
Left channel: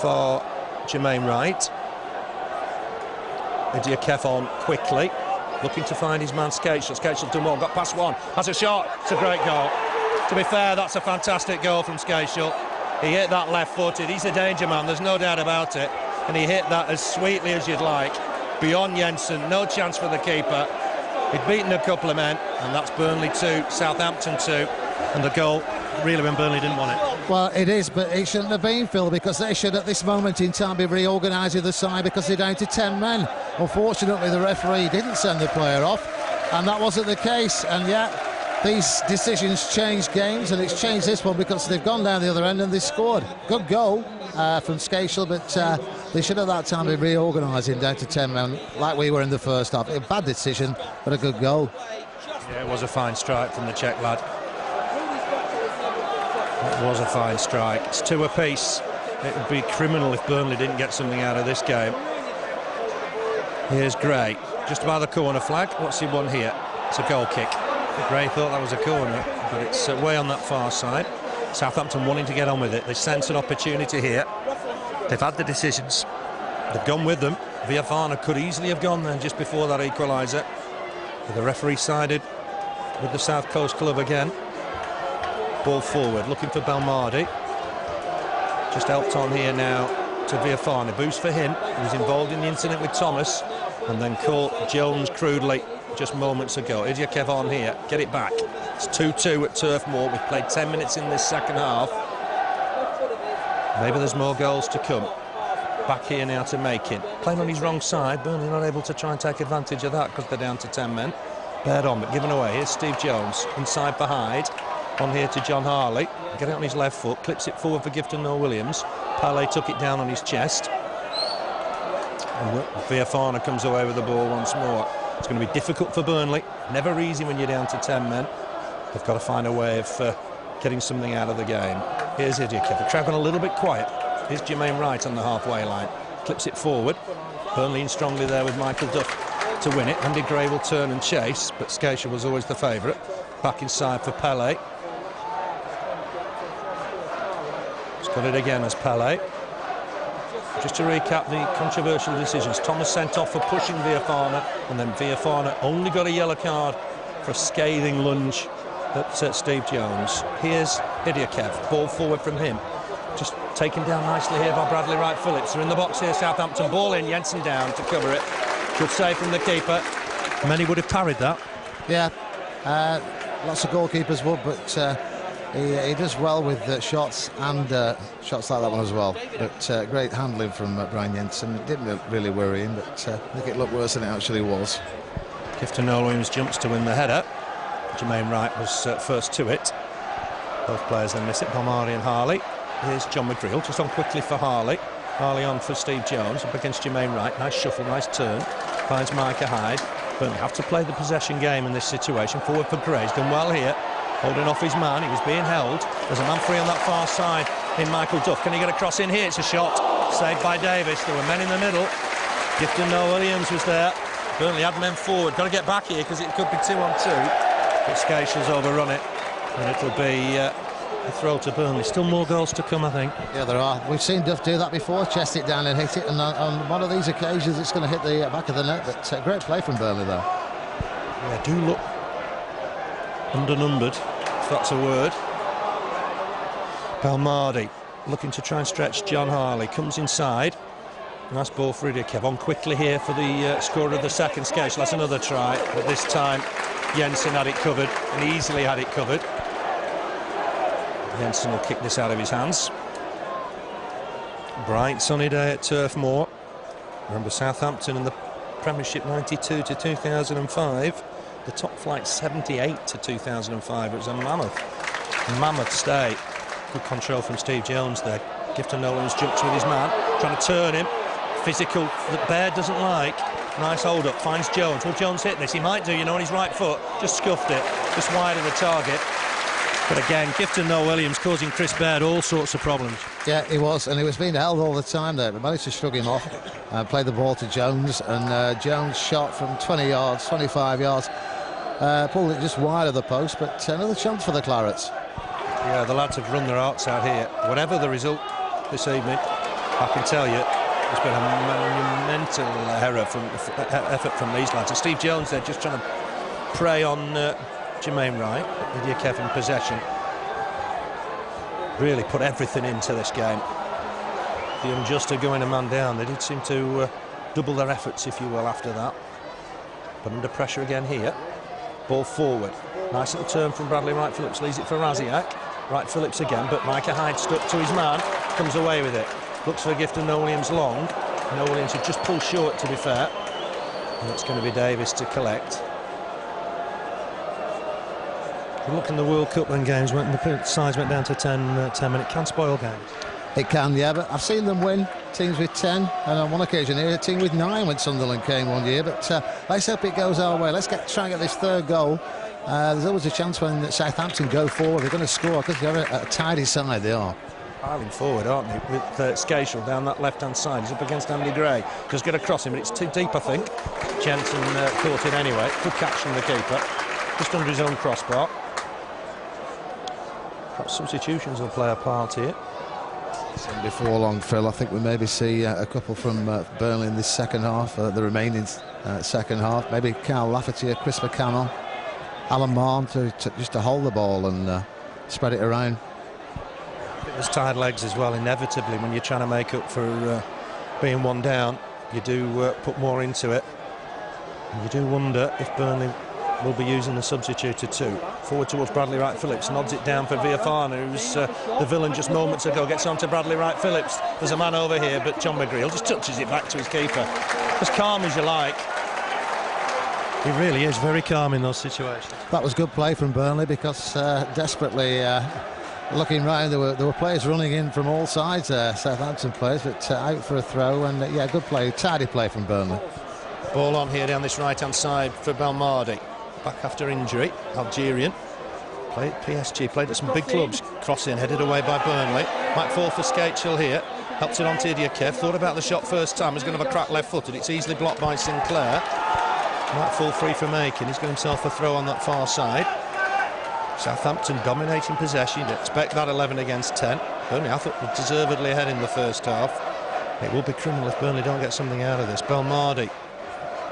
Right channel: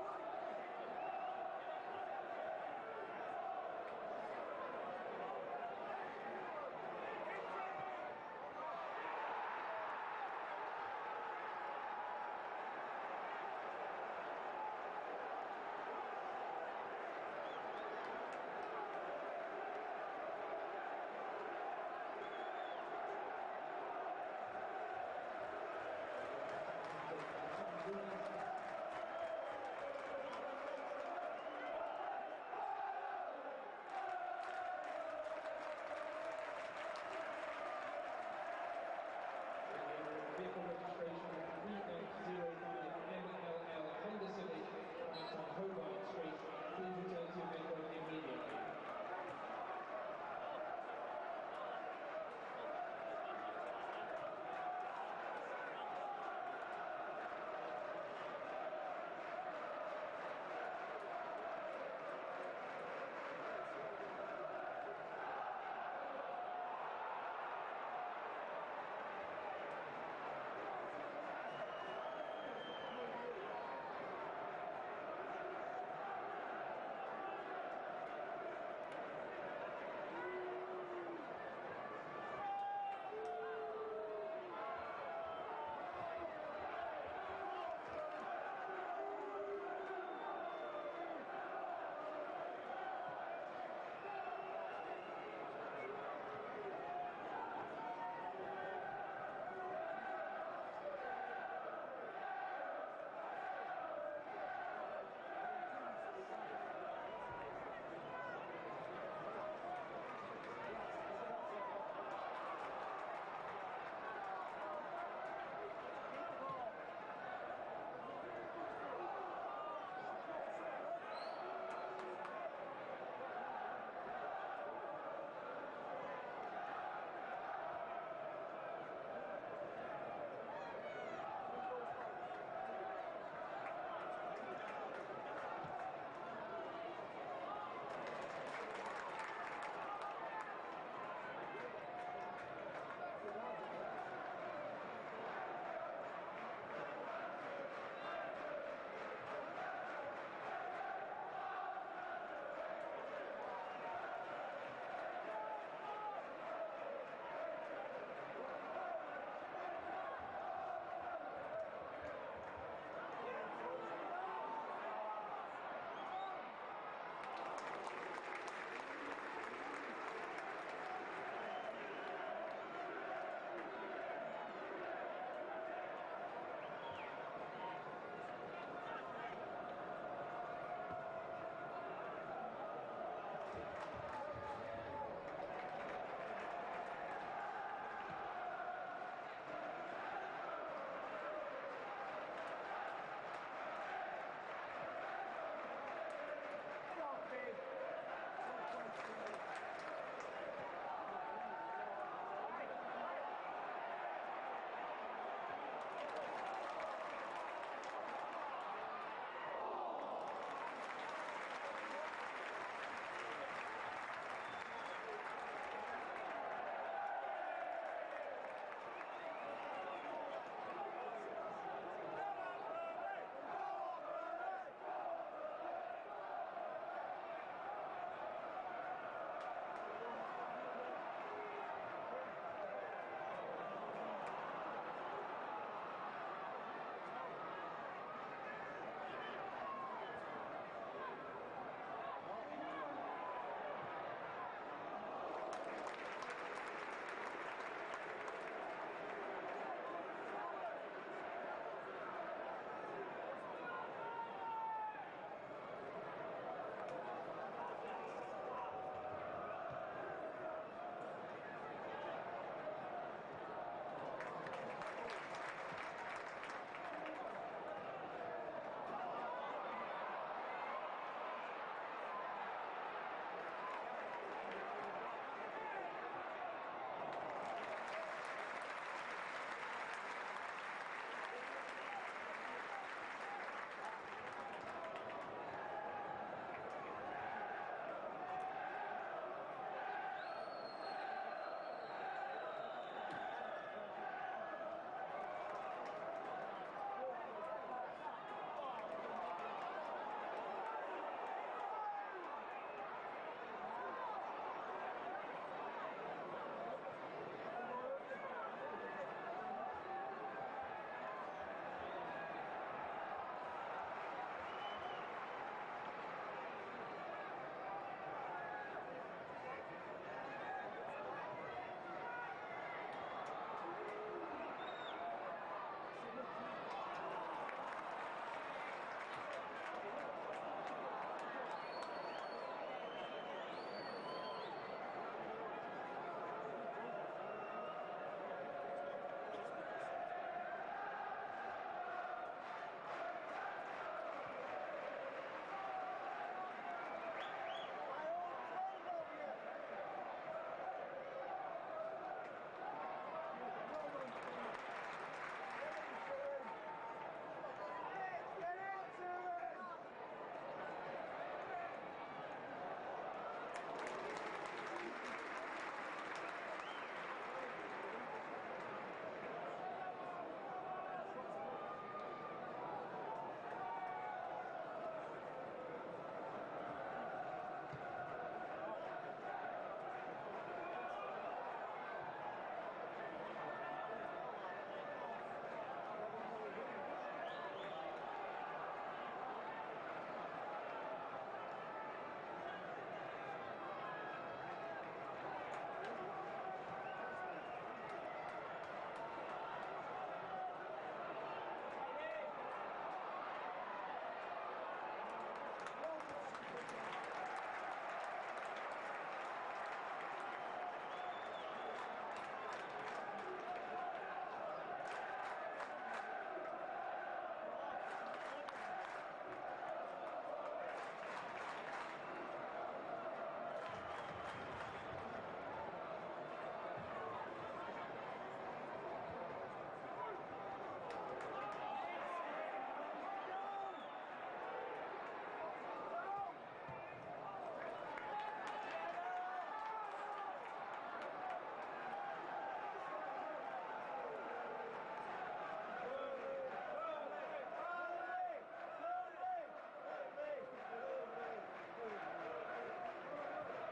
for Jermaine Wright. Idia Kefon quickly, looking to find his man Skácel. Skácel done well, got past one, has a shot. It's a great goal. To be fair, that's a fantastic goal from Skácel. He hit that left-footed. He's a danger man, there's no doubt about it. And he hit that as sweetly as you'd like. Beyond Jensen, no chance for the keeper. He'd beaten a couple of men, and that's Burnley 2, Southampton 2. And the goal, really, when Burnley didn't want it. Well, it is, but it shouldn't have been, Phil, because they should, at this moment in time, be reorganising the side because they're down to 10 men. Unfortunately, the referee didn't send the player off, and that wasn't the case. And yet, these decisions change games, and it's changed this one because they've gone down the other end and they scored. Good goal from Skácel, but they should at that time be reorganising down to 10 men, like we were in the first half. A bad decision, but a good goal. Yeah, it was a fine strike from the Czech lad. It was a fine strike. It's 2 apiece. It would be criminal if Burnley didn't get something out of this game. Here's Gray, just by the corner flag. What's he won here? It's a goal kick. Gray thought that was a corner, but it's way on that far side. Southampton wanting to get on with it. They sense an opportunity here. They've had the decisions. They've gone with them. Viafana could easily have gone there just before that equaliser. The referee sided with the South Coast club again. Ball forward, looking for Belmardi. Just helped on here now to Viafana. Boost for him. He was involved in the incident with Thomas and then caught Jones crudely just moments ago. Idia Kefon here, get it back. It's 2-2 at Turf Moor. We've played 10 minutes in this second half. Maybe there's more goals to come. Back here now to Micah. Playing on his wrong side. Burnley not able to try and take advantage of that because they're down to 10 men. Bared on, but given away. Here's Steve Jones, inside for Hyde. On here to John Harley. Get it on his left foot, clips it forward for Gifton Noel-Williams. Pele took it down on his chest. And Viafana comes away with the ball once more. It's going to be difficult for Burnley. Never easy when you're down to 10 men. They've got to find a way of getting something out of the game. Here's Idia. The crowd gone a little bit quiet. Here's Jermaine Wright on the halfway line. Clips it forward. Burnley in strongly there with Michael Duff to win it. Andy Gray will turn and chase, but Skácel was always the favourite. Back inside for Pele. He's got it again as Pele. Just to recap the controversial decisions. Thomas sent off for pushing Viafana, and then Viafana only got a yellow card for a scathing lunge at Steve Jones. Here's Idia. Ball forward from him. Just taken down nicely here by Bradley Wright Phillips. They're in the box here, Southampton. Ball in, Jensen down to cover it. Good save from the keeper. Many would have parried that. Yeah, lots of goalkeepers would, but he does well with shots and shots like that one as well. But great handling from Brian Jensen. It didn't really worry him, but I think it looked worse than it actually was. Gifton Noel-Williams jumps to win the header. Jermaine Wright was first to it. Both players then miss it, Belmardi and Harley. Here's John McGreal, just on quickly for Harley. Harley on for Steve Jones, up against Jermaine Wright. Nice shuffle, nice turn. Finds Micah Hyde. Burnley have to play the possession game in this situation. Forward for Gray. He's done well here. Holding off his man. He was being held. There's a man free on that far side in Michael Duff. Can he get a cross in here? It's a shot. Saved by Davis. There were men in the middle. Gifton Noel-Williams was there. Burnley had men forward. Got to get back here because it could be 2-on-2. But Skácel's overrun it. And it'll be a throw to Burnley. Still more goals to come, I think. Yeah, there are. We've seen Duff do that before, chest it down and hit it, and on one of these occasions it's going to hit the back of the net. But great play from Burnley there. Yeah, do look undernumbered, if that's a word. Belmardi looking to try and stretch John Harley. Comes inside. Nice ball for Rudi. On quickly here for the scorer of the second. Skácel. That's another try, but this time Jensen had it covered and easily had it covered. Jensen will kick this out of his hands. Bright sunny day at Turf Moor. Remember Southampton in the Premiership 92 to 2005. The top flight 78 to 2005. It was a mammoth stay. Good control from Steve Jones there. Gifton Nolan's jumps with his man, trying to turn him. Physical that Baird doesn't like. Nice hold up, finds Jones. Will Jones hit this? He might do, you know, on his right foot. Just scuffed it, just wide of the target. But again, Gifton Noel-Williams causing Chris Baird all sorts of problems. Yeah, he was, and he was being held all the time there. But managed to shrug him off, played the ball to Jones, and Jones shot from 20 yards, 25 yards. Pulled it just wide of the post, but another chance for the Clarets. Yeah, the lads have run their hearts out here. Whatever the result this evening, I can tell you, there's been a monumental effort from these lads. And Steve Jones there just trying to prey on Jermaine Wright. Lydia Kev in possession. Really put everything into this game. The unjust are going a man down. They did seem to double their efforts, if you will, after that. But under pressure again here. Ball forward. Nice little turn from Bradley Wright Phillips. Leaves it for Rasiak. Wright Phillips again, but Micah Hyde stuck to his man. Comes away with it. Looks for Gifton Noel-Williams long. Noel-Williams had just pulled short, to be fair. And it's going to be Davis to collect. Look in the World Cup when games went, the size went down to 10-minute. Can spoil games. It can, yeah, but I've seen them win teams with 10, and on one occasion here, a team with 9 when Sunderland came one year. But let's hope it goes our way. Let's try and get this third goal. There's always a chance when Southampton go forward, they're going to score, because they're a tidy side, they are. Piling forward, aren't they, with Skácel down that left-hand side. He's up against Andy Gray. Just going to cross him, but it's too deep, I think. Jensen caught it anyway. Good catch from the keeper. Just under his own crossbar. Perhaps substitutions will play a part here. Before long, Phil, I think we maybe see a couple from Burnley in this second half, the remaining second half. Maybe Carl Lafferty, Chris McCannell, Alan Marn just to hold the ball and spread it around. There's tired legs as well, inevitably, when you're trying to make up for being one down. You do put more into it. And you do wonder if Burnley will be using the substituted two. Forward towards Bradley Wright Phillips, nods it down for Viafana, who's the villain just moments ago, gets on to Bradley Wright Phillips. There's a man over here, but John McGreal just touches it back to his keeper. As calm as you like. He really is very calm in those situations. That was good play from Burnley, because desperately looking round, there were players running in from all sides there, Southampton players, but out for a throw, and yeah, good play, tidy play from Burnley. Ball on here down this right-hand side for Belmardi. Back after injury, Algerian. Played PSG, played at some big clubs. Crossing, headed away by Burnley. Might fall for Skácel here. Helps it on to Idiokev. Thought about the shot first time. He's going to have a crack left-footed. It's easily blocked by Sinclair. Might fall free for Micah. He's got himself a throw on that far side. Southampton dominating possession. You'd expect that 11 against 10. Burnley, I thought, were deservedly ahead in the first half. It will be criminal if Burnley don't get something out of this. Belmardi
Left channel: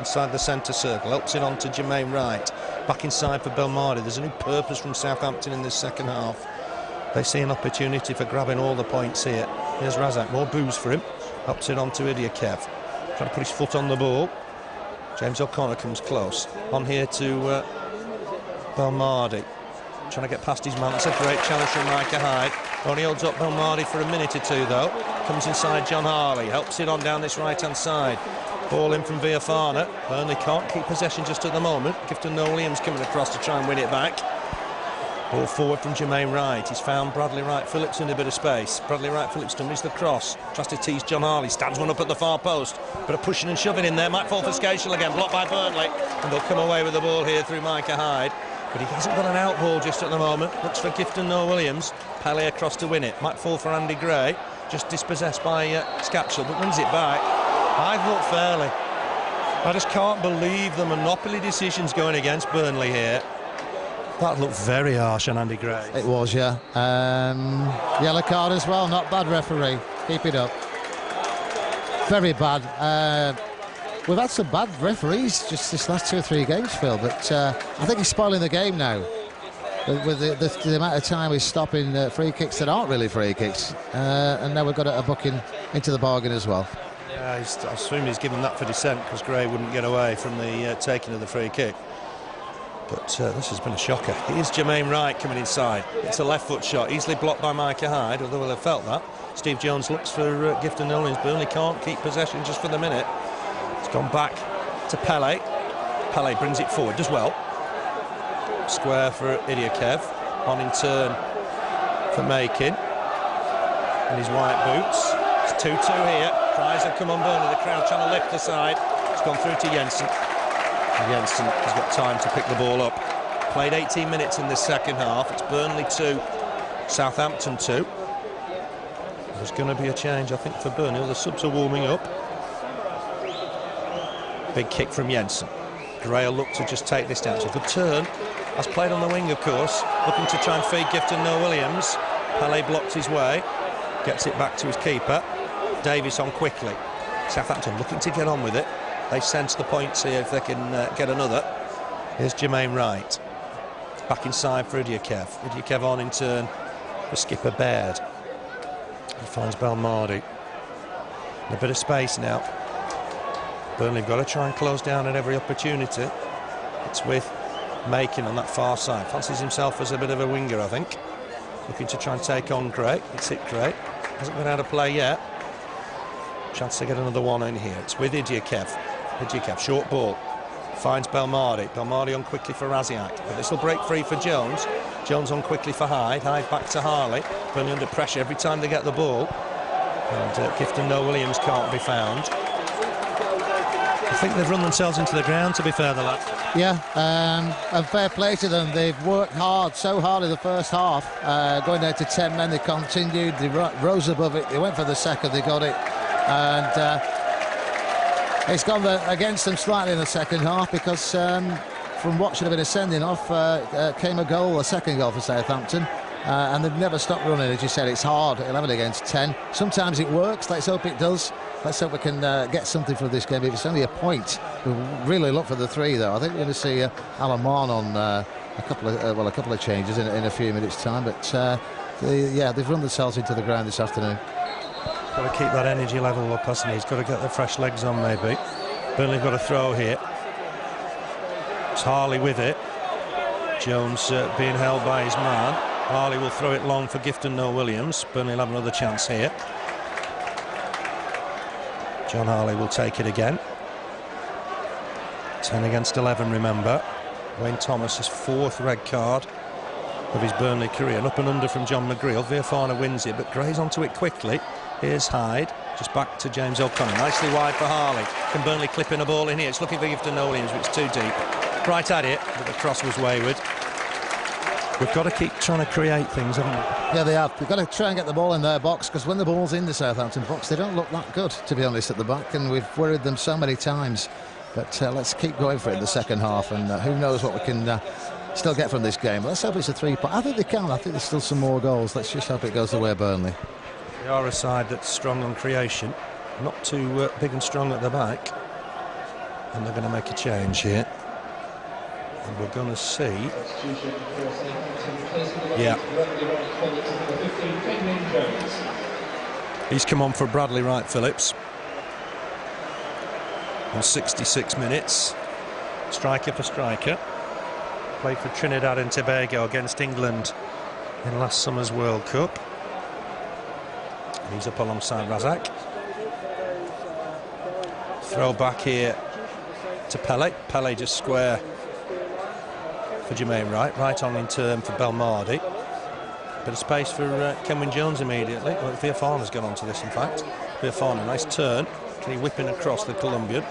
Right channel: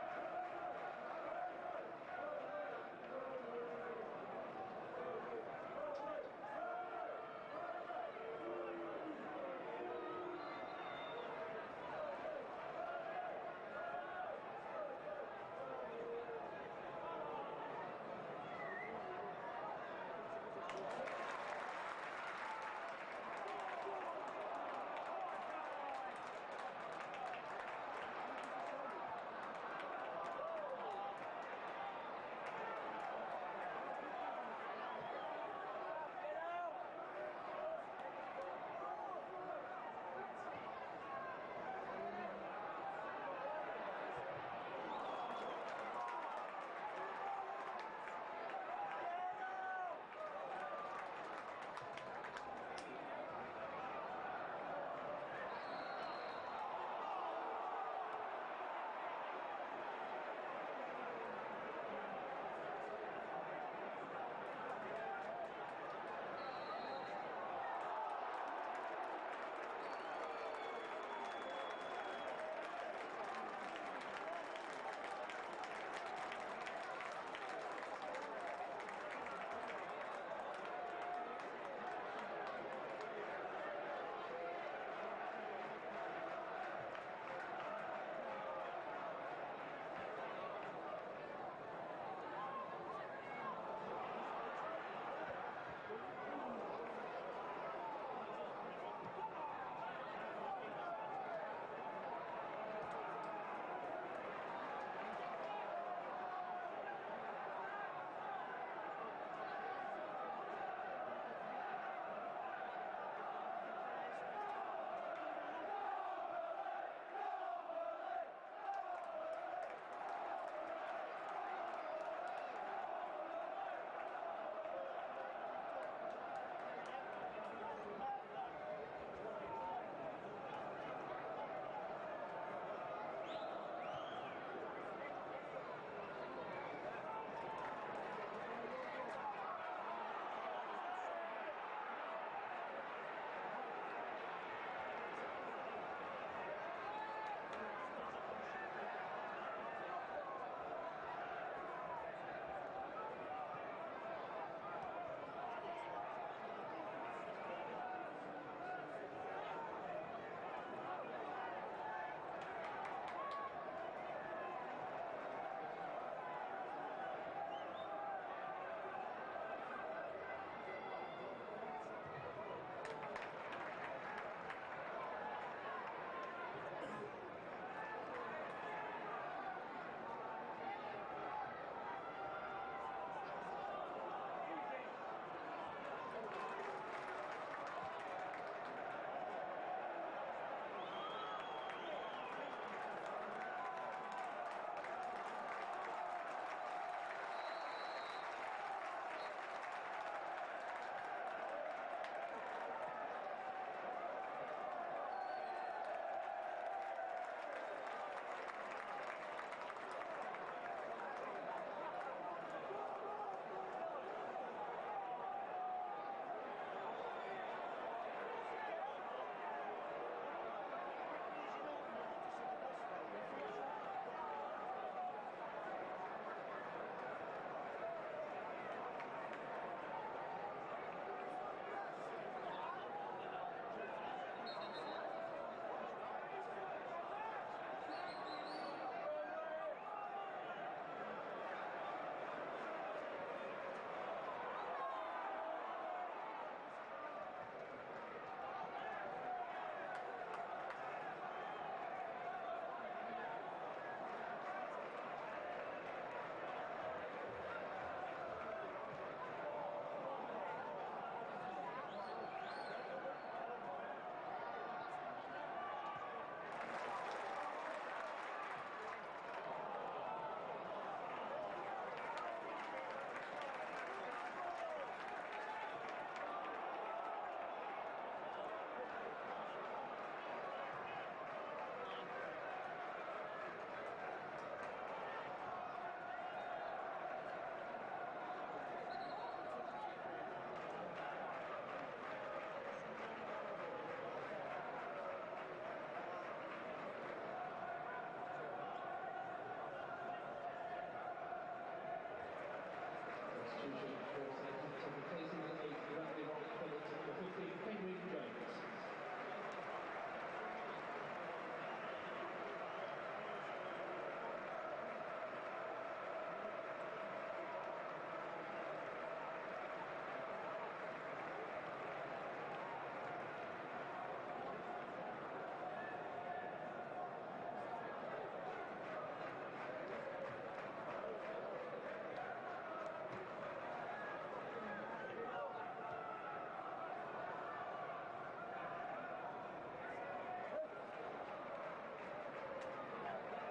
inside the centre circle, helps it on to Jermaine Wright. Back inside for Belmardi. There's a new purpose from Southampton in this second half. They see an opportunity for grabbing all the points here. Here's Rasiak, more booze for him. Helps it on to Idiokev. Trying to put his foot on the ball. James O'Connor comes close. On here to Belmardi. Trying to get past his man. It's a great challenge from Micah Hyde. Only holds up Belmardi for a minute or two, though. Comes inside John Harley. Helps it on down this right-hand side. Ball in from Viafana. Burnley can't keep possession just at the moment. Gifton Noel-Williams coming across to try and win it back. Ball forward from Jermaine Wright. He's found Bradley Wright Phillips in a bit of space. Bradley Wright Phillips dummies the cross. Tries to tease John Harley. Stands one up at the far post. Bit of pushing and shoving in there. Might fall for Skácel again. Blocked by Burnley. And they'll come away with the ball here through Micah Hyde. But he hasn't got an out ball just at the moment. Looks for Gifton Noel-Williams. Pele across to win it. Might fall for Andy Gray. Just dispossessed by Skácel, but wins it back. I thought fairly. I just can't believe the monopoly decisions going against Burnley here. That looked very harsh on Andy Gray. It was, yeah. Yellow card as well. Not bad, referee. Keep it up. Very bad. We've had some bad referees just this last 2 or 3 games, Phil, but I think he's spoiling the game now. With the amount of time he's stopping free kicks that aren't really free kicks. And now we've got a booking into the bargain as well. Yeah, I assume he's given that for dissent because Gray wouldn't get away from the taking of the free kick. But this has been a shocker. Here's Jermaine Wright coming inside. It's a left foot shot, easily blocked by Micah Hyde, although we'll have felt that. Steve Jones looks for Gifton Noel-Williams. Burnley can't keep possession just for the minute. It's gone back to Pele. Pele brings it forward, does well. Square for Idiokev. On in turn for Makin. In his white boots. It's 2-2 here. Cries have come on Burnley. The crowd trying to lift the side. It's gone through to Jensen. And Jensen has got time to pick the ball up. Played 18 minutes in the second half. It's Burnley 2, Southampton 2. There's going to be a change, I think, for Burnley. All the subs are warming up. Big kick from Jensen. McGreal looked to just take this down. It's a good turn. Has played on the wing, of course. Looking to try and feed Gifton Noel-Williams. Pele blocked his way. Gets it back to his keeper. Davies on quickly. Southampton looking to get on with it. They sense the points here if they can get another. Here's Jermaine Wright. Back inside for Idiokev. Idiokev on in turn for skipper Baird. He finds Belmardi. A bit of space now. Burnley have got to try and close down at every opportunity. It's with Makin on that far side. Fancies himself as a bit of a winger, I think. Looking to try and take on Gray. It's hit Gray. Hasn't been out of play yet. Chance to get another one in here. It's with Idiokev. Idiokev, short ball. Finds Belmardi. Belmardi on quickly for Rasiak. But this will break free for Jones. Jones on quickly for Hyde. Hyde back to Harley. Burnley under pressure every time they get the ball. And Gifton Noel-Williams can't be found. I think they've run themselves into the ground, to be fair, the lads. Yeah, and fair play to them. They've worked hard, so hard in the first half. Going down to 10 men, they continued. They rose above it. They went for the second, they got it. And it's gone against them slightly in the second half because from what should have been a sending off came a goal, a second goal for Southampton. And they've never stopped running. As you said, it's hard, 11 against 10. Sometimes it works. Let's hope it does. Let's hope we can get something from this game. If it's only a point, we'll really look for the 3, though. I think we're going to see Alan Mann on a couple of changes in a few minutes' time. But yeah, they've run themselves into the ground this afternoon. Got to keep that energy level up, hasn't he? He's got to get the fresh legs on, maybe. Burnley got a throw here. It's Harley with it. Jones being held by his man. Harley will throw it long for Gifton Noel-Williams. Burnley will have another chance here. John Harley will take it again. 10 against 11, remember. Wayne Thomas's 4th red card of his Burnley career. An up and under from John McGreal. Viafana wins it, but Gray's onto it quickly. Here's Hyde, just back to James O'Connor. Nicely wide for Harley. Can Burnley clip in a ball in here? It's looking for Gifton Noel-Williams, but it's too deep. Right at it, but the cross was wayward. We've got to keep trying to create things, haven't we? Yeah, they have. We've got to try and get the ball in their box, because when the ball's in the Southampton box, they don't look that good, to be honest, at the back, and we've worried them so many times. But let's keep going for it in the second half, and who knows what we can still get from this game. Let's hope it's a 3-point. I think they can. I think there's still some more goals. Let's just hope it goes the way of Burnley. They are a side that's strong on creation, not too big and strong at the back, and they're going to make a change here. And we're going to see. Yeah. He's come on for Bradley Wright Phillips. On 66 minutes. Striker for striker. Played for Trinidad and Tobago against England in last summer's World Cup. He's up alongside Rasiak. Throw back here to Pele. Pele just square for Jermaine Wright. Right on in turn for Belmardi. Bit of space for Kenwyne Jones immediately. Well, Viafana's gone on to this, in fact. Viafana, nice turn. Can he whip in across the Colombian?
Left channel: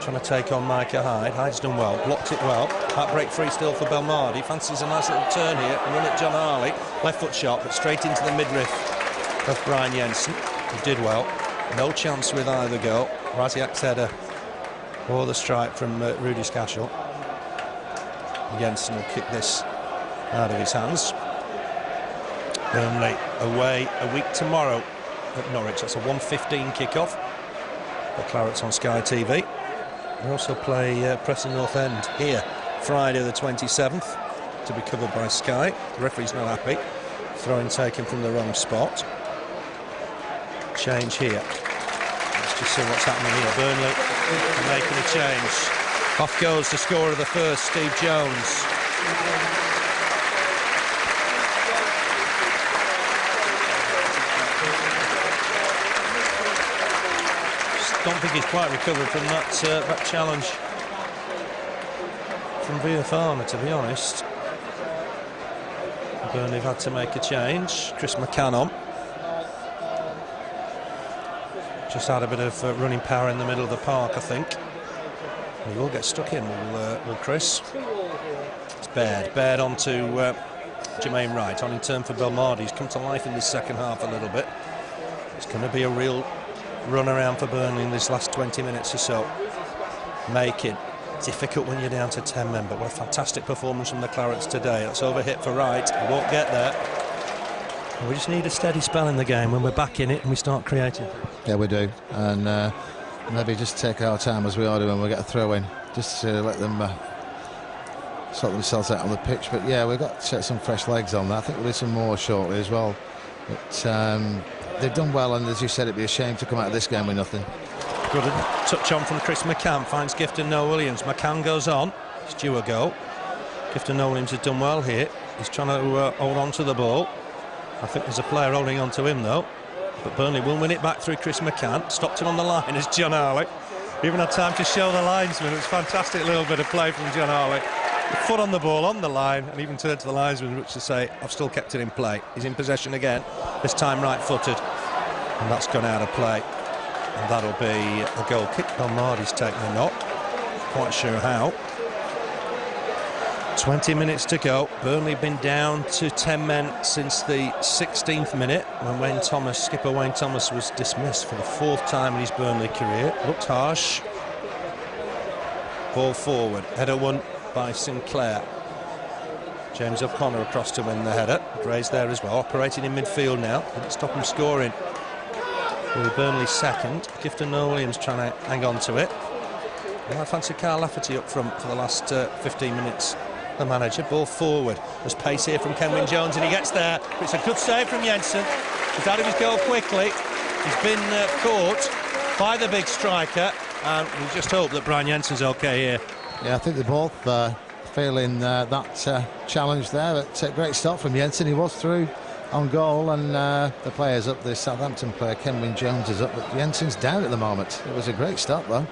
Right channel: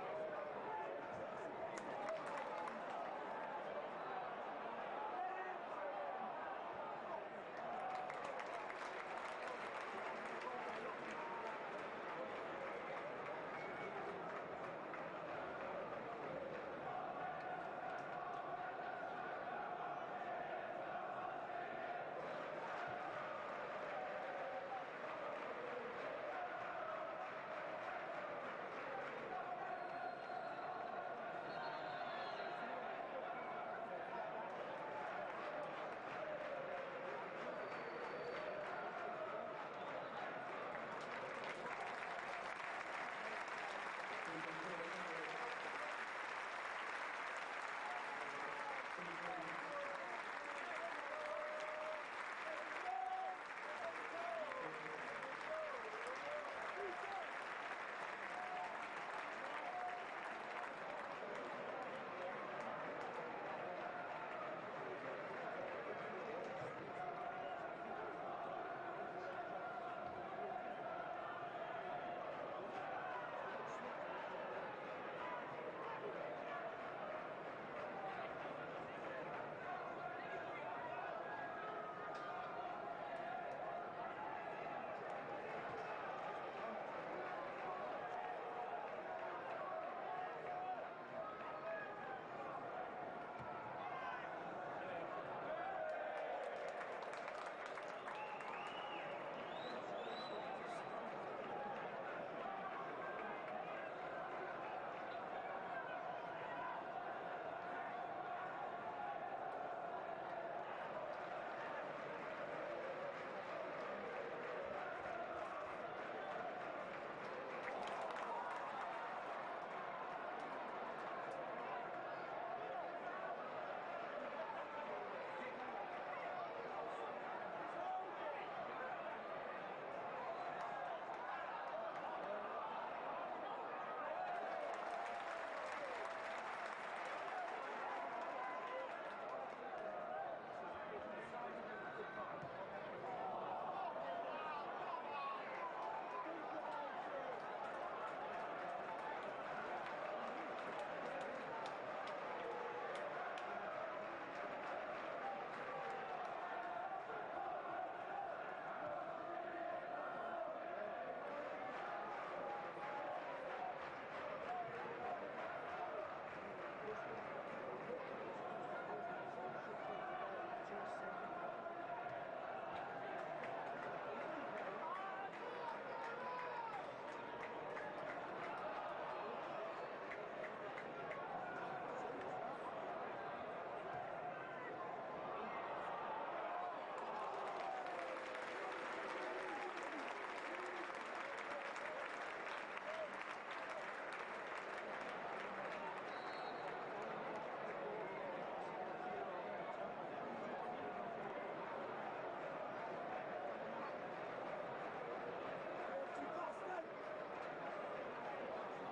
Trying to take on Micah Hyde. Hyde's done well, blocked it well. That break free still for Belmardi. Fancies a nice little turn here and run at John Harley. Left foot shot, but straight into the midriff of Brian Jensen. He did well. No chance with either goal. Rasiak's header or the strike from Rudi Skácel. Jensen will kick this out of his hands. Burnley away a week tomorrow at Norwich. That's a 1:15 kickoff. The Clarets on Sky TV. They also play Preston North End here Friday the 27th to be covered by Sky. The referee's not happy. Throw-in taken from the wrong spot. Change here. Let's just see what's happening here. Burnley are making a change. Off goes the scorer of the first, Steve Jones. Don't think he's quite recovered from that challenge from Via Farmer, to be honest. Burnley have had to make a change. Chris McCann on. Just had a bit of running power in the middle of the park, I think. He will get stuck in, will Chris. It's Baird on to Jermaine Wright, on in turn for Belmardi. He's come to life in this second half a little bit. It's going to be a real run around for Burnley in this last 20 minutes or so. Making difficult when you're down to 10 men, but what a fantastic performance from the Clarets today. That's overhit for Wright. He won't get there. We just need a steady spell in the game when we're back in it and we start creating. Yeah, we do. And maybe just take our time as we are doing when we get a throw in, just to let them sort themselves out on the pitch. But yeah, we've got some fresh legs on that. I think we'll do some more shortly as well. But they've done well, and as you said, it'd be a shame to come out of this game with nothing. Good touch on from Chris McCann, finds Gifton Noel-Williams. McCann goes on, it's due a goal. Gifton Noel-Williams has done well here. He's trying to hold on to the ball. I think there's a player holding on to him though. But Burnley will win it back through Chris McCann. Stopped him on the line is John Harley. Even had time to show the linesman. It was a fantastic little bit of play from John Harley. The foot on the ball, on the line, and even turned to the linesman, which to say, I've still kept it in play. He's in possession again, this time right-footed. And that's gone out of play. And that'll be a goal kick. Belmardi's taken a knock. Quite sure how. 20 minutes to go. Burnley been down to 10 men since the 16th minute when skipper Wayne Thomas was dismissed for the 4th time in his Burnley career. Looked harsh. Ball forward. Header won by Sinclair. James O'Connor across to win the header. Gray's there as well, operating in midfield now. Didn't stop him scoring. With Burnley second. Gifton Noel-Williams trying to hang on to it. And I fancy Carl Lafferty up front for the last 15 minutes. The manager, ball forward. There's pace here from Kenwyne Jones, and he gets there. It's a good save from Jensen. He's out of his goal quickly. He's been caught by the big striker, and we just hope that Brian Jensen's okay here. Yeah, I think they're both feeling that challenge there. But a great start from Jensen. He was through on goal, and the players up, the Southampton player Kenwyne Jones is up, but Jensen's down at the moment. It was a great start though.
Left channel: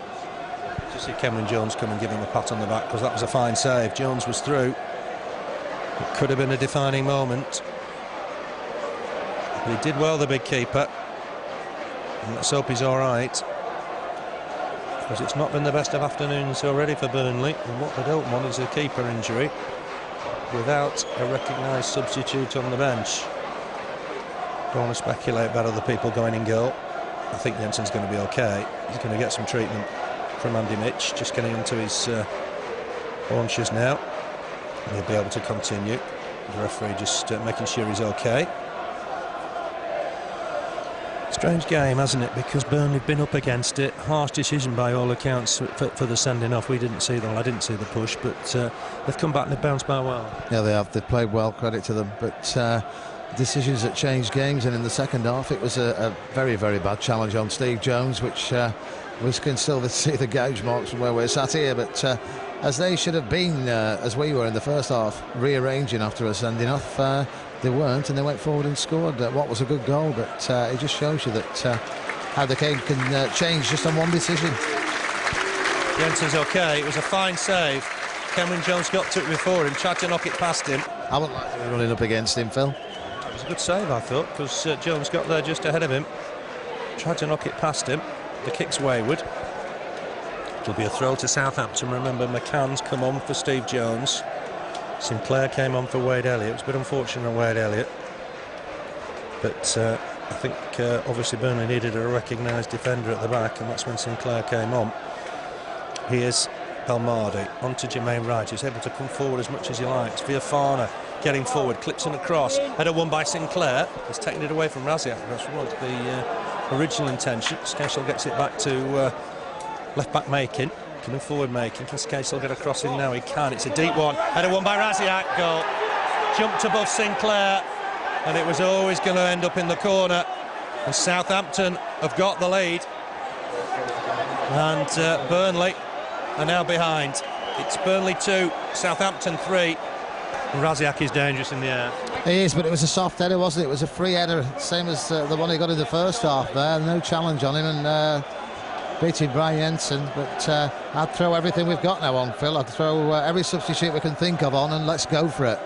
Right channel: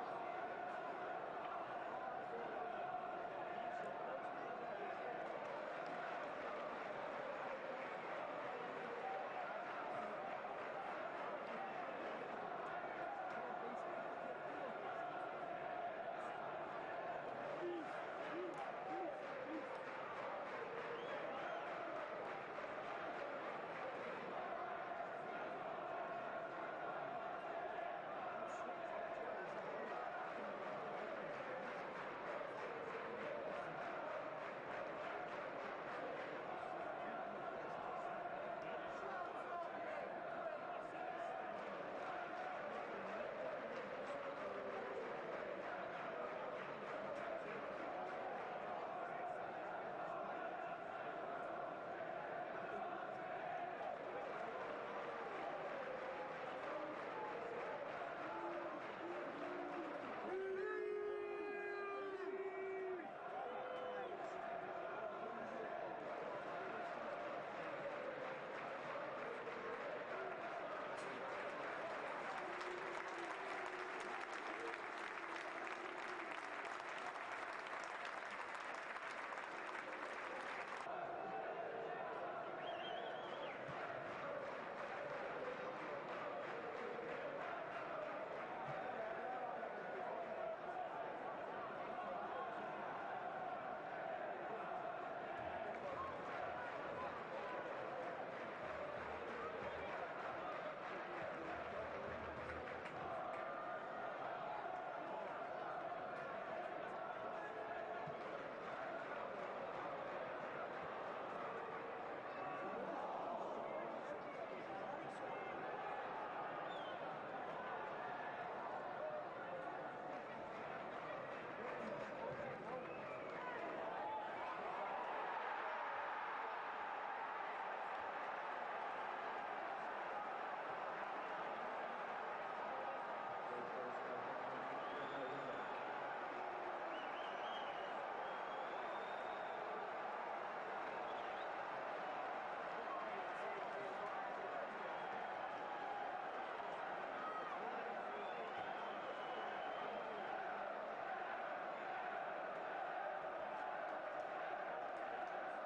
To see Kenwyne Jones come and give him a pat on the back, because that was a fine save. Jones was through. It could have been a defining moment, but he did well, the big keeper, and let's hope he's all right, because it's not been the best of afternoons already for Burnley, and what they don't want is a keeper injury without a recognised substitute on the bench. Don't want to speculate about other people going in goal. I think Jensen's going to be okay. He's going to get some treatment from Andy Mitch, just getting onto his haunches now. He'll be able to continue. The referee just making sure he's okay. Strange game, hasn't it? Because Burnley have been up against it. Harsh decision by all accounts for the sending off. We didn't see them. I didn't see the push, but they've come back and they've bounced back well. Yeah, they have. They've played well. Credit to them. But decisions that changed games, and in the second half, it was a very, very bad challenge on Steve Jones, which we can still see the gouge marks from where we're sat here. But as they should have been, as we were in the first half, rearranging after a sending off. They weren't, and they went forward and scored what was a good goal, but it just shows you that how the game can change just on one decision. Jensen's okay. It was a fine save. Kenwyne Jones got to it before him, tried to knock it past him. I wouldn't like to be running up against him, Phil. It was a good save, I thought, because Jones got there just ahead of him, tried to knock it past him. The kick's wayward. It'll be a throw to Southampton. Remember, McCann's come on for Steve Jones. Sinclair came on for Wade Elliott. It was a bit unfortunate on Wade Elliott, but I think obviously Burnley needed a recognised defender at the back, and that's when Sinclair came on. Here's Belmardi on to Jermaine Wright, who's able to come forward as much as he likes. Viafana getting forward, clips in a cross, header won by Sinclair. He's taken it away from Rasiak. That's what the original intention. Skácel gets it back to left back Making. Coming forward Making. Can Skácel get a cross in now? He can. It's a deep one. Header won by Rasiak. Goal. Jumped above Sinclair, and it was always going to end up in the corner. And Southampton have got the lead. And Burnley are now behind. It's Burnley 2, Southampton 3. Rasiak is dangerous in the air. He is, but it was a soft header, wasn't it? It was a free header, same as the one he got in the first half there. No challenge on him, and beating Brian Jensen. But I'd throw everything we've got now on, Phil. I'd throw every substitute we can think of on, and let's go for it.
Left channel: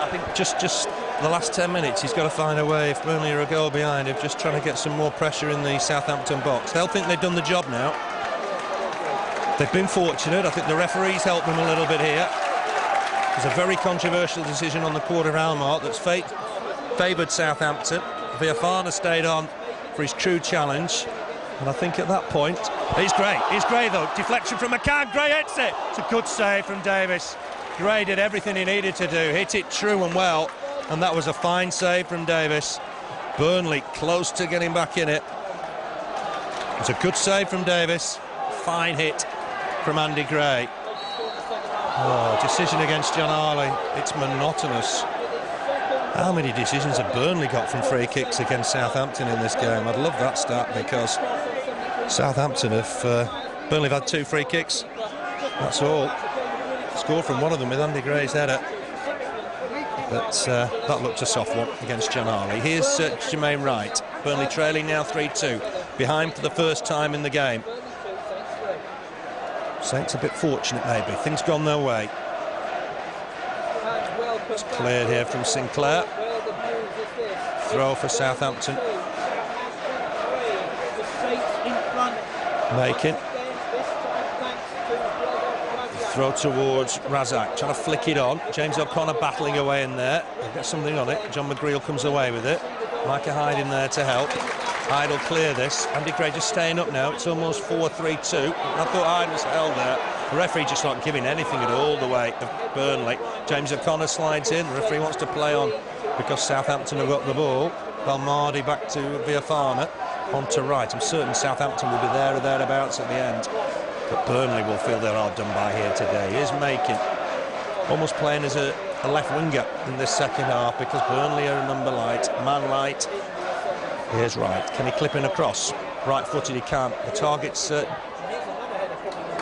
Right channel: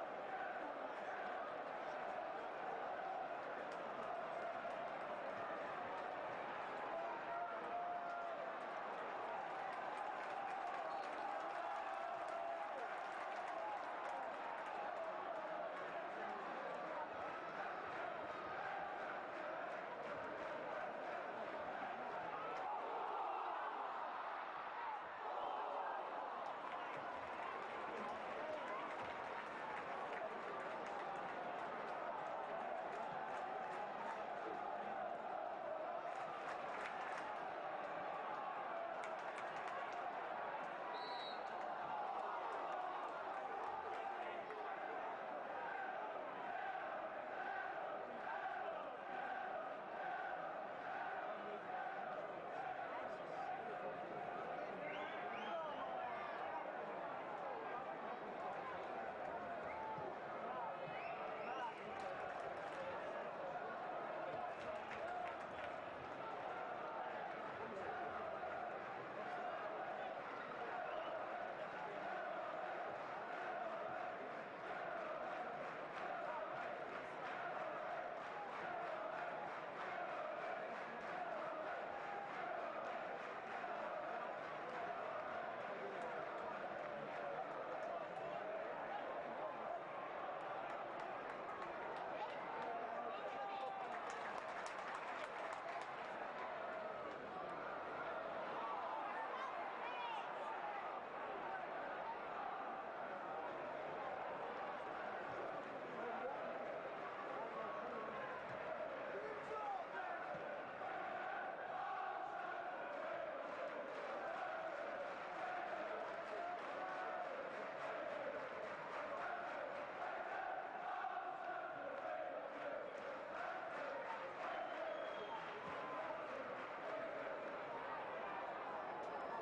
I think just the last 10 minutes, he's got to find a way, if Burnley are a goal behind, of just trying to get some more pressure in the Southampton box. They'll think they've done the job now. They've been fortunate. I think the referees helped them a little bit here. There's a very controversial decision on the quarter-hour mark that's favoured Southampton. Viafana stayed on for his true challenge, and I think at that point, he's Gray though. Deflection from McCann, Gray hits it. It's a good save from Davis. Gray did everything he needed to do, hit it true and well, and that was a fine save from Davis. Burnley close to getting back in it. It's a good save from Davis. Fine hit from Andy Gray. Oh, decision against John Harley. It's monotonous. How many decisions have Burnley got from free kicks against Southampton in this game? I'd love that stat, because Southampton have... Burnley have had 2 free kicks. That's all. Scored from one of them with Andy Gray's header. But that looked a soft one against John Harley. Here's Jermaine Wright. Burnley trailing now 3-2. Behind for the first time in the game. Saints a bit fortunate, maybe. Things gone their way. It's cleared here from Sinclair. Throw for Southampton. Making. Throw towards Rasiak, trying to flick it on. James O'Connor battling away in there. He'll get something on it. John McGreal comes away with it. Micah Hyde in there to help. Hyde will clear this. Andy Gray just staying up now. It's almost 4-3-2. I thought Hyde was held there. The referee just not giving anything at all the way of Burnley. James O'Connor slides in. The referee wants to play on because Southampton have got the ball. Balmardi back to Viafana. On to Wright. I'm certain Southampton will be there or thereabouts at the end. But Burnley will feel they're hard done by here today. Here's Making. Almost playing as a left winger in this second half, because Burnley are a number light, man light. Here's Wright. Can he clip in across? Right-footed, he can't. The target's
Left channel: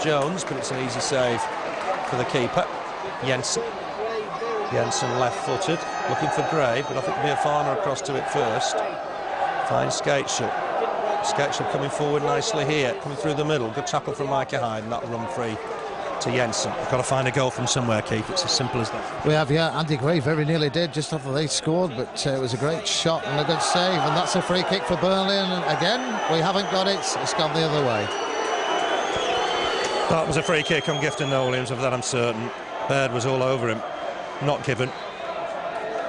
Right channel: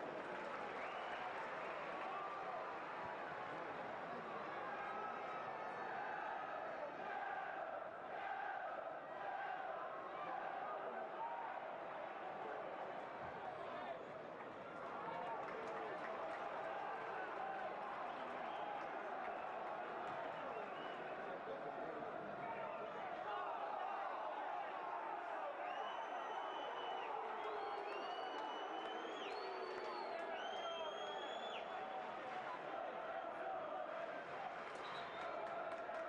Jones, but it's an easy save for the keeper. Jensen. Jensen left-footed, looking for Gray, but I think Viafana across to it first. Fine Skácel. Skácel coming forward nicely here, coming through the middle. Good tackle from Micah Hyde, and that'll run free to Jensen. We've got to find a goal from somewhere, Keith. It's as simple as that. We have, yeah. Andy Gray very nearly did just after they scored, but it was a great shot and a good save, and that's a free kick for Burnley. And again, we haven't got it. It's gone the other way. That was a free kick on Gifton, Noel-Williams, of that I'm certain. Baird was all over him. Not given.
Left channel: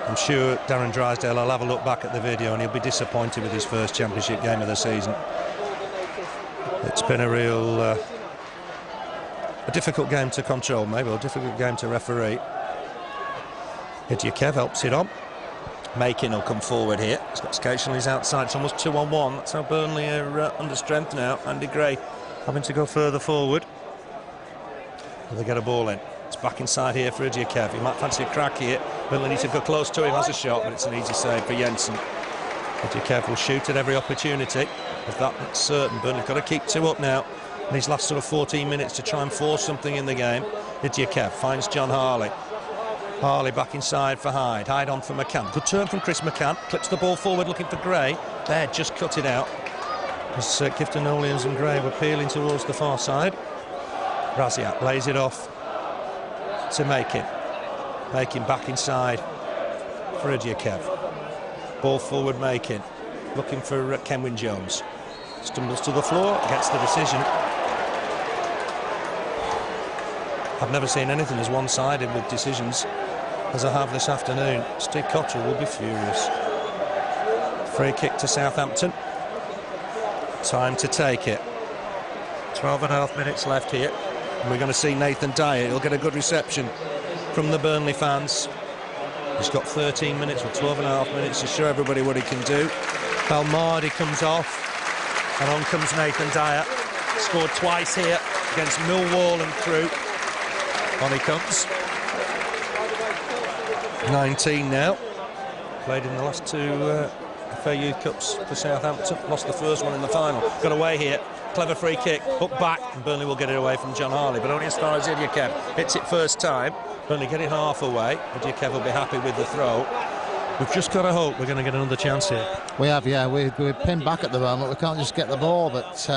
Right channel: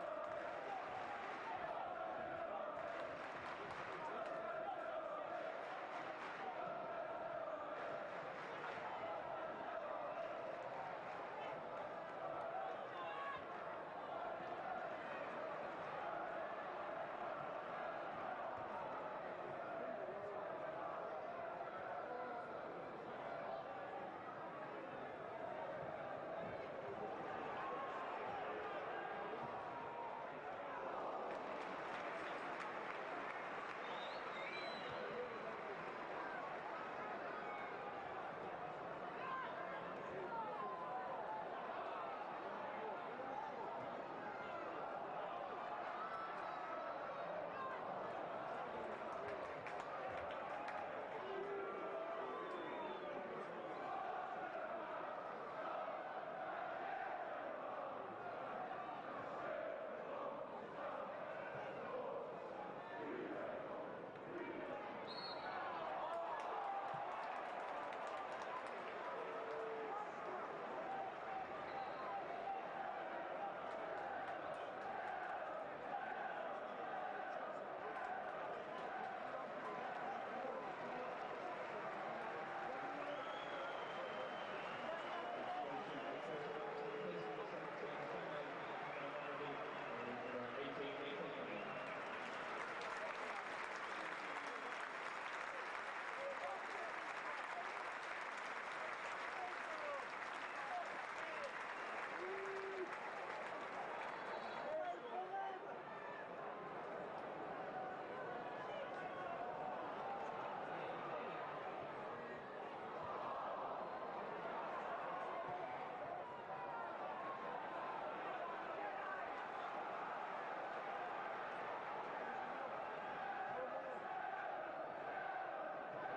I'm sure Darren Drysdale will have a look back at the video and he'll be disappointed with his first championship game of the season. It's been a real a difficult game to control, maybe, or a difficult game to referee. Kev helps it on. Making will come forward here. He's got Skácel on his outside. It's almost 2-on-1. That's how Burnley are under strength now. Andy Gray having to go further forward. Will they get a ball in? It's back inside here for Kev. He might fancy a crack here. Burnley needs to go close to him. Has a shot, but it's an easy save for Jensen. Kev will shoot at every opportunity. If that's certain, Burnley've got to keep 2 up now in these last sort of 14 minutes to try and force something in the game. Kev finds John Harley. Harley back inside for Hyde. Hyde on for McCann. Good turn from Chris McCann. Clips the ball forward looking for Gray. There, just cut it out. As Gifton, Noel-Williams and Gray were peeling towards the far side. Rasiak lays it off to Making back inside for Kev. Ball forward, Making looking for Kenwyne Jones. Stumbles to the floor, gets the decision. I've never seen anything as one-sided with decisions as I have this afternoon. Steve Cotterill will be furious. Free kick to Southampton. Time to take it. 12.5 minutes left here. We're going to see Nathan Dyer. He'll get a good reception from the Burnley fans. He's got 13 minutes or 12.5 minutes to show everybody what he can do. Balmardi comes off, and on comes Nathan Dyer. Scored twice here against Millwall and Crewe. On he comes. 19 now. Played in the last 2 FA Youth Cups for Southampton. Lost the first one in the final. Got away here. Clever free kick. Hook back. And Burnley will get it away from John Harley, but only as far as Elliott hits it first time. Burnley get it half away. Elliott will be happy with the throw. We've just got to hope we're going to get another chance here. We have, yeah. We're pinned back at the moment. We can't just get the ball, but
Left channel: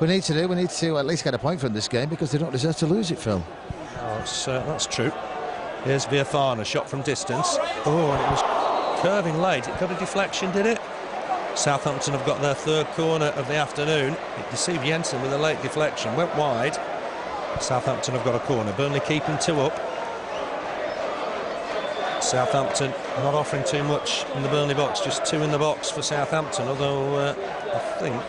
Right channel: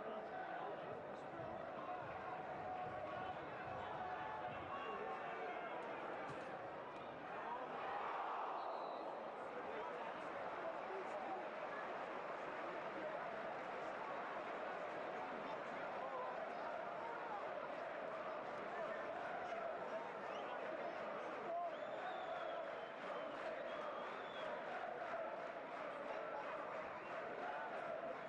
we need to at least get a point from this game because they don't deserve to lose it, Phil. Oh, that's true. Here's Viafana, shot from distance. Oh, and it was curving late. It got a deflection, did it? Southampton have got their third corner of the afternoon. It deceived Jensen with a late deflection. Went wide. Southampton have got a corner. Burnley keeping 2 up. Southampton not offering too much in the Burnley box, just 2 in the box for Southampton, although I think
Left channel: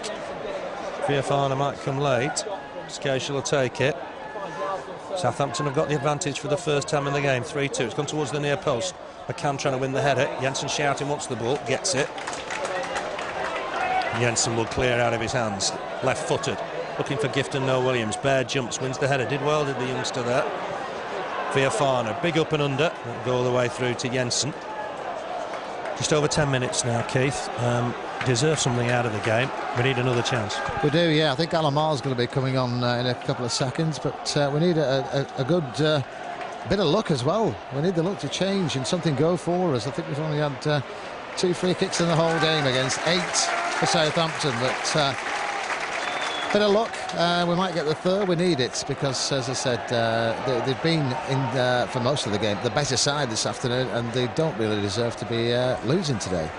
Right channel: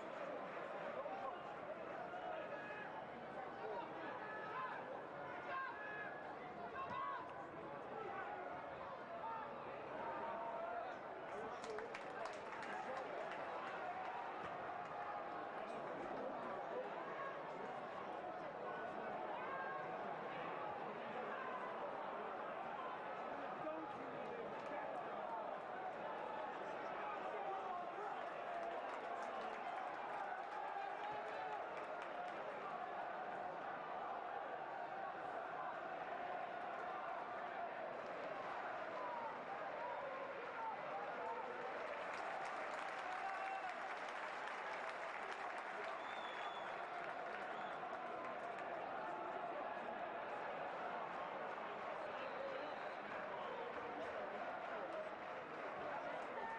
Viafana might come late. Skácel will take it. Southampton have got the advantage for the first time in the game, 3-2. It's gone towards the near post. McCann trying to win the header. Jensen shouting, wants the ball, gets it. Jensen will clear out of his hands, left-footed, looking for Gifton, Noel-Williams. Bear jumps, wins the header. Did well, did the youngster there. Viafana, big up and under, go all the way through to Jensen. Just over 10 minutes now, Keith. Deserve something out of the game. We need another chance. We do, yeah. I think Alan Marr's going to be coming on in a couple of seconds, but we need a good bit of luck as well. We need the luck to change and something go for us. I think we've only had 2 free kicks in the whole game against 8 for Southampton, but bit of luck. We might get the third. We need it because, as I said, they've been in for most of the game the better side this afternoon, and they don't really deserve to be losing today.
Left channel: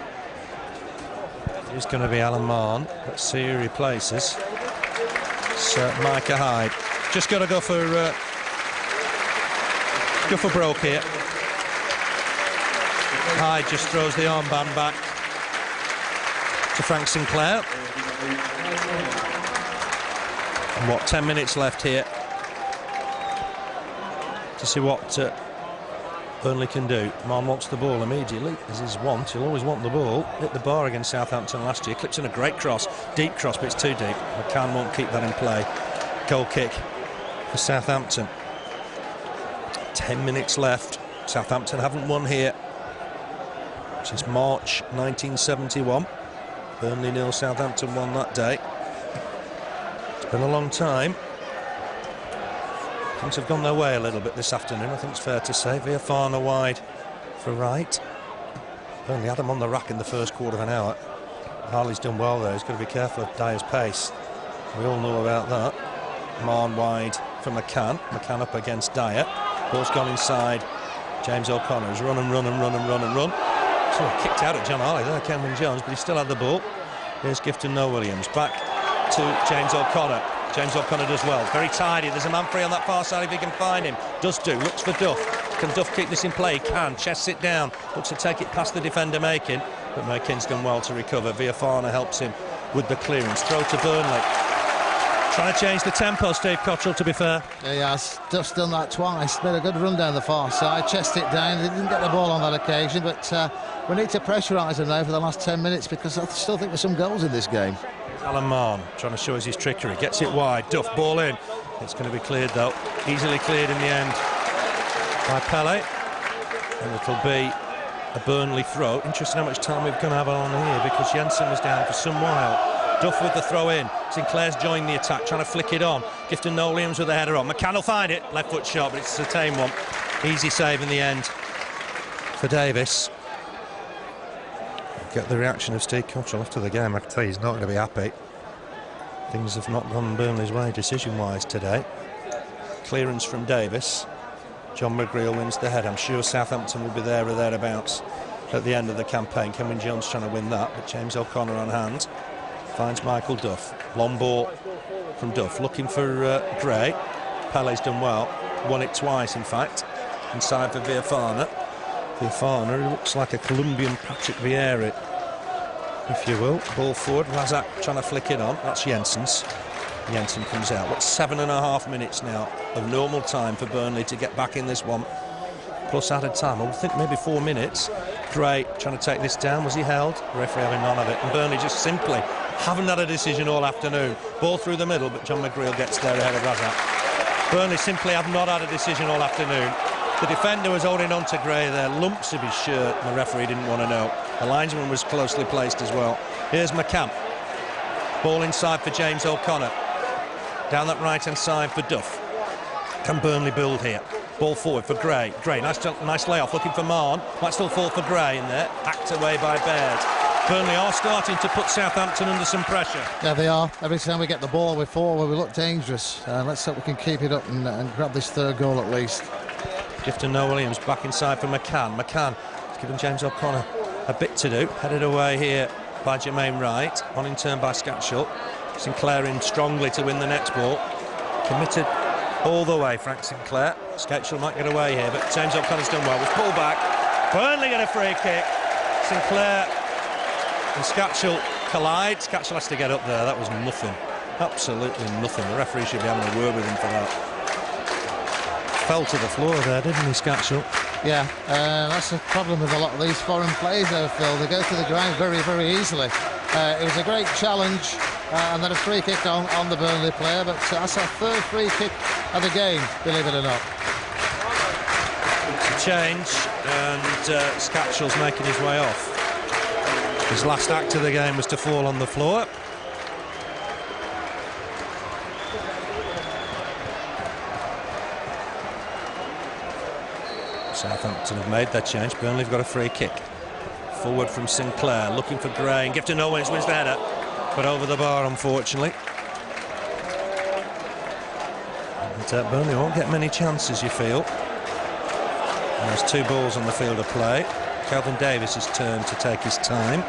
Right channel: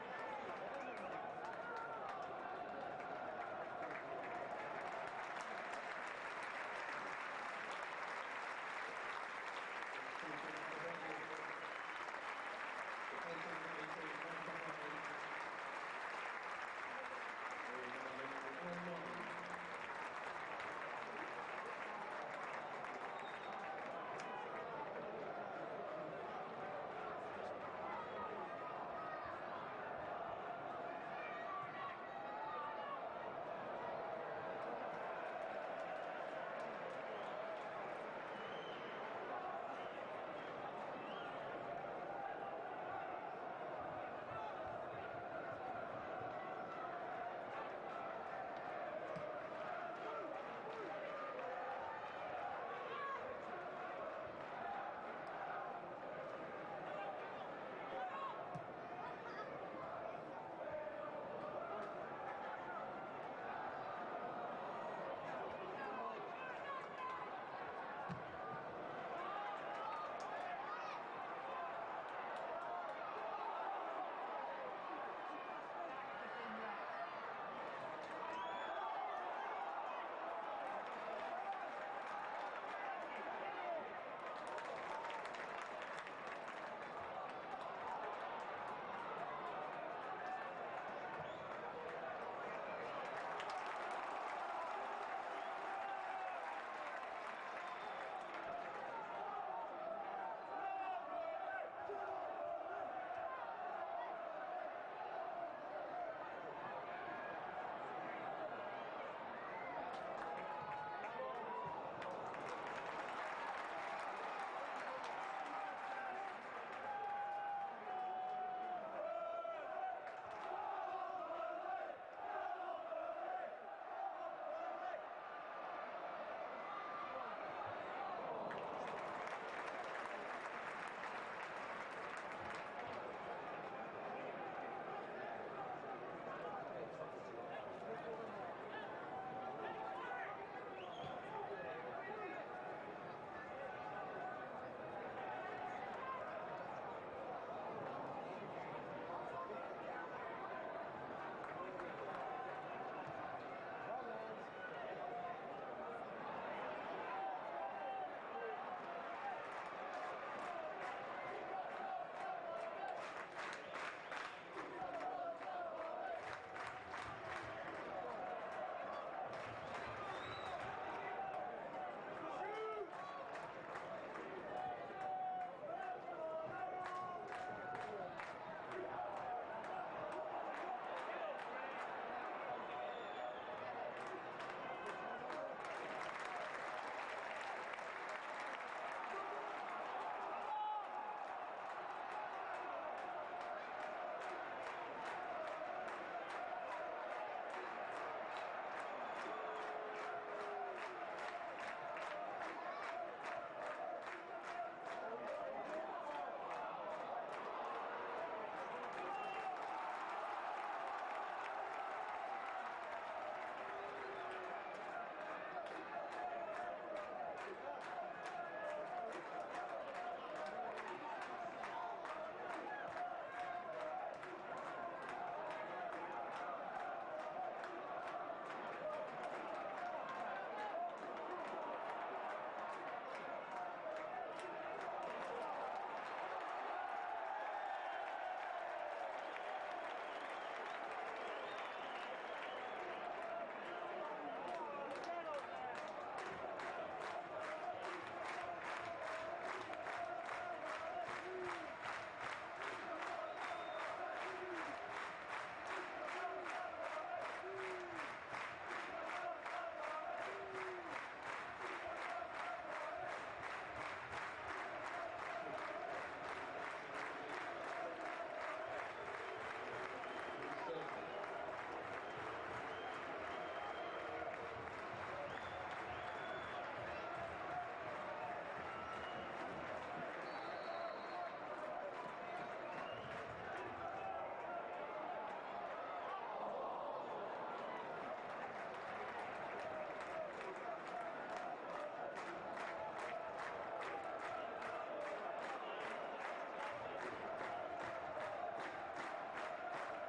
It's going to be Alan Marr. Let's see who replaces. It's Micah Hyde. Just got to go for broke here. Hyde just throws the armband back to Frank Sinclair. And what, 10 minutes left here to see what Burnley can do. Marn wants the ball immediately, as his want. He'll always want the ball. Hit the bar against Southampton last year. Clips in a great cross, deep cross, but it's too deep. McCann won't keep that in play. Goal kick for Southampton. 10 minutes left. Southampton haven't won here since March 1971. Burnley 0, Southampton 1 that day. It's been a long time. Things have gone their way a little bit this afternoon, I think it's fair to say. Viafana wide for right. Burnley had them on the rack in the first quarter of an hour. Harley's done well there. He's got to be careful of Dyer's pace. We all know about that. Marn wide for McCann. McCann up against Dyer. Ball's gone inside. James O'Connor has run and run and run and run and run. So kicked out at John Harley there, Kenwyne Jones, but he still had the ball. Here's Gifton, Noel-Williams. Back to James O'Connor. James O'Connor does well. Very tidy. There's a man free on that far side if he can find him. Does do. Looks for Duff. Can Duff keep this in play? Can. Chests it down. Looks to take it past the defender, Makin. But Makin's done well to recover. Viafana helps him with the clearance. Throw to Burnley. Trying to change the tempo, Steve Cotterill, to be fair. Yeah, he has. Duff's done that twice. Made a good run down the far side. Chest it down. They didn't get the ball on that occasion, but we need to pressurise him now for the last 10 minutes because I still think there's some goals in this game. Alan Marn trying to show us his trickery. Gets it wide. Duff, ball in. It's going to be cleared, though. Easily cleared in the end by Pele. And it'll be a Burnley throw. Interesting how much time we're going to have on here because Jensen was down for some while. Duff with the throw in. Sinclair's joined the attack, trying to flick it on. Gifton Noel-Williams with the header on. McCann will find it. Left foot shot, but it's a tame one. Easy save in the end for Davis. Get the reaction of Steve Cotterill after the game. I can tell you he's not going to be happy. Things have not gone Burnley's way decision-wise today. Clearance from Davis. John McGreal wins the head. I'm sure Southampton will be there or thereabouts at the end of the campaign. Kenwyne Jones trying to win that, but James O'Connor on hand. Finds Michael Duff. Long ball from Duff. Looking for Gray. Pele's done well. Won it twice, in fact. Inside for Viafana. Viafana, who looks like a Colombian Patrick Vieira, if you will. Ball forward. Rasiak trying to flick it on. That's Jensen's. Jensen comes out. What's 7.5 minutes now of normal time for Burnley to get back in this one. Plus added time. I would think maybe 4 minutes. Gray trying to take this down. Was he held? The referee having none of it. And Burnley just simply haven't had a decision all afternoon. Ball through the middle, but John McGreal gets there ahead of Rasiak. Burnley simply have not had a decision all afternoon. The defender was holding on to Gray there, lumps of his shirt, and the referee didn't want to know. The linesman was closely placed as well. Here's McCann. Ball inside for James O'Connor. Down that right-hand side for Duff. Can Burnley build here? Ball forward for Gray. Gray, nice layoff, looking for Marn. Might still fall for Gray in there. Hacked away by Baird. Burnley are starting to put Southampton under some pressure. Yeah, they are. Every time we get the ball, we forward, we look dangerous. Let's hope we can keep it up and grab this third goal at least. Gifton Noel-Williams back inside for McCann. McCann is giving James O'Connor a bit to do. Headed away here by Jermaine Wright. On in turn by Skácel. Sinclair in strongly to win the next ball. Committed all the way, Frank Sinclair. Skácel might get away here, but James O'Connor's done well. With pull back. Burnley get a free kick. Sinclair and Skácel collide. Skácel has to get up there. That was nothing. Absolutely nothing. The referee should be having a word with him for that. Fell to the floor there, didn't he, Skácel? Yeah, that's the problem with a lot of these foreign players, though, Phil. They go to the ground very, very easily. It was a great challenge, and then a free kick on the Burnley player, but that's our third free kick of the game, believe it or not. It's a change, and Skácel's making his way off. His last act of the game was to fall on the floor. Southampton have made that change. Burnley have got a free kick. Forward from Sinclair, looking for Gray, and Gifton Noel-Williams wins the header, but over the bar, unfortunately. And, Burnley won't get many chances, you feel. And there's 2 balls on the field of play. Kelvin Davis' turn to take his time.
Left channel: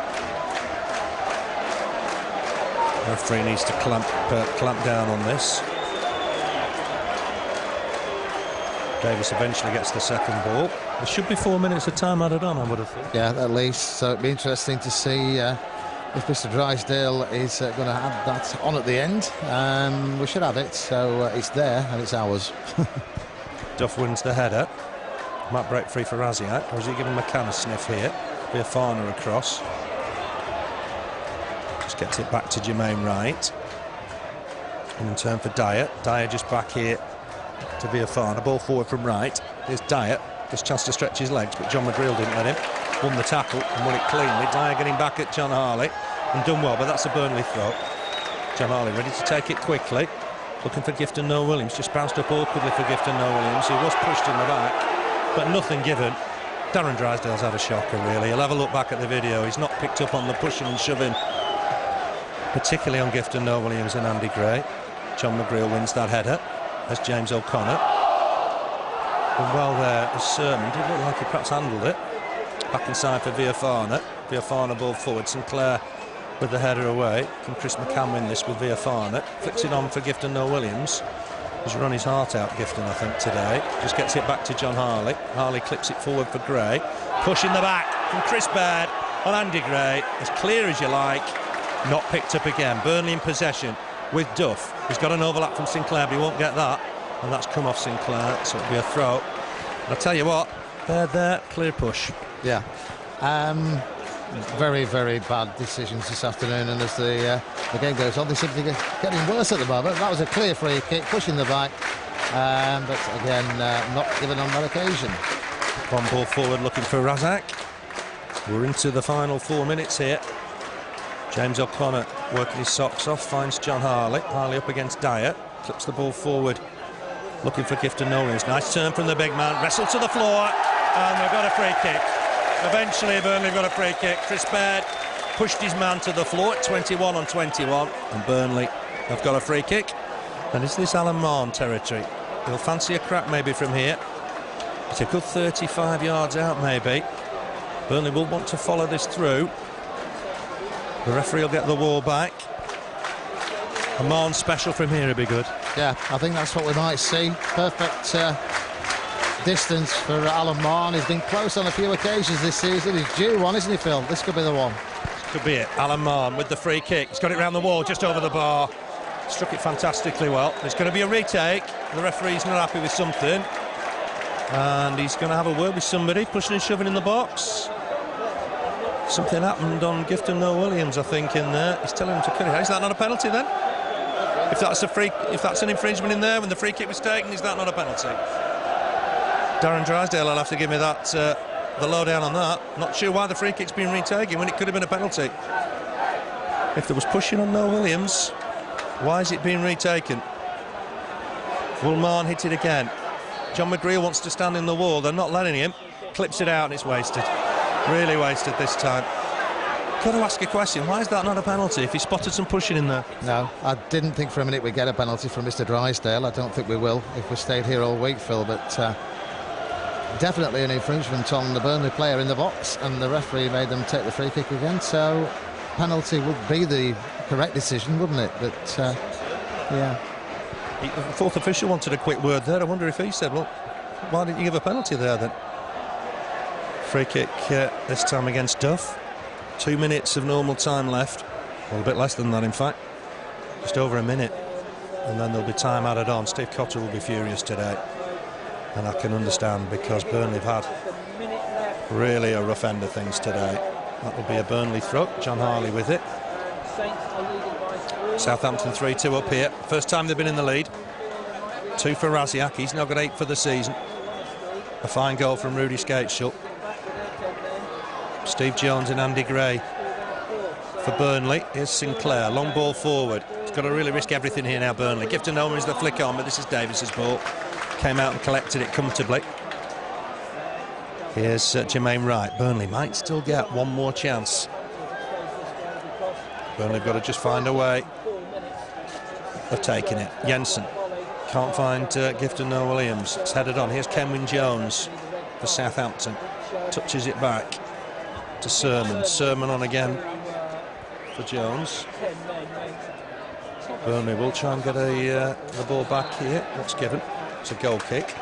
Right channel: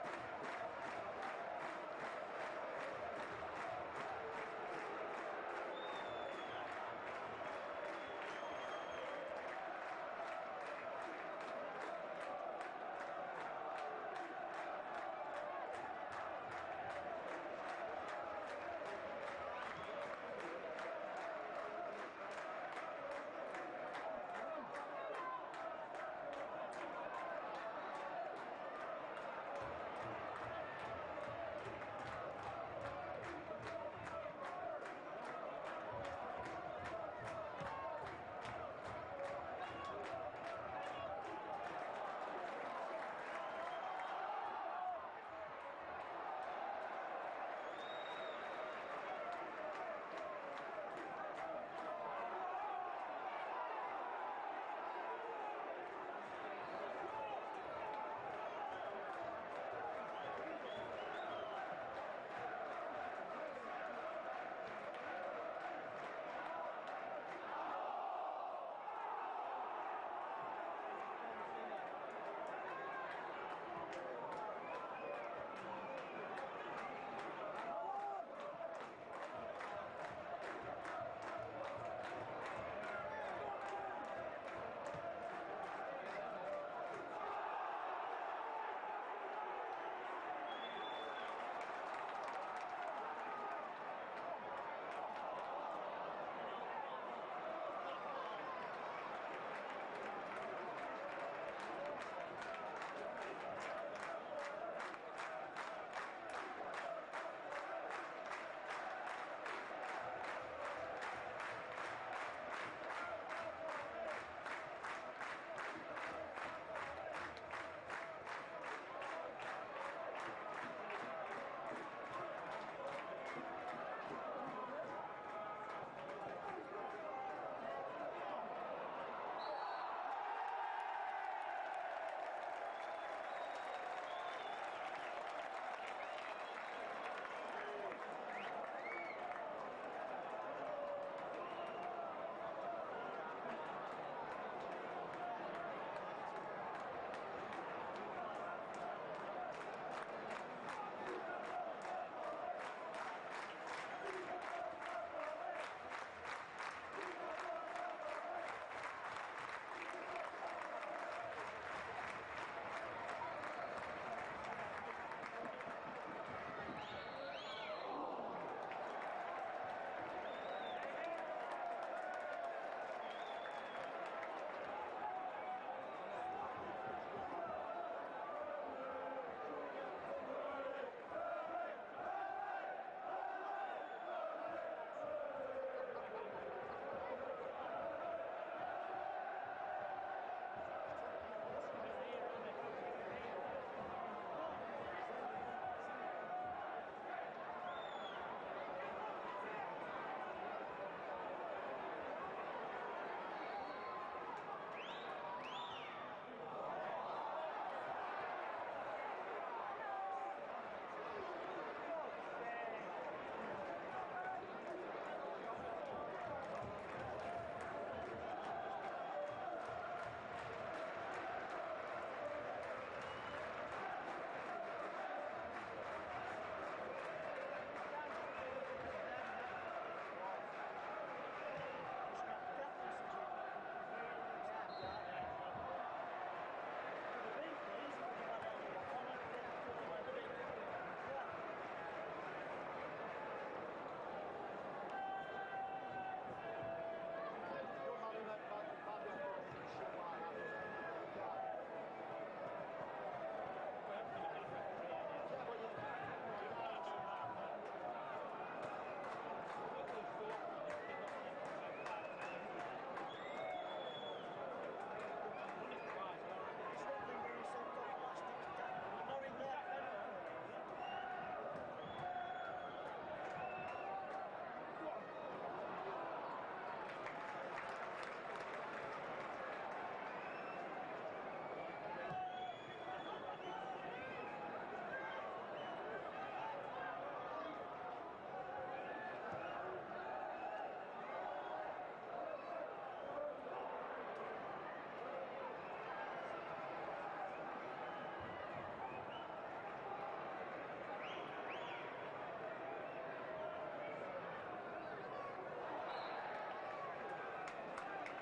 The referee needs to clamp down on this. Davis eventually gets the second ball. There should be 4 minutes of time added on, I would have thought. Yeah, at least. So it'd be interesting to see if Mr. Drysdale is going to add that on at the end. We should have it, so it's there and it's ours. Duff wins the header. Might break free for Rasiak, or is he giving McCann a sniff here? Be a Farner across. Just gets it back to Jermaine Wright. And in turn for Dyer. Dyer just back here to be a Farner. Ball forward from Wright. Here's Dyer. Just a chance to stretch his legs, but John McGreal didn't let him. Won the tackle and won it cleanly. Dyer getting back at John Harley and done well, but that's a Burnley throw. John Harley ready to take it quickly. Looking for Gifton Noel-Williams. Just bounced up awkwardly for Gifton Noel-Williams. He was pushed in the back, but nothing given. Darren Drysdale's had a shocker, really. He'll have a look back at the video. He's not picked up on the pushing and shoving, particularly on Gifton Noel-Williams and Andy Gray. John McGreal wins that header. As James O'Connor. And well there, as Sermon did look like he perhaps handled it. Back inside for Villafarna. Villafarna ball forward. Sinclair with the header away. Can Chris McCann win this with Villafarna? Flicks it on for Gifton Noel-Williams. He's run his heart out, Gifton, I think, today. Just gets it back to John Harley. Harley clips it forward for Gray. Push in the back from Chris Baird on Andy Gray. As clear as you like. Not picked up again. Burnley in possession with Duff. He's got an overlap from Sinclair, but he won't get that. And that's come off Sinclair, so it'll be a throw. But I tell you what, Baird there, clear push. Yeah. Very, very bad decisions this afternoon, and as the game goes on, they seem to be getting worse at the moment. That was a clear free kick, pushing the back, but again, not given on that occasion. One ball forward looking for Rasiak. We're into the final 4 minutes here. James O'Connor working his socks off, finds John Harley. Harley up against Dyer, clips the ball forward, looking for Gifton Noel-Williams. Nice turn from the big man, wrestled to the floor, and we've got a free kick. Eventually, Burnley got a free kick. Chris Baird pushed his man to the floor at 21 on 21, and Burnley have got a free kick. And is this Alan Marn territory? He'll fancy a crack maybe from here. It's a good 35 yards out maybe. Burnley will want to follow this through. The referee will get the wall back. A Marn special from here would be good. Yeah, I think that's what we might see. Perfect distance for Alan Marn. He's been close on a few occasions this season. He's due one, isn't he, Phil? This could be the one. This could be it. Alan Marn with the free kick. He's got it round the wall, just over the bar. Struck it fantastically well. There's going to be a retake. The referee's not happy with something. And he's going to have a word with somebody, pushing and shoving in the box. Something happened on Gifton Noel-Williams, I think, in there. He's telling him to cut it out. Is that not a penalty then? If that's an infringement in there when the free kick was taken, is that not a penalty? Darren Drysdale will have to give me that, the lowdown on that. Not sure why the free kick's been retaken when it could have been a penalty. If there was pushing on Noel-Williams, why is it being retaken? Woolman hit it again. John McGreal wants to stand in the wall. They're not letting him. Clips it out and it's wasted. Really wasted this time. Got to ask a question. Why is that not a penalty if he spotted some pushing in there? No, I didn't think for a minute we'd get a penalty from Mr. Drysdale. I don't think we will if we stayed here all week, Phil, but definitely an infringement on the Burnley player in the box, and the referee made them take the free kick again, so penalty would be the correct decision, wouldn't it? But yeah. The fourth official wanted a quick word there. I wonder if he said, well, why didn't you give a penalty there then? Free kick this time against Duff. 2 minutes of normal time left. Well, a bit less than that, in fact. Just over a minute. And then there'll be time added on. Steve Cotterill will be furious today. And I can understand, because Burnley have had really a rough end of things today. That will be a Burnley throw. John Harley with it. Southampton 3-2 up here. First time they've been in the lead. 2 for Rasiak. He's now got 8 for the season. A fine goal from Rudi Skácel. Steve Jones and Andy Gray for Burnley. Here's Sinclair, long ball forward. He's got to really risk everything here now, Burnley. Gifton opens the flick on, but this is Davis's ball. Came out and collected it comfortably. Here's Jermaine Wright. Burnley might still get one more chance. Burnley have got to just find a way of taking it. Jensen can't find Gifton Noel-Williams. It's headed on. Here's Kenwyn Jones for Southampton. Touches it back to Sermon. Sermon on again for Jones. Burnley will try and get the ball back here. What's given? It's a goal kick.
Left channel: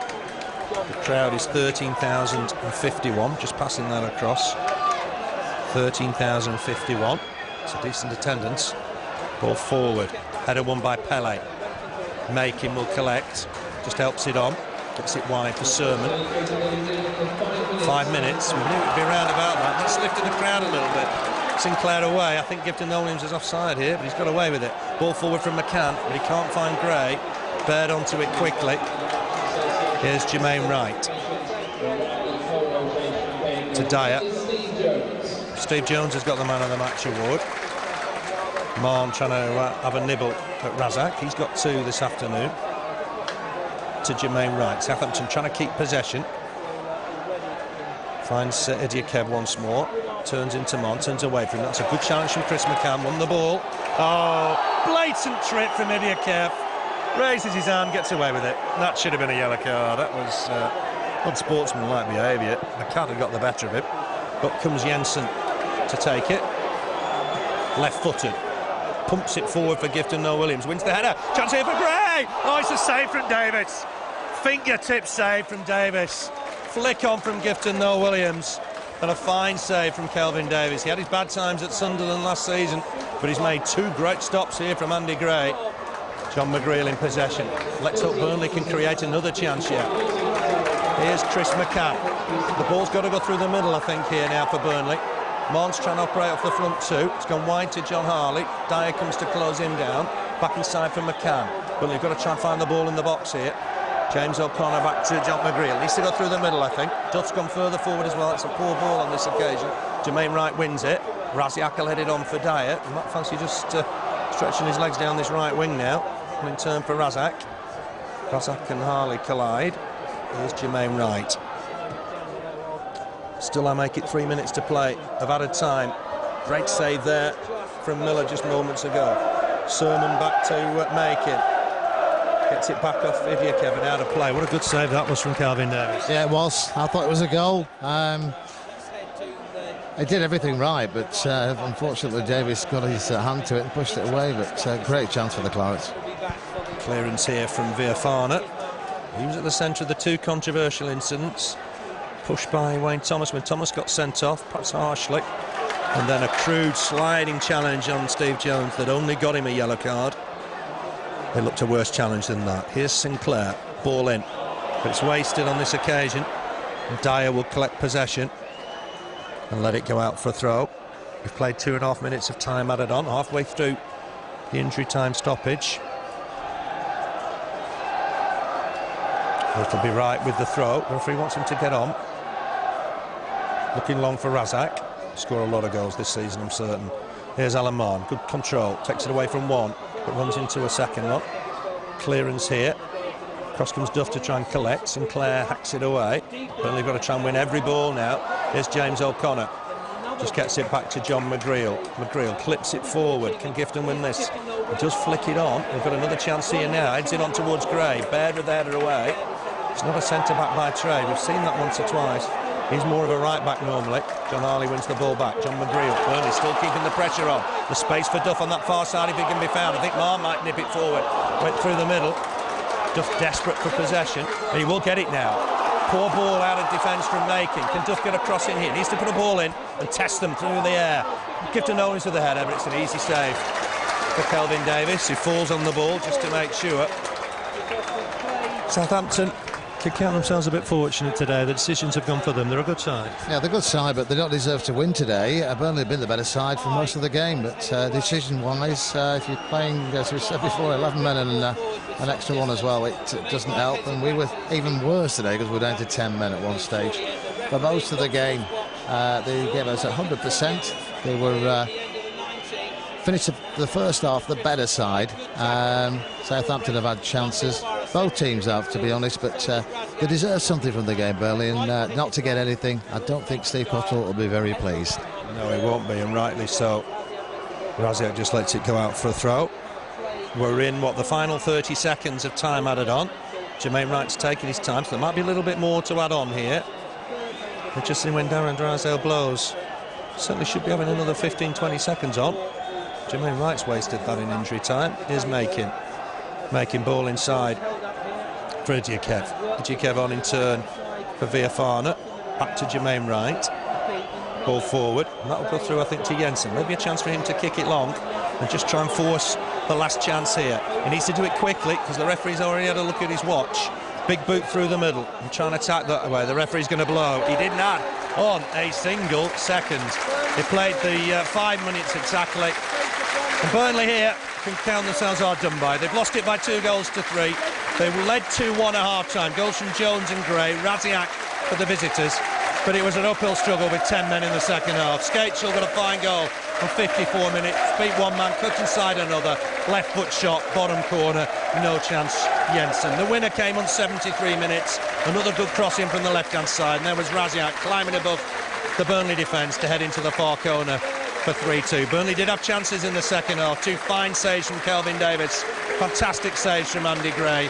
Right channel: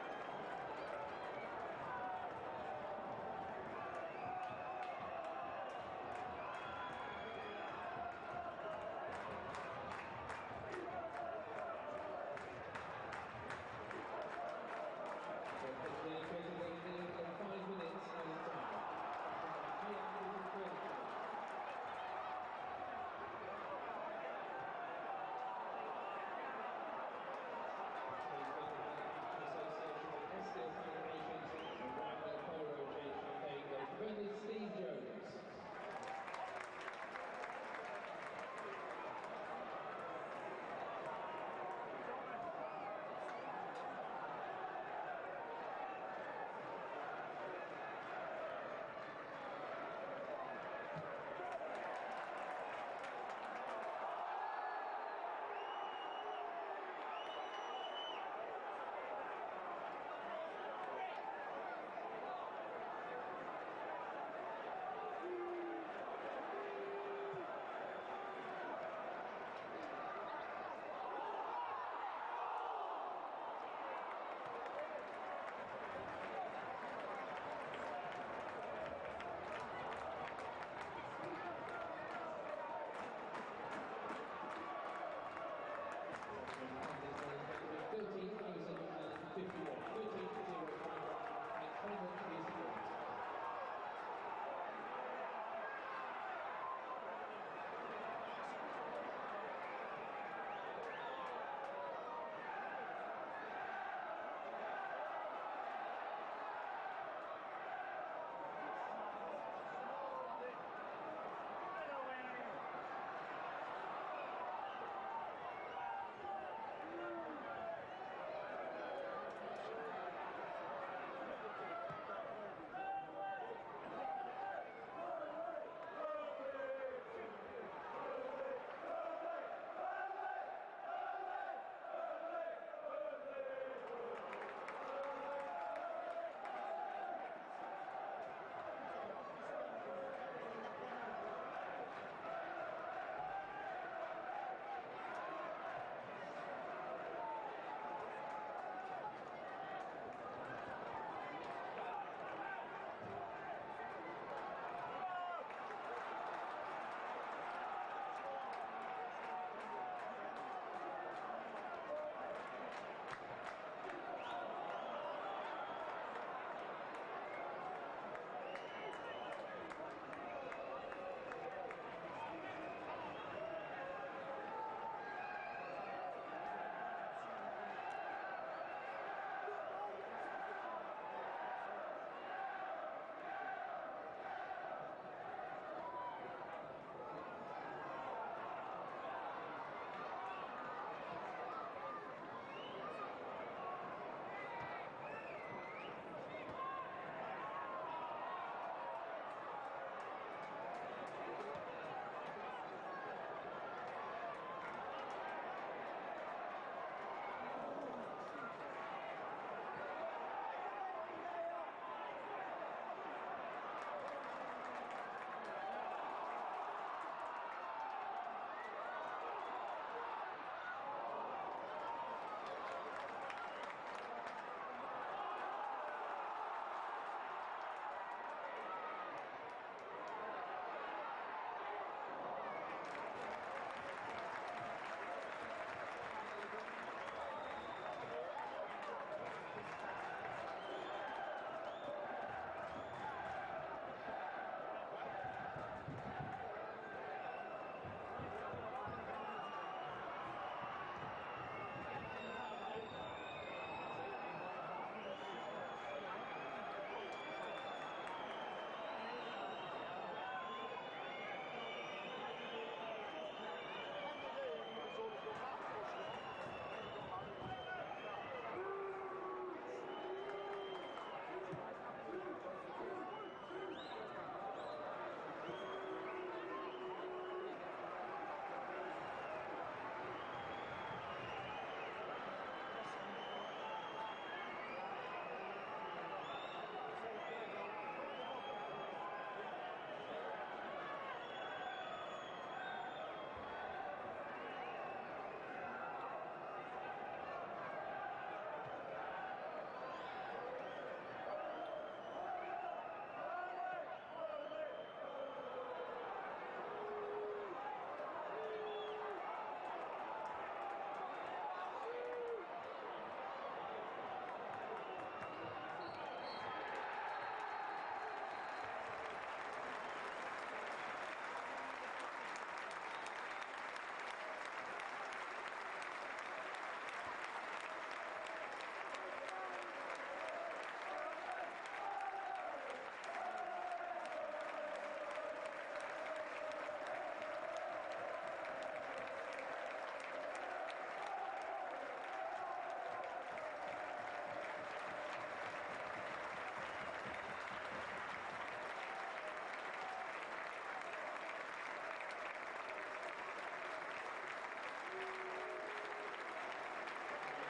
The crowd is 13,051, just passing that across. 13,051. It's a decent attendance. Ball forward. Header won by Pele. Micah will collect. Just helps it on. Gets it wide for Sermon. 5 minutes. We knew it'd be around about that. Just lifted the crowd a little bit. Sinclair away. I think Gifton Noel-Williams is offside here, but he's got away with it. Ball forward from McCann, but he can't find Gray. Baird onto it quickly. Here's Jermaine Wright. To Dyer. Steve Jones has got the man of the match award. Marn trying to have a nibble at Rasiak. He's got 2 this afternoon. To Jermaine Wright. Southampton trying to keep possession. Finds Elliott once more. Turns into Mon, turns away from him. That's a good challenge from Chris McCann. Won the ball. Oh, blatant trip from Elliott. Raises his arm, gets away with it. That should have been a yellow card. That was unsportsmanlike behaviour. McCann had got the better of him. But comes Jensen to take it. Left-footed. Pumps it forward for Gifton Noel-Williams. Wins the header. Chance here for Gray. Oh, it's a save from Davis. Fingertip save from Davis. Flick on from Gifton Noel-Williams. And a fine save from Kelvin Davis. He had his bad times at Sunderland last season, but he's made 2 great stops here from Andy Gray. John McGreal in possession. Let's hope Burnley can create another chance here. Here's Chris McCann. The ball's got to go through the middle, I think, here now for Burnley. Mon's trying to operate off the front 2. It's gone wide to John Harley. Dyer comes to close him down. Back inside for McCann. Burnley have got to try and find the ball in the box here. James O'Connor back to John McGreal. Needs to go through the middle, I think. Duff's gone further forward as well. It's a poor ball on this occasion. Jermaine Wright wins it. Rasiak will head it on for Dyer. You might fancy just stretching his legs down this right wing now. And in turn for Rasiak. Rasiak and Harley collide. Here's Jermaine Wright. Still, I make it 3 minutes to play of added time. Great save there from Miller just moments ago. Sermon back to Micah. Gets it back off Elliott and out of play. What a good save that was from Kelvin Davis. Yeah, it was. I thought it was a goal. He did everything right, but unfortunately Davis got his hand to it and pushed it away. But great chance for the Clarets. Clearance here from Viafana. He was at the centre of the 2 controversial incidents. Pushed by Wayne Thomas when Thomas got sent off, perhaps harshly. And then a crude sliding challenge on Steve Jones that only got him a yellow card. It looked a worse challenge than that. Here's Sinclair, ball in. But it's wasted on this occasion. And Dyer will collect possession and let it go out for a throw. We've played 2.5 minutes of time added on, halfway through the injury time stoppage. It'll be right with the throw. The referee wants him to get on. Looking long for Rasiak. Score a lot of goals this season, I'm certain. Here's Alan Marn. Good control. Takes it away from one, but runs into a second one. Clearance here. Cross comes Duff to try and collect. Sinclair hacks it away. Burnley got to try and win every ball now. Here's James O'Connor. Just gets it back to John McGreal. McGreal clips it forward. Can Gifton win this? He does flick it on. We've got another chance here now. Heads it on towards Gray. Baird with the header away. It's not a centre-back by trade. We've seen that once or twice. He's more of a right-back normally. John Harley wins the ball back. John McGreal. Burnley still keeping the pressure on. The space for Duff on that far side if he can be found. I think Marr might nip it forward. Went through the middle. Duff desperate for possession. And he will get it now. Poor ball out of defence from Making. Can Duff get a cross in here? He needs to put a ball in and test them through the air. Gifton Noel-Williams with the header, but it's an easy save for Kelvin Davis, who falls on the ball just to make sure. Southampton could count themselves a bit fortunate today. The decisions have gone for them. They're a good side. Yeah, they're a good side, but they don't deserve to win today. Burnley have been the better side for most of the game, but decision-wise, if you're playing, as we said before, 11 men and an extra one as well, it doesn't help. And we were even worse today because we were down to 10 men at one stage. For most of the game, they gave us 100%. They were finished the first half the better side. Southampton have had chances. Both teams have, to be honest, but they deserve something from the game, Burley, and not to get anything. I don't think Steve Cotterill will be very pleased. No, he won't be, and rightly so. Rasiak just lets it go out for a throw. We're in, what, the final 30 seconds of time added on. Jermaine Wright's taking his time, so there might be a little bit more to add on here. But just when Darren Drysdale blows, certainly should be having another 15-20 seconds on. Jermaine Wright's wasted that in injury time. Here's Making ball inside for Idjikev on in turn for Viafana. Back to Jermaine Wright. Ball forward. And that'll go through, I think, to Jensen. Maybe a chance for him to kick it long and just try and force the last chance here. He needs to do it quickly because the referee's already had a look at his watch. Big boot through the middle and trying to attack that way. The referee's going to blow. He didn't add on a single second. He played the 5 minutes exactly. And Burnley here can count themselves hard done by. They've lost it by 2-3. They led 2-1 at half-time. Goals from Jones and Gray. Rasiak for the visitors. But it was an uphill struggle with 10 men in the second half. Skácel got a fine goal on 54 minutes. Beat one man, cut inside another. Left foot shot, bottom corner. No chance, Jensen. The winner came on 73 minutes. Another good crossing from the left-hand side. And there was Rasiak climbing above the Burnley defence to head into the far corner for 3-2. Burnley did have chances in the second half. 2 fine saves from Kelvin Davis. Fantastic saves from Andy Gray.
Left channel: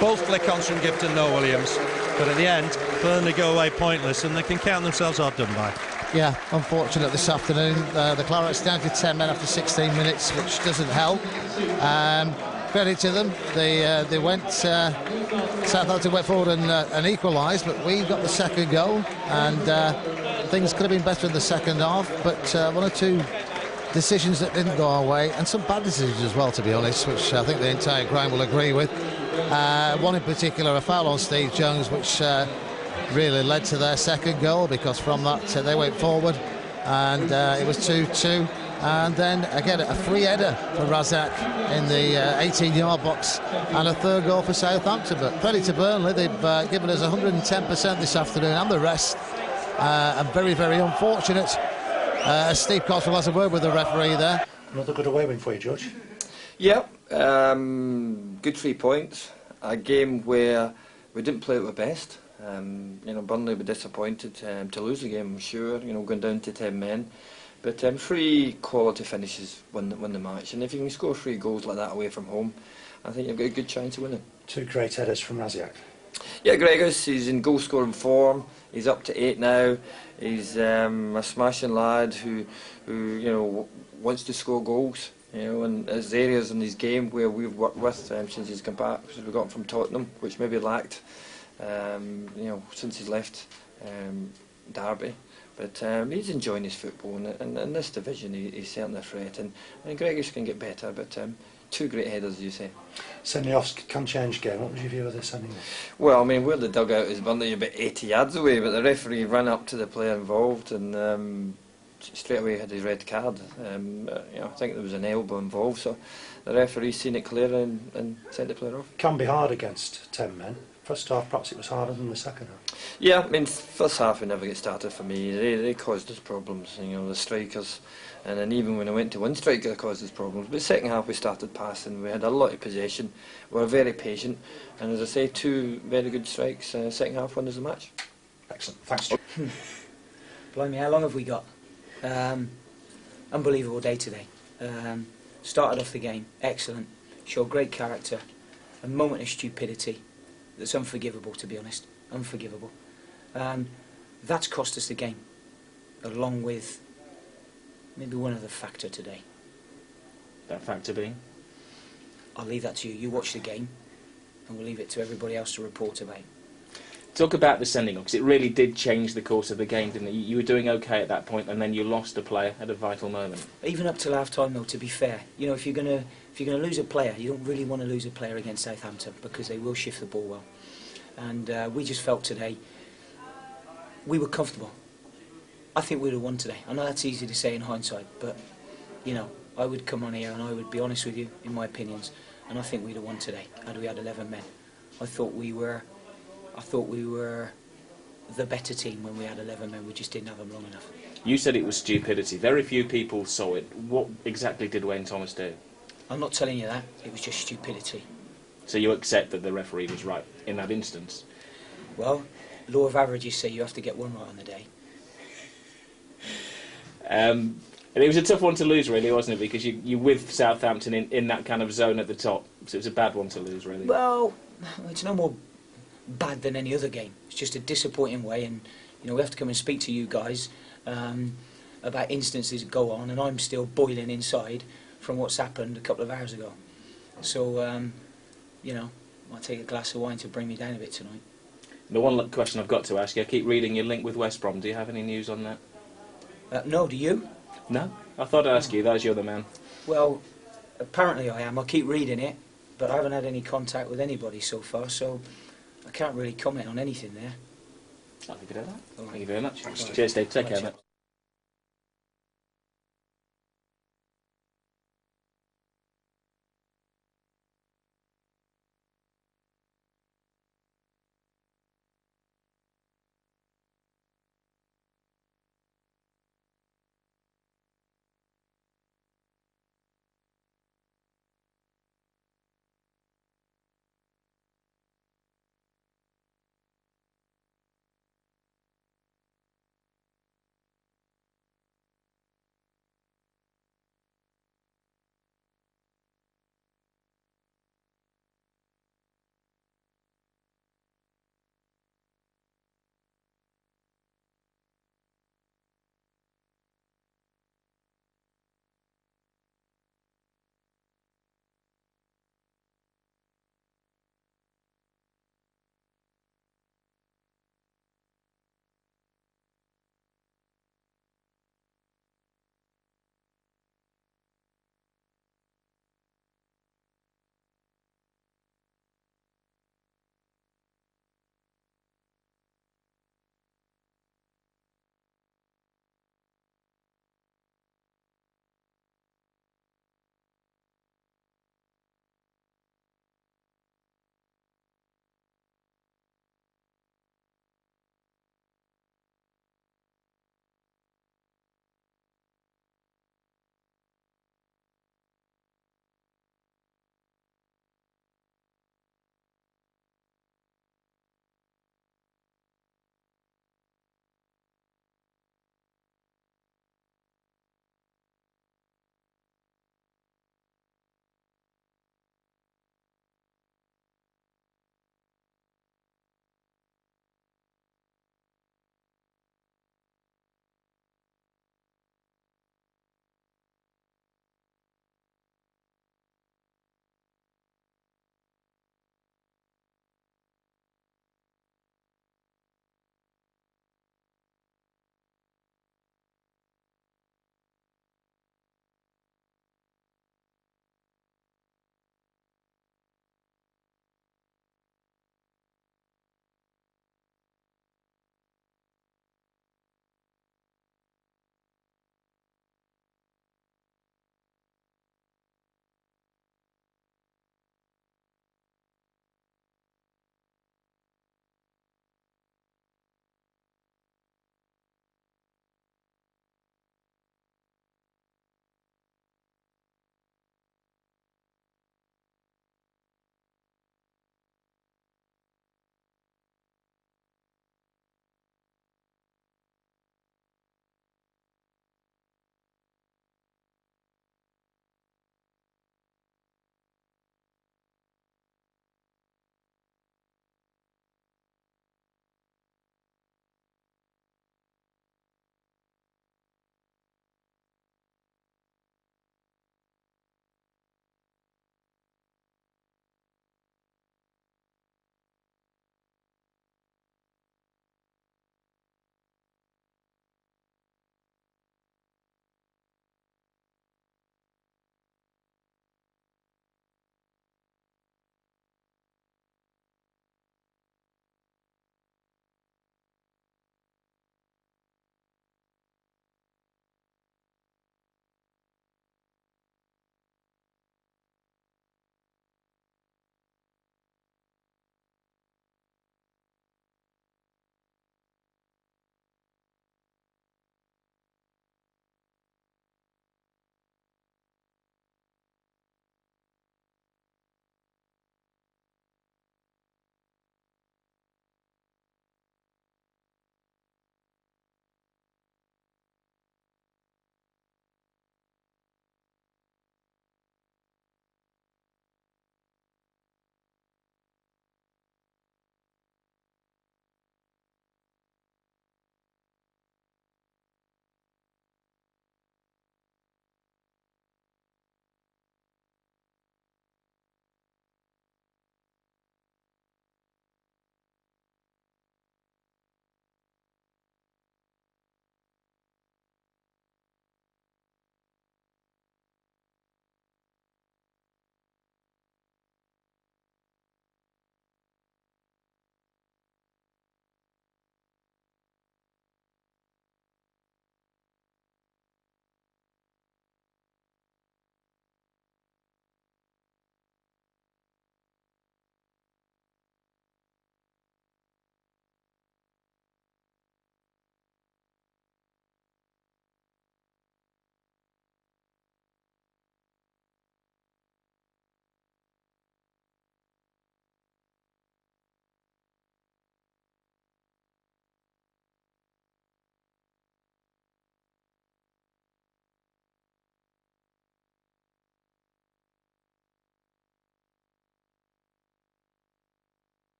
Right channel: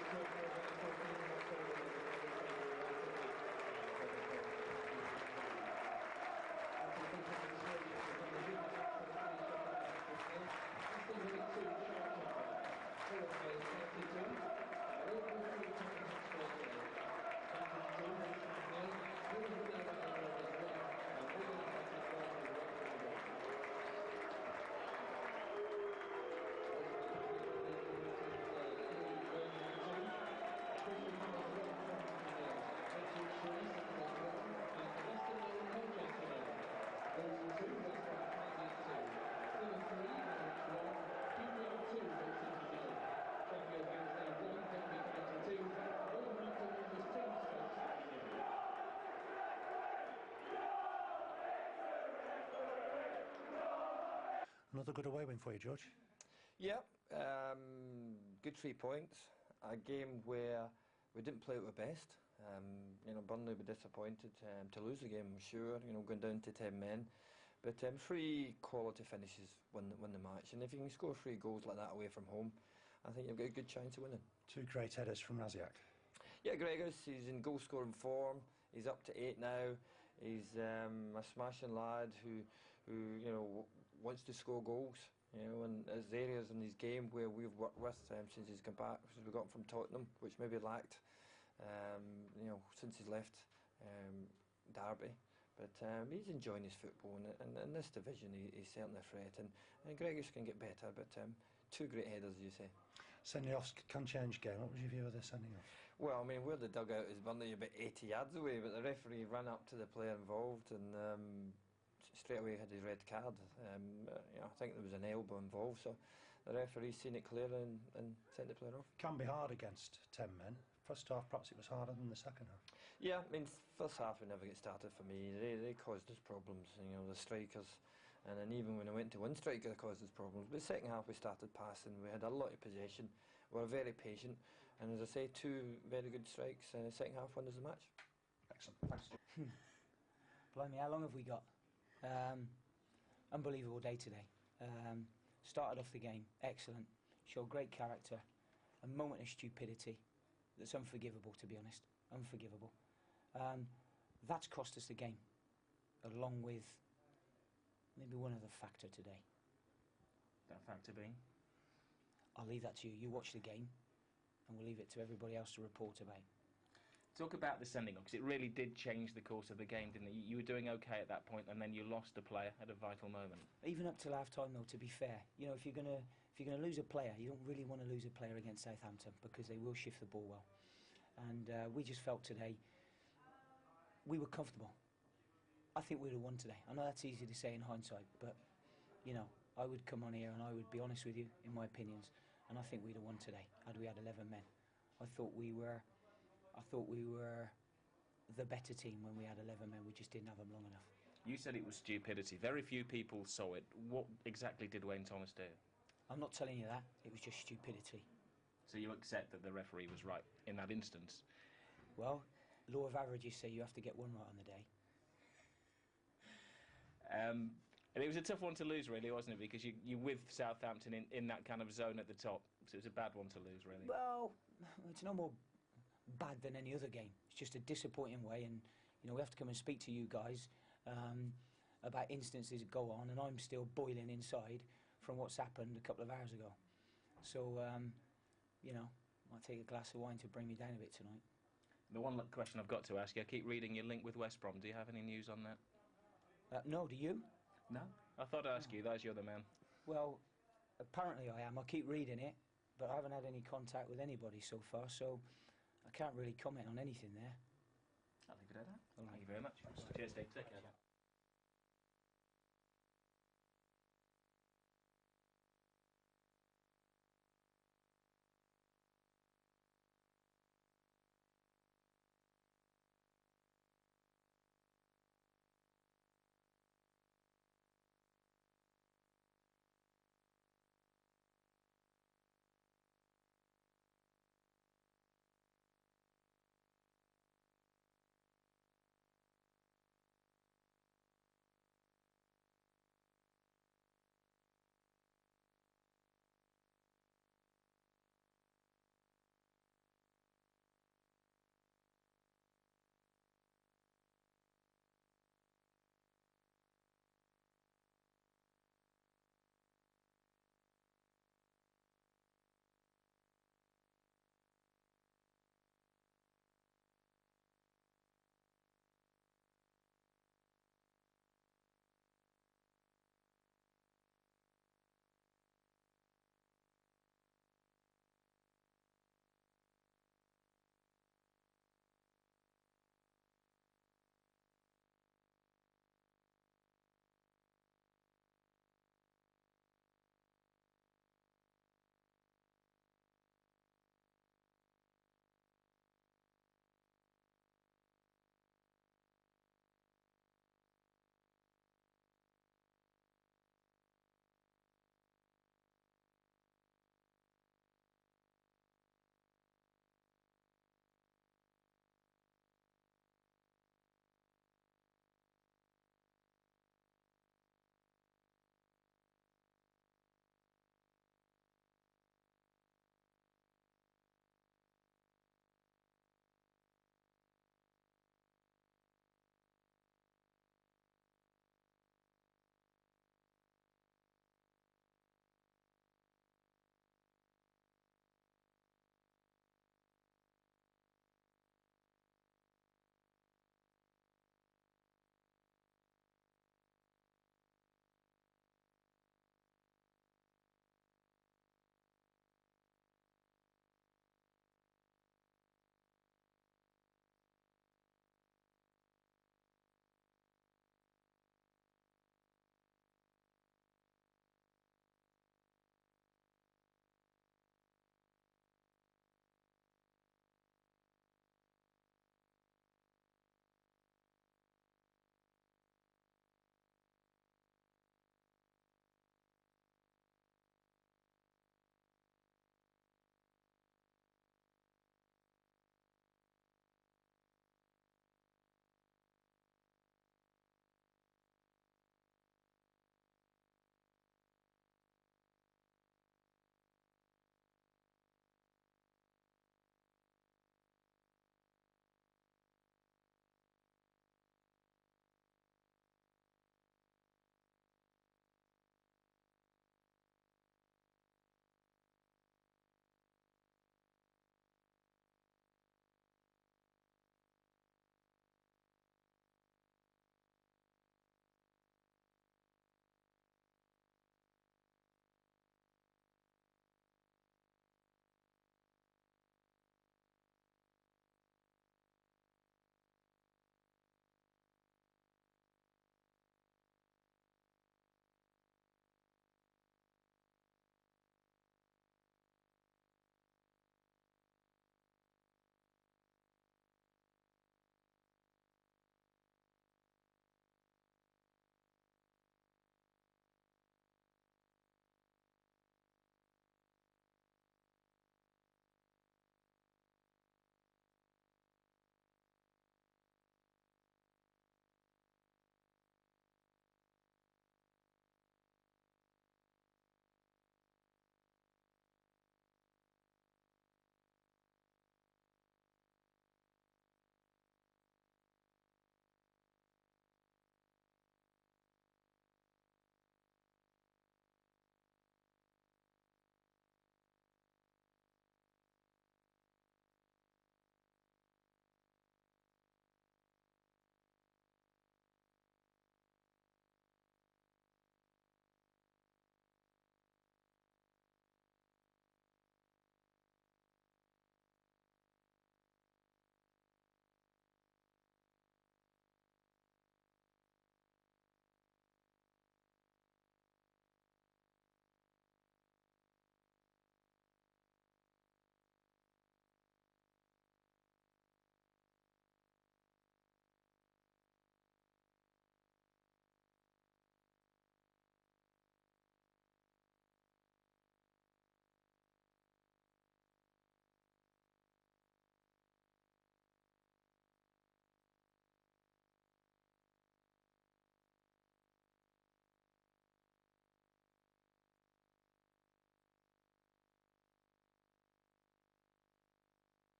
Both flick-ons from Gifton Noel-Williams. But at the end, Burnley go away pointless and they can count themselves hard done by. Yeah, unfortunate this afternoon. The Clarets down to 10 men after 16 minutes, which doesn't help. Credit to them. They went. Southampton went forward and equalised, but we got the second goal, and things could have been better in the second half. But 1 or 2 decisions that didn't go our way, and some bad decisions as well, to be honest, which I think the entire ground will agree with. One in particular, a foul on Steve Jones, which really led to their second goal, because from that they went forward, and it was 2-2. And then again a free header for Rasiak in the 18-yard box, and a third goal for Southampton. But credit to Burnley, they've given us 110% this afternoon, and the rest. And very, very unfortunate. Steve Cotterill has a word with the referee there. Another good away win for you, George. Yep, good 3 points. A game where we didn't play at our best. You know, Burnley were disappointed to lose the game, I'm sure. You know, going down to 10 men. But 3 quality finishes win the match. And if you can score 3 goals like that away from home, I think you've got a good chance of winning. 2 great headers from Rasiak. Yeah, Gregor's, he's in goal-scoring form. He's up to 8 now. He's a smashing lad who you know, wants to score goals. You know, and there's areas in his game where we've worked with since he's come back, because we got him from Tottenham, which maybe lacked, you know, since he's left Derby. But he's enjoying his football, and in this division he's certainly a threat. And Gregor's can get better, but 2 great headers, as you say. Sending offs can change game. What was your view of this sending off? Well, I mean, where the dugout is Burnley about 80 yards away, but the referee ran up to the player involved and straight away had his red card. You know, I think there was an elbow involved, so the referee seen it clear and sent the player off. Can be hard against 10 men. first half perhaps it was harder than the second half? Yeah, I mean, first half we never get started for me. They caused us problems, you know, the strikers. And then even when I went to one striker, it caused us problems. But second half we started passing. We had a lot of possession. We were very patient. And as I say, 2 very good strikes. Second half won us the match. Excellent. Thanks, Stu. Blimey, how long have we got? Unbelievable day today. Started off the game, excellent. Showed great character. A moment of stupidity that's unforgivable, to be honest. Unforgivable. That's cost us the game, along with maybe one other factor today. That factor being? I'll leave that to you. You watch the game, and we'll leave it to everybody else to report about. Talk about the sending off, because it really did change the course of the game, didn't it? You were doing okay at that point, and then you lost a player at a vital moment. Even up till half-time, though, to be fair, you know, if you're gonna lose a player, you don't really want to lose a player against Southampton, because they will shift the ball well. And we just felt today we were comfortable. I think we'd have won today. I know that's easy to say in hindsight, but you know, I would come on here and I would be honest with you in my opinions, and I think we'd have won today had we had 11 men. I thought we were the better team when we had 11 men. We just didn't have them long enough. You said it was stupidity. Very few people saw it. What exactly did Wayne Thomas do? I'm not telling you that. It was just stupidity. So you accept that the referee was right in that instance? Well, law of averages say you have to get one right on the day. And it was a tough one to lose, really, wasn't it? Because you with Southampton in that kind of zone at the top, so it was a bad one to lose, really. Well, it's no more bad than any other game. It's just a disappointing way, and you know we have to come and speak to you guys about instances that go on, and I'm still boiling inside from what's happened a couple of hours ago. So, you know, I'll take a glass of wine to bring me down a bit tonight. The one question I've got to ask you, I keep reading your link with West Brom. Do you have any news on that? No, do you? No? I thought I'd ask you, that you're the man. Well, apparently I am. I keep reading it, but I haven't had any contact with anybody so far, so I can't really comment on anything there. I'll leave it at that. All right. Thank you very much. Cheers, Dave. Take care, mate.